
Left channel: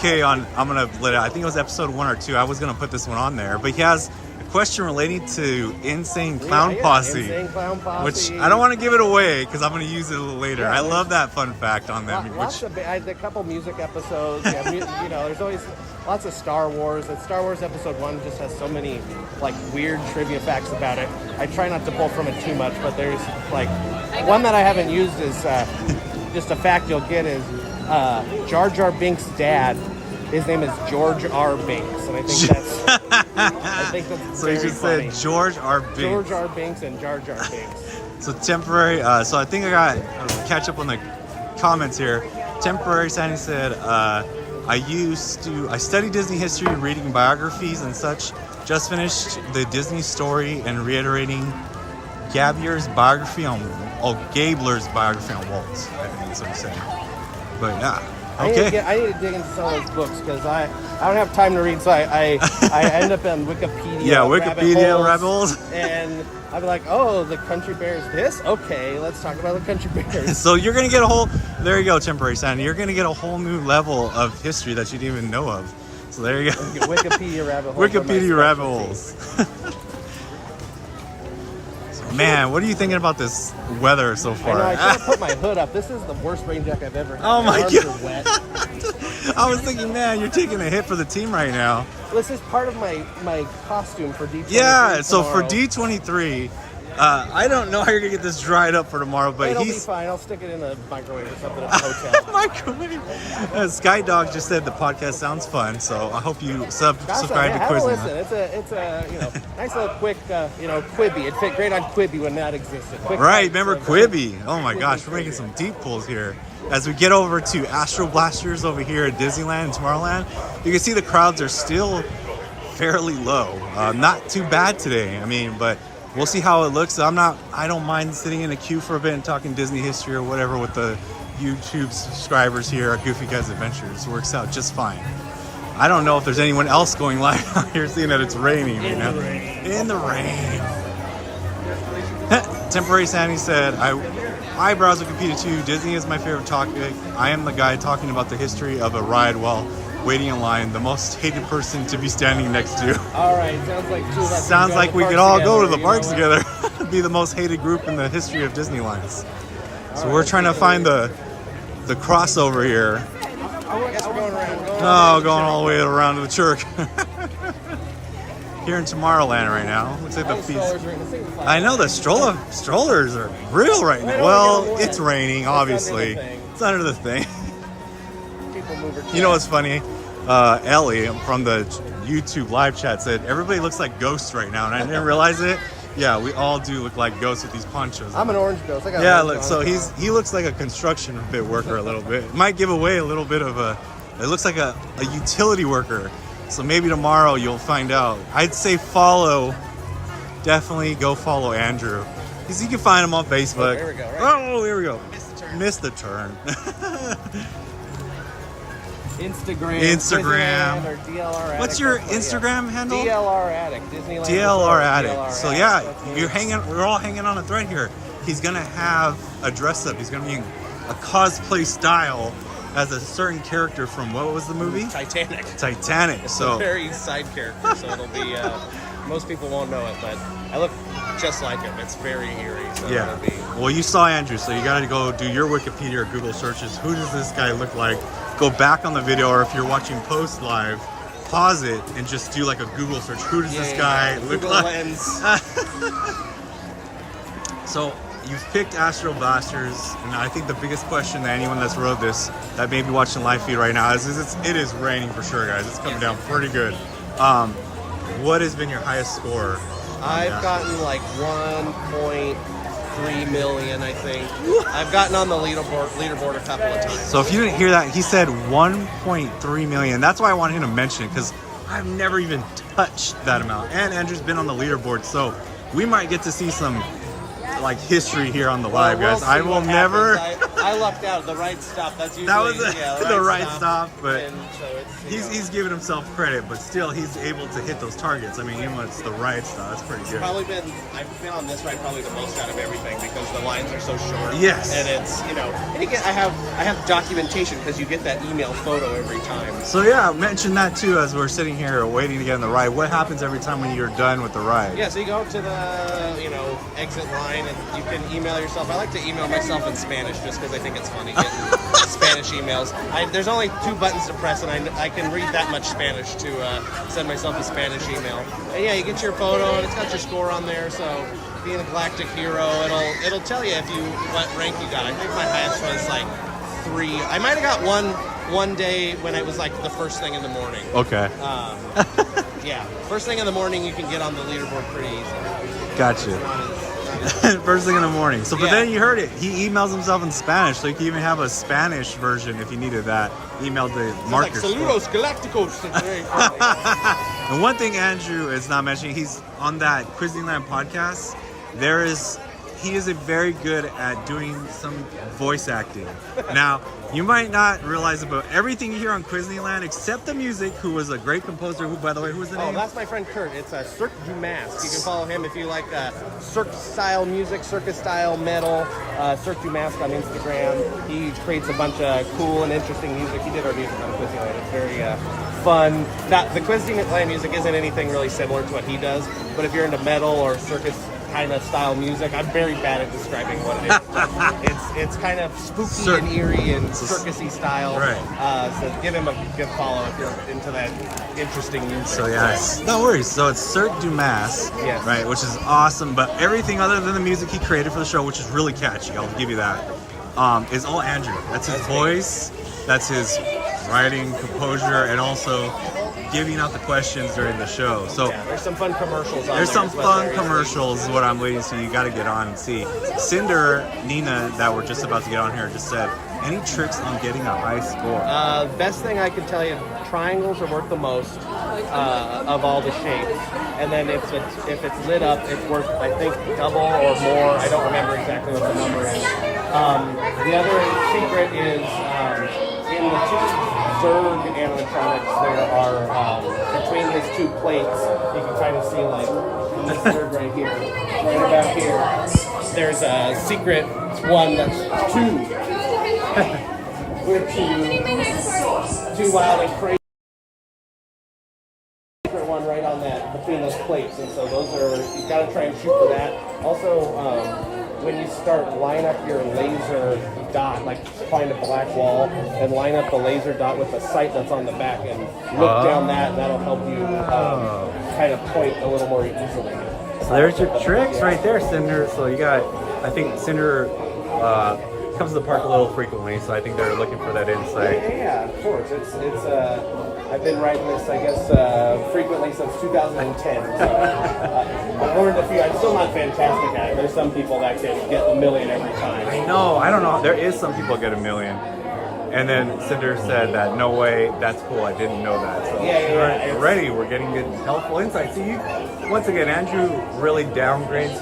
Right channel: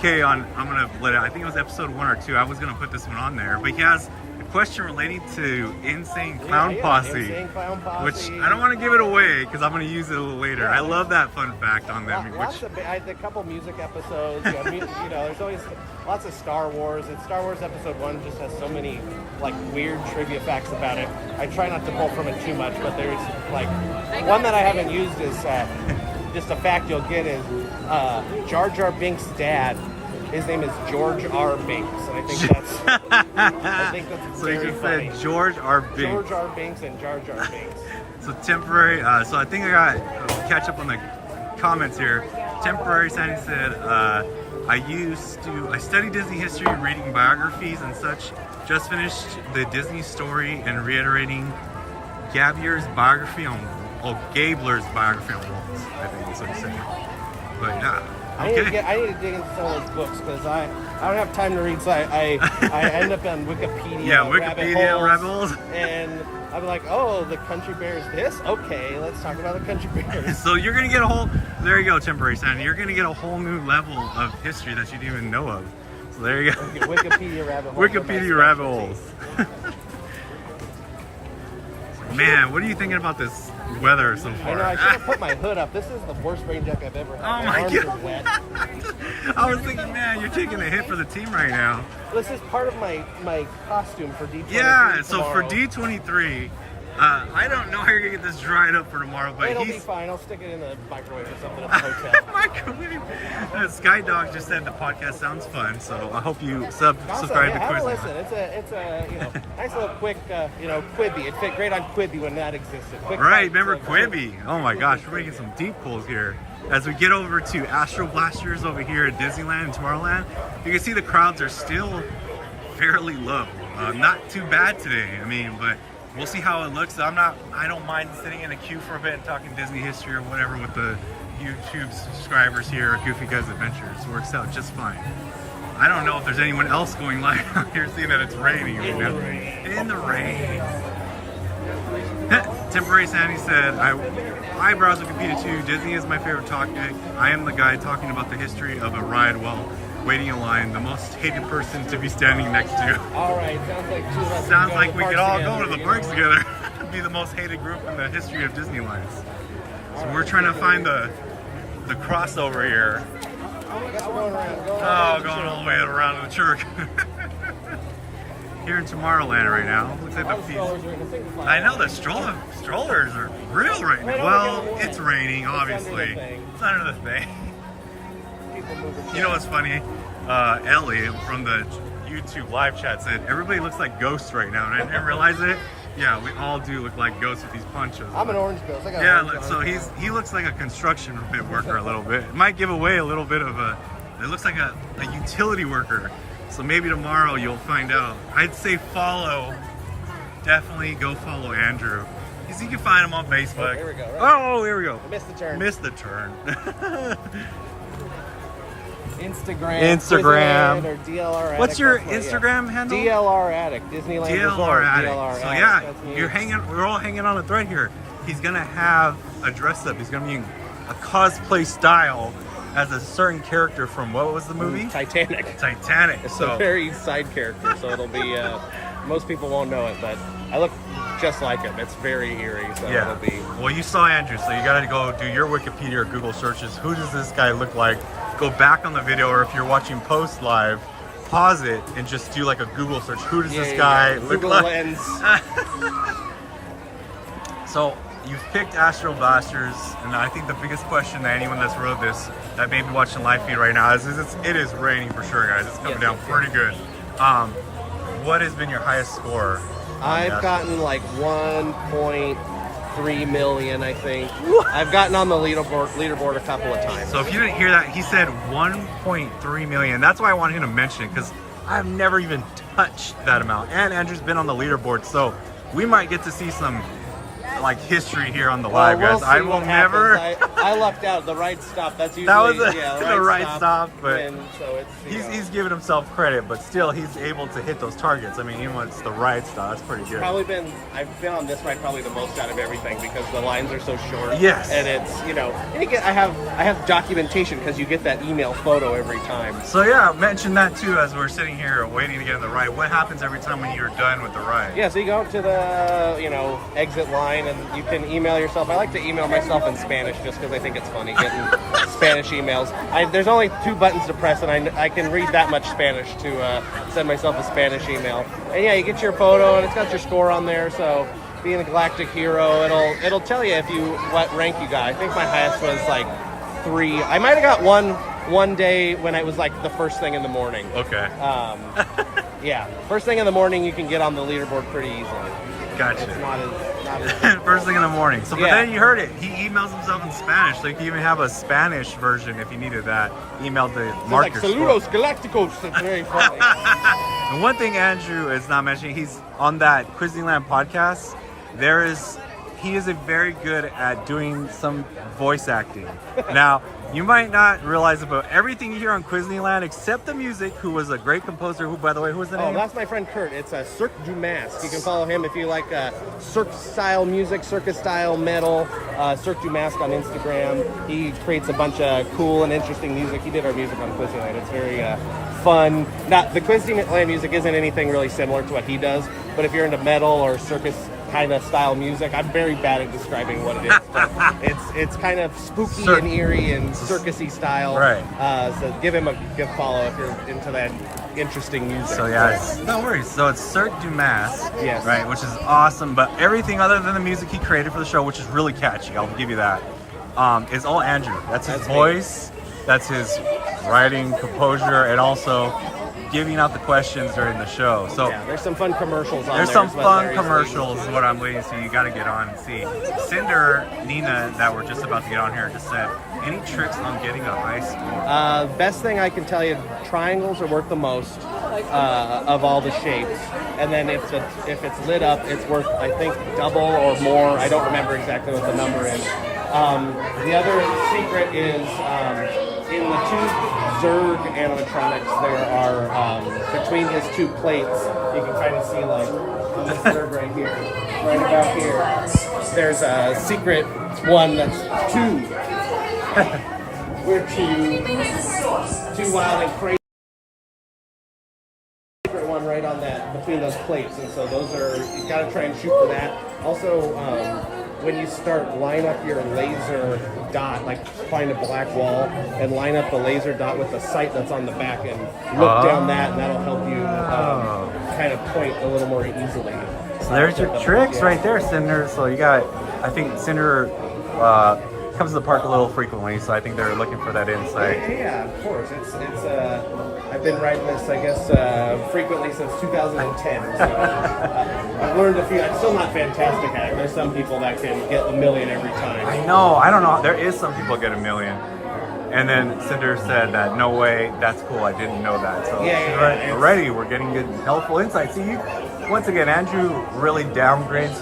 gonna let it. I think it was episode 1 or 2. I was gonna put this one on there, but he has question relating to Insane Clown Posse, which I don't want to give it away because I'm going to use it a little later. I love that fun fact on them. A couple music episodes, there's always lots of Star Wars, and Star Wars Episode 1 just has so many like weird trivia facts about it. I try not to pull from it too much, but there's like one that I haven't used is just a fact you'll get is Jar Jar Binks' dad. His name is George R. Binks, and I think that's so he just said George R. Binks. George R. Binks and Jar Jar Binks. So Temporary, so I think I got catch up on the comments here. Temporary Sandy said, I study Disney history, reading biographies and such. Just finished the Disney story and reiterating Gabler's biography on Waltz, I think is what he said. But yeah. Okay. I need to dig into some of those books because I don't have time to read, so I end up on Wikipedia. Yeah, Wikipedia rabbit holes. And I'm like, oh, the country bears this? Okay, let's talk about the country bears. So you're going to get there you go, Temporary Sandy. You're going to get a whole new level of history that you didn't even know of. So there you go. Wikipedia rabbit holes. Wikipedia rabbit holes. Man, what are you thinking about this weather so far? I can't put my hood up. This is the worst rain jacket I've ever had. Oh my god! I was thinking, man, you're taking a hit for the team right now. This is part of my costume for D23. Yeah, so for D23, I don't know how you're gonna get this dried up for tomorrow, but It'll be fine. I'll stick it in the microwave or something at the hotel. Microwave. Sky Dog just said the podcast sounds fun, so I hope you subscribe to Quizlet. It's a nice little quick, Quibi. It fit great on Quibi when that existed. Right, remember Quibi? Oh my gosh, we're making some deep pulls here. As we get over to Astro Blasters over here at Disneyland and Tomorrowland, you can see the crowds are still fairly low. Not too bad today, but we'll see how it looks. I don't mind sitting in a queue for a bit and talking Disney history or whatever with the YouTube subscribers here at Goofy Guys Adventures. Works out just fine. I don't know if there's anyone else going live out here seeing that it's raining right now. In the rain. Temporary Sandy said, I browse Wikipedia too. Disney is my favorite topic. I am the guy talking about the history of a ride while waiting in line, the most hated person to be standing next to you. All right, sounds like we can all go to the parks together. Be the most hated group in the history of Disneyland. So we're trying to find the crossover here. Oh, going all the way around to the church. Here in Tomorrowland right now. Looks like the feast. I know the strollers are real right now. Well, it's raining, obviously. It's under the thing. You know what's funny? Ellie from the YouTube live chat said everybody looks like ghosts right now, and I didn't realize it. Yeah, we all do look like ghosts with these ponchos on. I'm an orange ghost. I got Yeah, an orange so ghost. he looks like a construction bit worker a little bit. It might give away a little bit of a. It looks like a utility worker. So maybe tomorrow you'll find out. I'd say follow. Definitely go follow Andrew. You can find him on Facebook. Oh, here we go. Missed the turn. Missed the turn. Instagram. Or DLR What's your Instagram handle? DLR Addict. Disneyland. DLR Addict. DLR So Addict. yeah, That's you're me. hanging. We're all hanging on a thread here. He's gonna have a dress up. He's gonna be in a cosplay style as a certain character from what was the movie? Titanic. Titanic. It's So a very side character, so it'll be. Most people won't know it, but I look just like him. It's very eerie. So yeah. it'll be. Well, you saw Andrew, so you gotta go do your Wikipedia or Google searches. Who does this guy look like? Go back on the video, or if you're watching post live, pause it and just do like a Google search. Who does this guy look Google like? Lens. So you've picked Astro Blasters, and I think the biggest question that anyone that's rode this that may be watching live feed right now is it is raining for sure, guys. It's coming down pretty good. What has been your highest score on the I've Astro? gotten like 1.3 million, I think. I've gotten on the leaderboard a couple of times. So if you didn't hear that, he said 1.3 million. That's why I wanted him to mention it, because I've never even touched that amount. And Andrew's been on the leaderboard, so we might get to see some like history here on the live, We'll guys. see I will what never. happens. I lucked out. The right stuff. That's usually That was yeah, the right stuff, but And so it's, he's giving himself credit, but still he's able to hit those targets. I mean, even when it's the right stuff, that's pretty good. I've been on this ride probably the most out of everything because the lines are so short. Yes. And it's I have documentation because you get that email photo every time. So yeah, mention that too as we're sitting here waiting to get on the ride. What happens every time when you're done with the ride? Yeah, so you go up to the exit line and you can email yourself. I like to email myself in Spanish just because I think it's funny getting Spanish emails. There's only 2 buttons to press, and I can read that much Spanish to send myself a Spanish email. And yeah, you get your photo, and it's got your score on there. So being a galactic hero, it'll tell you what rank you got. I think my highest was like 3. I might have got one day when it was like the first thing in the morning. Okay. Yeah, first thing in the morning you can get on the leaderboard pretty easy. Gotcha. Not as First thing in the morning. So, but Yeah. then you heard it. He emails himself in Spanish, so you can even have a Spanish version if you needed that. Email to mark like your score. Saludos Galacticos. It's very funny. And one thing Andrew is not mentioning, he's on that Disneyland podcast. He is very good at doing some voice acting. Now, you might not realize it, but everything you hear on Disneyland, except the music, who was a great composer, who, by the way, who was the name? That's my friend Kurt. It's a Cirque du Masque. You can follow him if you like cirque-style music, circus-style metal. Cirque du Masque on Instagram. He creates a bunch of cool and interesting music. He did our music on Disneyland. It's very fun. Now, the Disneyland music isn't anything really similar to what he does, but if you're into metal or circus kind of style music, I'm very bad at describing what it is. It's kind of spooky and eerie and circusy style. Right. So give him a good follow if you're into that interesting music. So yeah, no worries. So it's Cirque du Masque, Yes. right, which is awesome. But everything other than the music he created for the show, which is really catchy, I'll give you that, is all Andrew. That's his voice. That's his writing, composure, and also giving out the questions during the show. So Yeah, there's some fun commercials. there's some fun commercials is what I'm leading to. You got to get on and see. Cinder, Nina, that we're just about to get on here, just said, any tricks on getting a high score? Best thing I can tell you, triangles will work the most of all the shapes. And then if it's lit up, it's worth, I think, double or more. I don't remember exactly what the number is. The other secret is in the 2 Zerg animatronics, there are, between these 2 plates, you can kind of see like this Zerg right here, right about here. There's a secret one that's 2. We're too wild and crazy. One right on that between those plates, and so those are, you gotta try and shoot for that. Also, when you start line up your laser dot, like find a black wall and line up the laser dot with the sight that's on the back and look down that, and that'll help you kind of point a little more easily. So there's your tricks right there, Cinder. So you got, I think Cinder comes to the park a little frequently, so I think they're looking for that insight. Yeah, of course. It's I've been riding this, I guess, frequently since 2010. So I've learned a few. It's still not fantastic at it. There's some people that can get a million every time. I know. I don't know. There is some people get a million. And then Cinder said that, no way, that's cool. I didn't know that. So already we're getting good, helpful insight. See, once again, Andrew really downgrades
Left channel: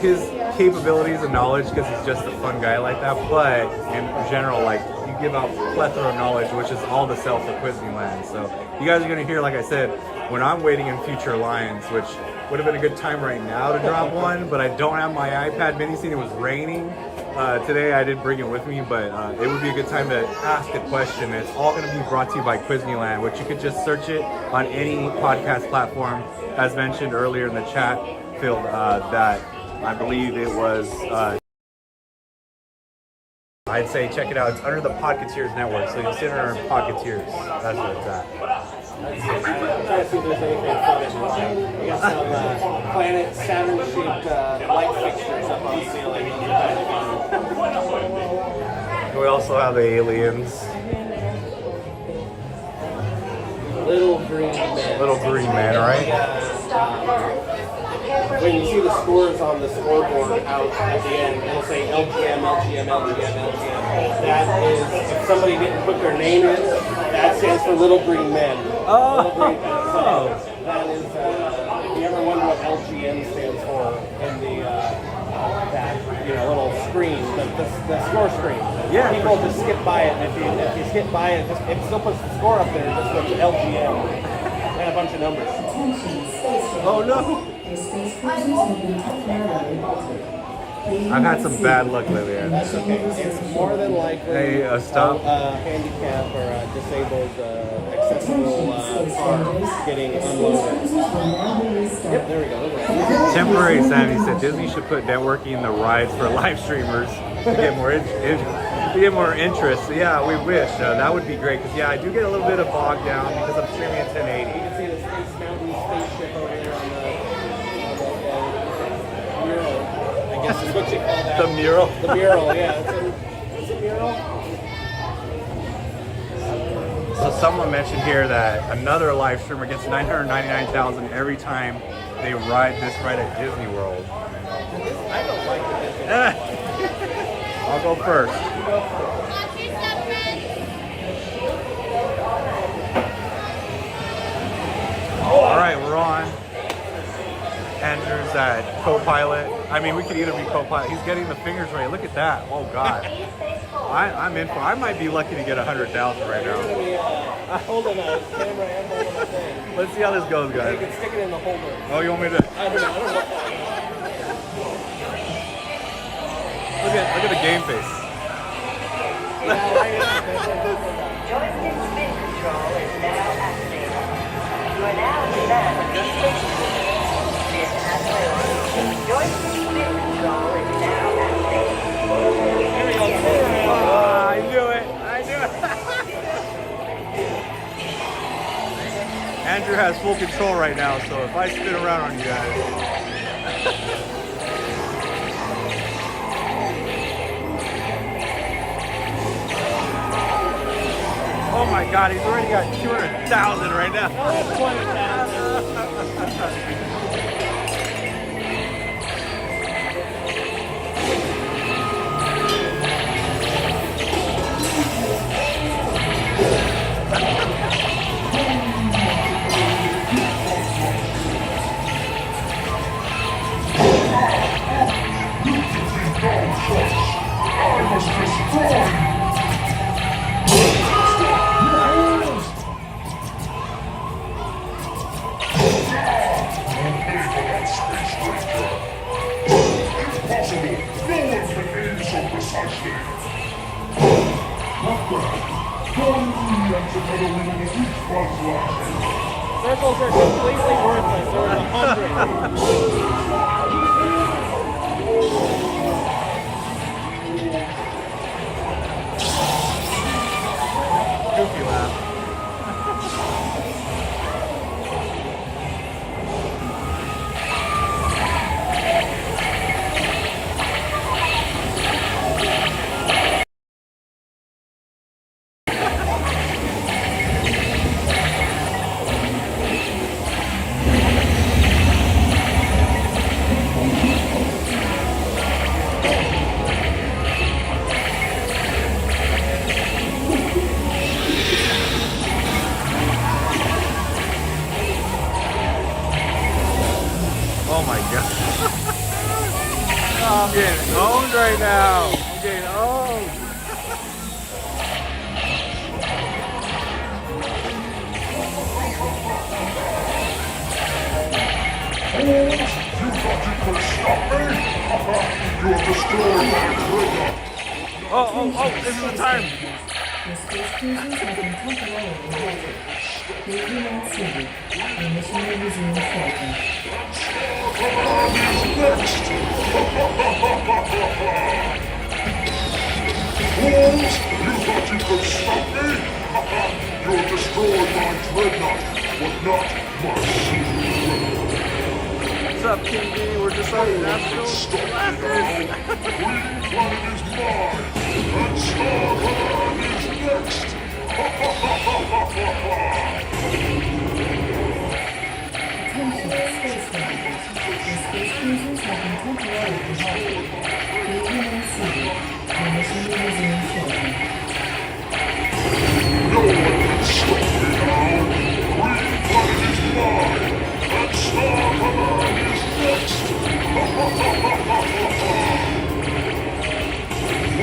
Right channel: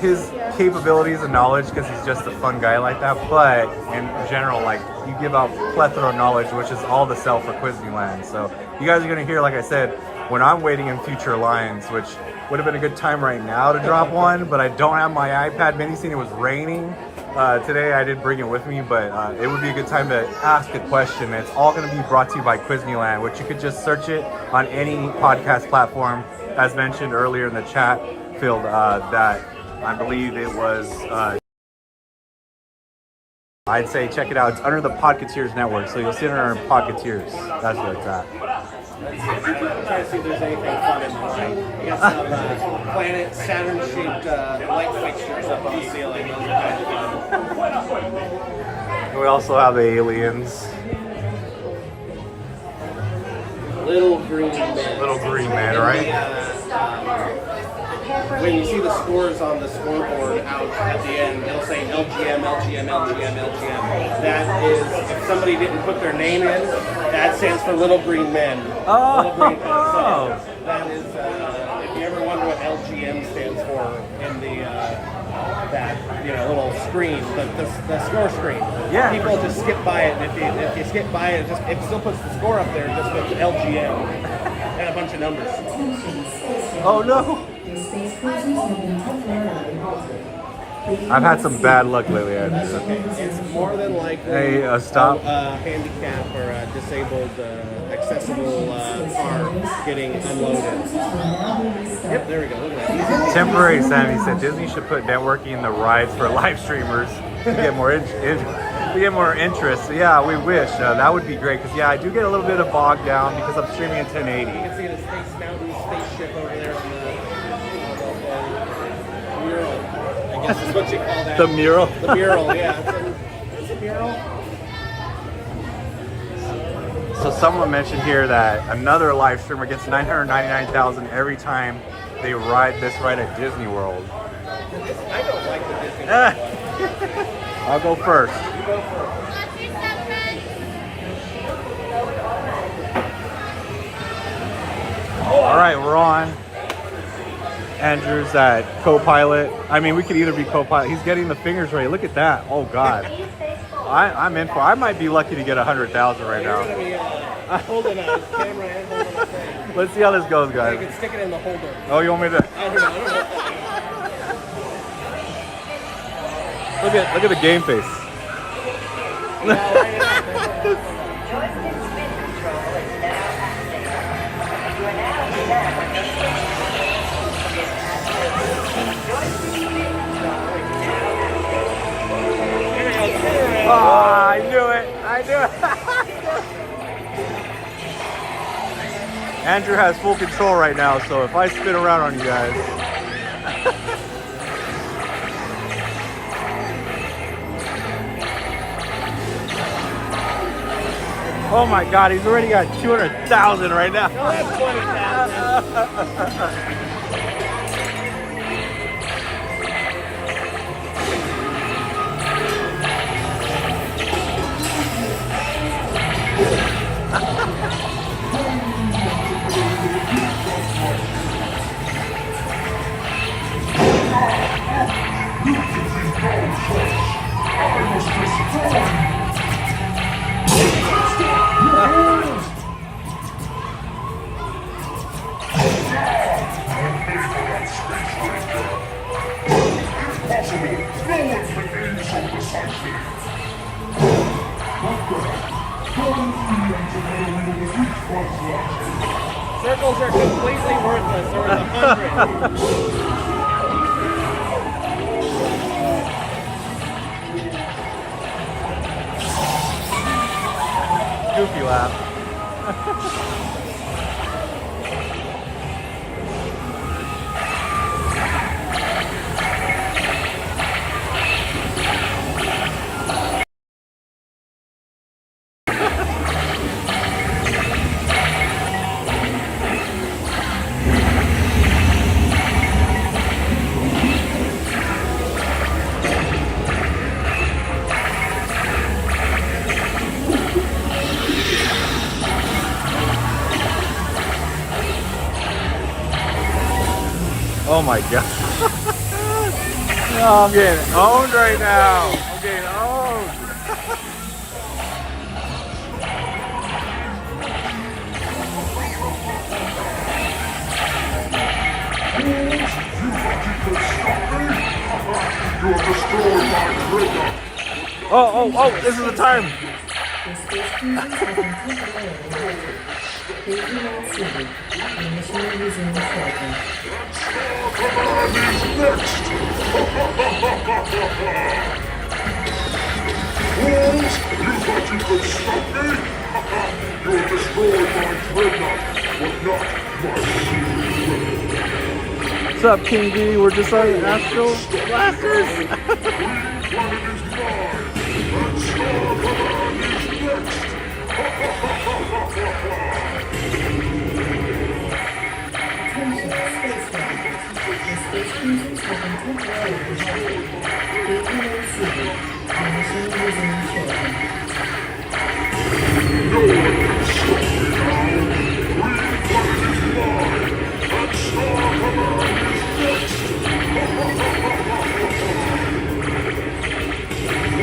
his capabilities and knowledge because he's just a fun guy like that. But in general, like, you give out plethora of knowledge, which is all the sell for Disneyland. So you guys are going to hear, like I said, when I'm waiting in future lines, which would have been a good time right now to drop one, but I don't have my iPad mini. Scene. It was raining today. I did bring it with me, but it would be a good time to ask a question. It's all going to be brought to you by Disneyland, which you could just search it on any podcast platform, as mentioned earlier in the chat field, that I believe it was, I'd say check it out. It's under the Podcateers Network, so you'll see it under Podcateers. That's where it's at. Planet Saturn-shaped light fixtures on the ceiling. We also have aliens. Little green men. Little green man, right? When you see the scores on the scoreboard out at the end, it'll say LGM, LGM, LGM, LGM. That is, if somebody didn't put their name in, that stands for Little Green Men. Oh! That is, if you ever wonder what LGM stands for in the, that, little screen, the score screen. Yeah. People just skip by it, and if you skip by it, it still puts the score up there, just like LGM. And a bunch of numbers. Oh no! I've had some bad luck lately. It's more than likely Hey, stop. handicap or a disabled accessible car getting unloaded. Yep, there we go. Temporary Sandy said Disney should put networking in the ride for live streamers to get more interest. So yeah, we wish that would be great because I do get a little bit of bogged down because I'm streaming in 1080. You can see the Space Mountain spaceship over there. I guess is what you call that. The mural. The mural, yeah. It's a mural. So someone mentioned here that another live streamer gets 999,000 every time they ride this ride at Disney World. I'll go first. All right, we're on. Andrew's that co-pilot. I mean, we could either be co-pilot. He's getting the fingers ready. Look at that. Oh God. I'm in for. I might be lucky to get 100,000 right now. Let's see how this goes, guys. Oh, you want me to? Look at the game face. Oh, I knew it. Andrew has full control right now, so if I spin around on you guys. Oh my God, he's already got 200,000 right now. Circles are completely worthless. You're 100. Goofy laugh. god. Oh, I'm getting owned right now. I'm getting owned. Oh, this is the time. The space cruisers have been temporarily halted. Please do not see the mission will resume shortly. Fools! You thought you could stop me? You'll destroy my dreadnought, but not my secret. What's up, King D? We're just on the Stop me now! Green planet is mine, and Star Command is next! Attention, space riders. The space cruisers have been temporarily halted. Please do not see the mission will resume shortly. No one can stop me now! Green planet is mine, and Star Command is next!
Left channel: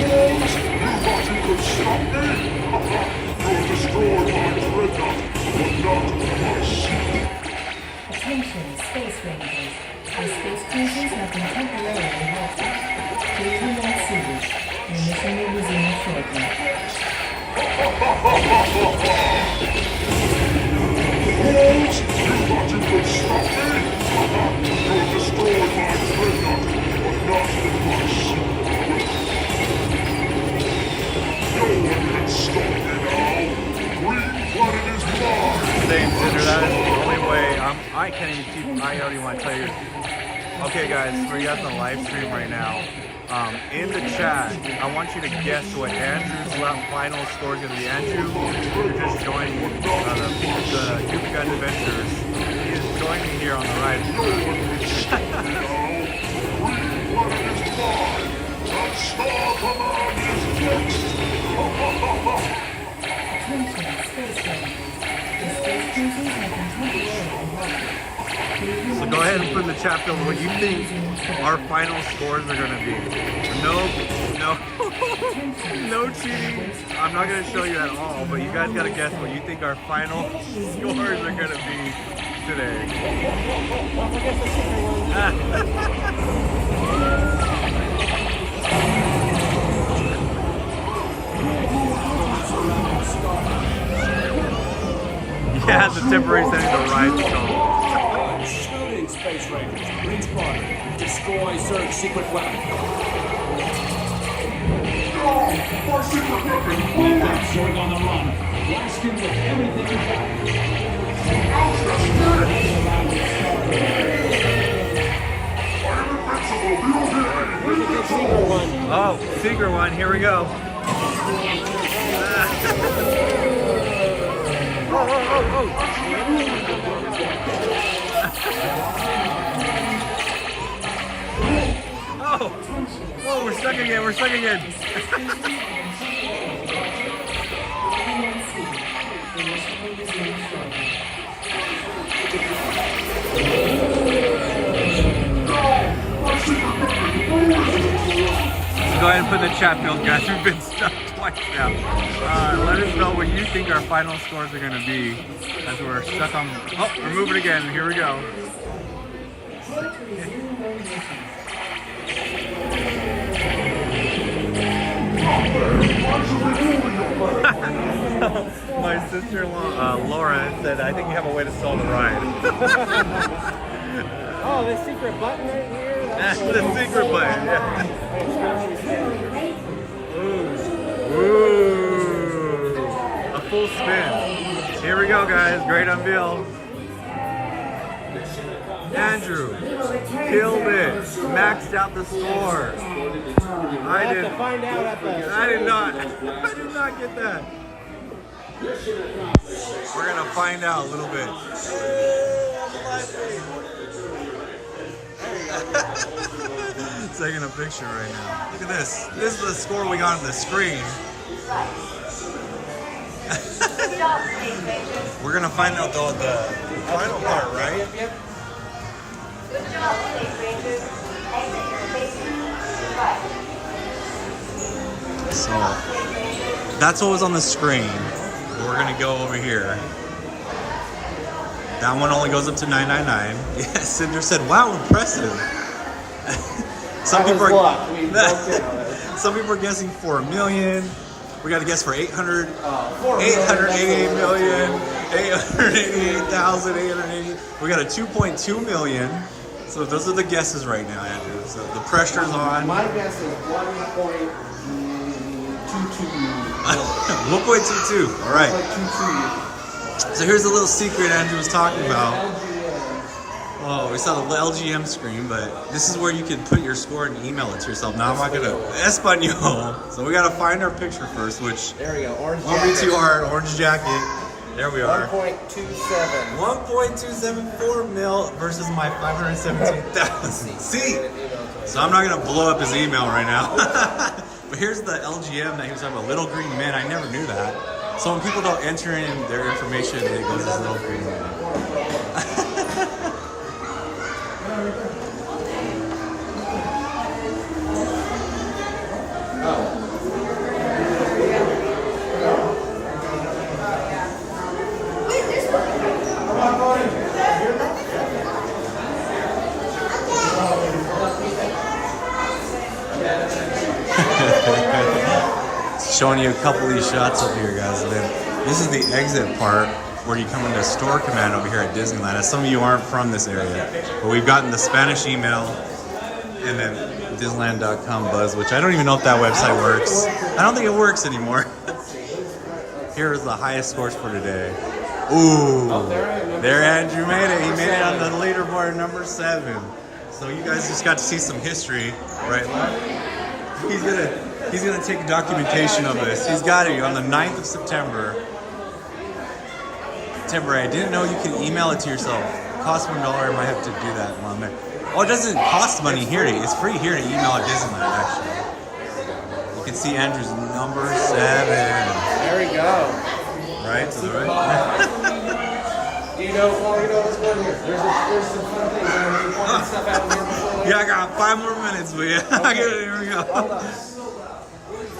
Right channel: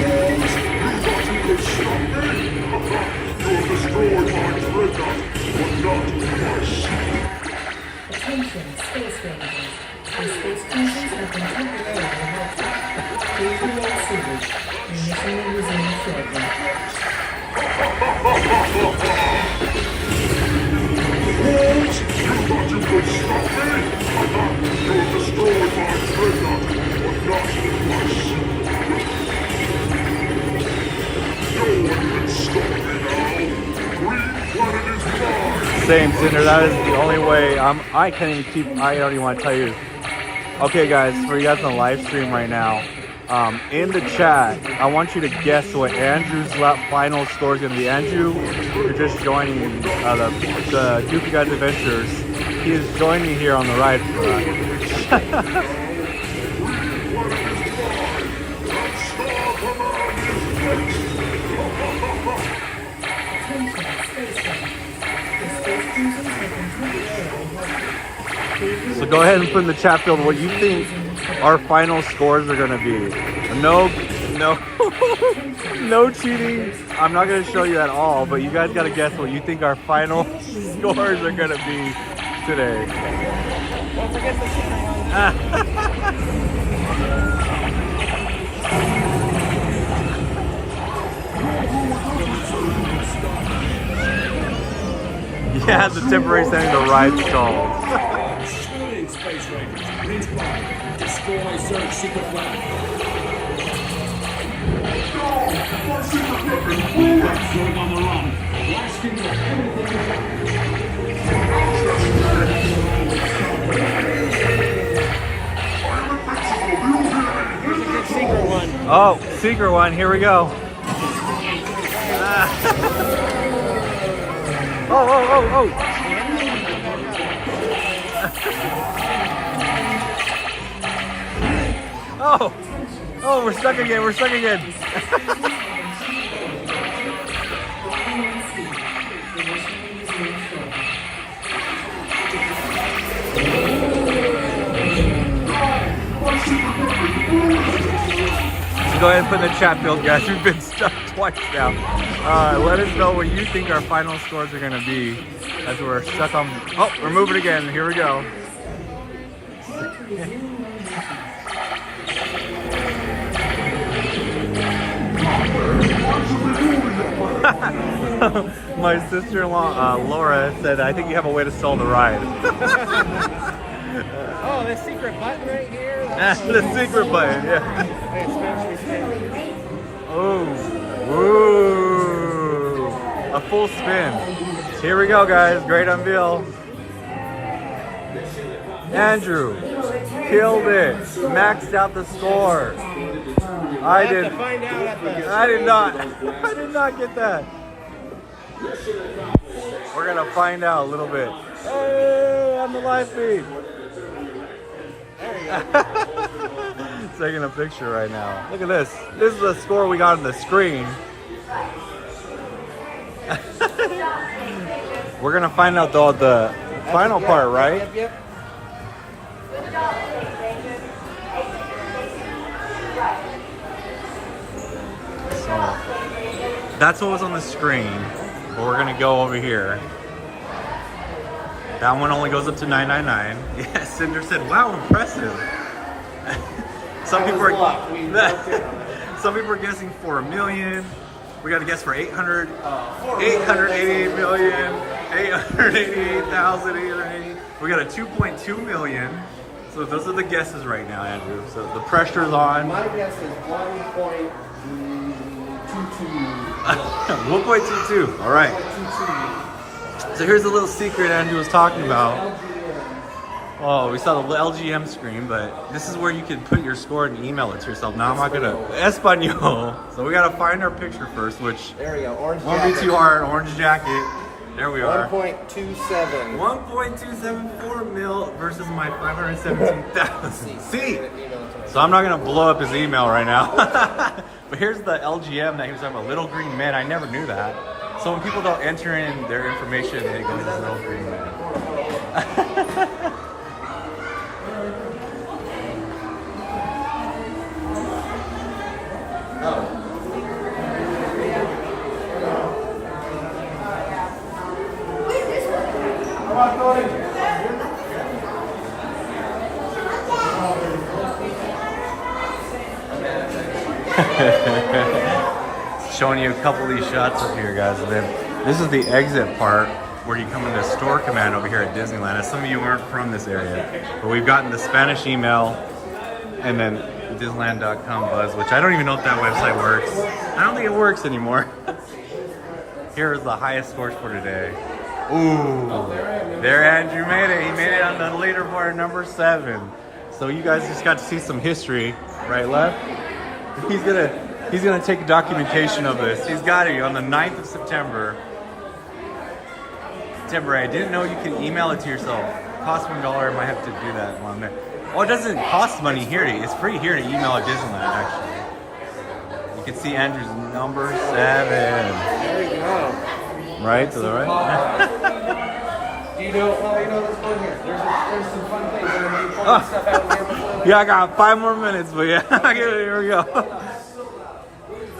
Fools! You thought you could stop me? You'll destroy my dreadnought, but not my secret. Attention, space rangers. The space cruisers have been temporarily halted. Please do not see the mission will resume shortly. Fools! You thought you could stop me? You'll destroy my dreadnought, but not my secret. No one can stop me now! Green planet is mine! Saying dinner, that is the only way. I can't even keep. I don't even want to tell you. Okay, guys, for you guys on live stream right now, in the chat, I want you to guess what Andrew's final score is going to be. Andrew, you're just joining the Duke Guys Adventures. He is joining me here on the ride. Attention, space riders. The space cruisers have been temporarily halted. So go ahead and put in the chat field what you think our final scores are going to be. No cheating. I'm not going to show you at all, but you guys got to guess what you think our final scores are going to be today. Yeah, the temporary setting the ride stall. Shooting Space Rangers. Green Squad. Destroy Surge secret weapon. My secret weapon! Got Surge on the run. Blast him with everything you got. Secret one. Oh, secret one. Here we go. Oh. Oh, we're stuck again. Go ahead and put in the chat field, guys. We've been stuck twice now. Let us know what you think our final scores are going to be as we're stuck on... Oh, we're moving again. Here we go. My sister-in-law, Laura, said, I think you have a way to sell the ride. Oh, the secret button right here. The secret button, yeah. Ooh. A full spin. Here we go, guys. Great unveil. Andrew killed it. Maxed out the score. I did not get that. We're gonna find out a little bit. Hey, on the live feed. Taking a picture right now. Look at this. This is the score we got on the screen. We're gonna find out though the final part, right? So that's what was on the screen. But we're gonna go over here. That one only goes up to $9.99. Yeah, Cinder said, "Wow, impressive." Some people are guessing for $1 million. We got to guess for 888 million, 888,880. We got a 2.2 million. So those are the guesses right now, Andrew. So the pressure's on. My guess is 1.22. 1.22. All right. So here's a little secret Andrew was talking about. Oh, we saw the LGM screen, but this is where you can put your score and email it to yourself. Now I'm not gonna Espanol. So we gotta find our picture first, which there we go. Orange won't be too hard. Orange jacket. There we are. 1.27. 1.274 mil versus my 517,000. See? So I'm not gonna blow up his email right now. But here's the LGM that he was talking about. Little Green Men. I never knew that. So when people don't enter in their information, it goes as Little Green Men. Showing you a couple of these shots up here, guys. And then this is the exit part where you come into Store Command over here at Disneyland. As some of you aren't from this area, but we've gotten the Spanish email and the Disneyland.com buzz, which I don't even know if that website works. I don't think it works anymore. Here is the highest scores for today. Ooh, there Andrew made it. He made it on the leaderboard number 7. So you guys just got to see some history, right, left? He's gonna take documentation of this. He's got it on the 9th of September. I didn't know you can email it to yourself. Costs $1. I might have to do that while I'm there. Oh, it doesn't cost money here. It's free here to email at Disneyland, actually. You can see Andrew's number 7. There we go. Right to the right. Do you know what's going here? There's some fun things. I'm pouring stuff out here before. Yeah, I got 5 more minutes, but yeah, here we go.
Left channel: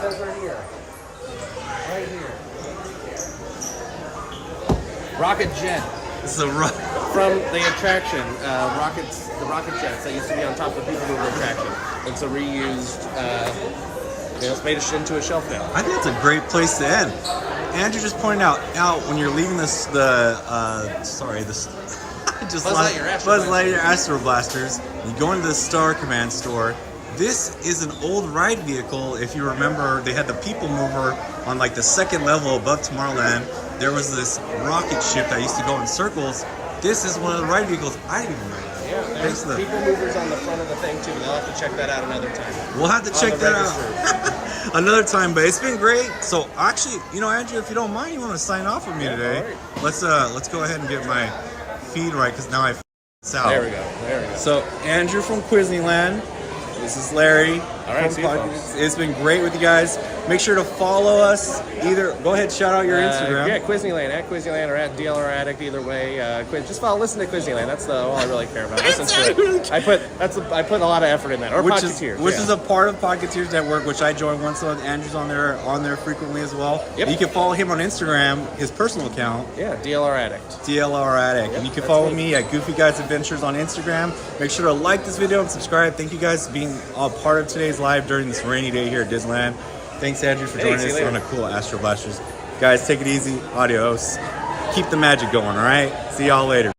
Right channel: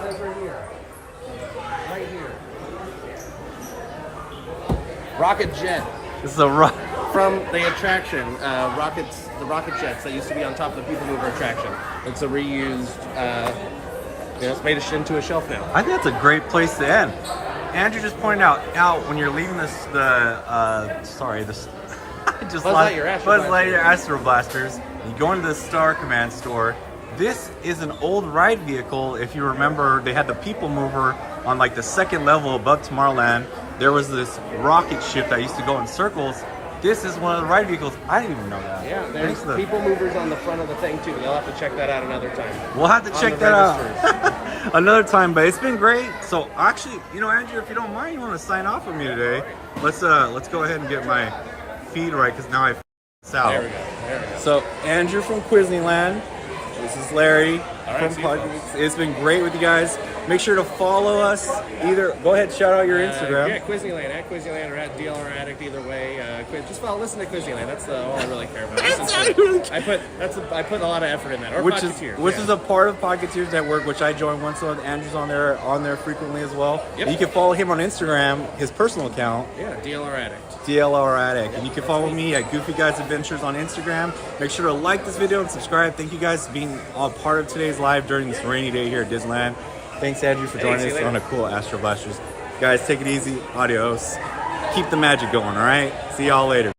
Right here. Right here. Rocket jet. This is a rock. From the attraction, the rocket jets that used to be on top of the People Mover attraction. It's a reused, it's made into a shelf now. I think that's a great place to end. Andrew just pointed out when you're leaving Buzz Lightyear Astro Blasters, you go into the Star Command store. This is an old ride vehicle. If you remember, they had the People Mover on like the second level above Tomorrowland. There was this rocket ship that used to go in circles. This is one of the ride vehicles. I didn't even know that. Yeah, there's People Movers on the front of the thing too. You'll have to check that out another time. We'll have to check that out another time, but it's been great. So actually, Andrew, if you don't mind, you want to sign off with me today? Let's go ahead and get my feed right, because now I f***ed out. There we go. So Andrew from Disneyland. This is Larry from Podcast. It's been great with you guys. Make sure to follow us. Go ahead, shout out your Instagram. Yeah, Disneyland, at Disneyland or at DLR Addict, either way. Just listen to Disneyland. That's all I really care about. Listen to it. I put a lot of effort in that. Or which is a part of Pocketeers Network, which I joined once. So Andrew's on there frequently as well. Yep. You can follow him on Instagram, his personal account. Yeah, DLR Addict. And you can follow me at Goofy Guys Adventures on Instagram. Make sure to like this video and subscribe. Thank you guys for being a part of today's live during this rainy day here at Disneyland. Thanks, Andrew, for joining us on the cool Astro Blasters. Guys, take it easy. Adios. Keep the magic going, all right? See y'all later.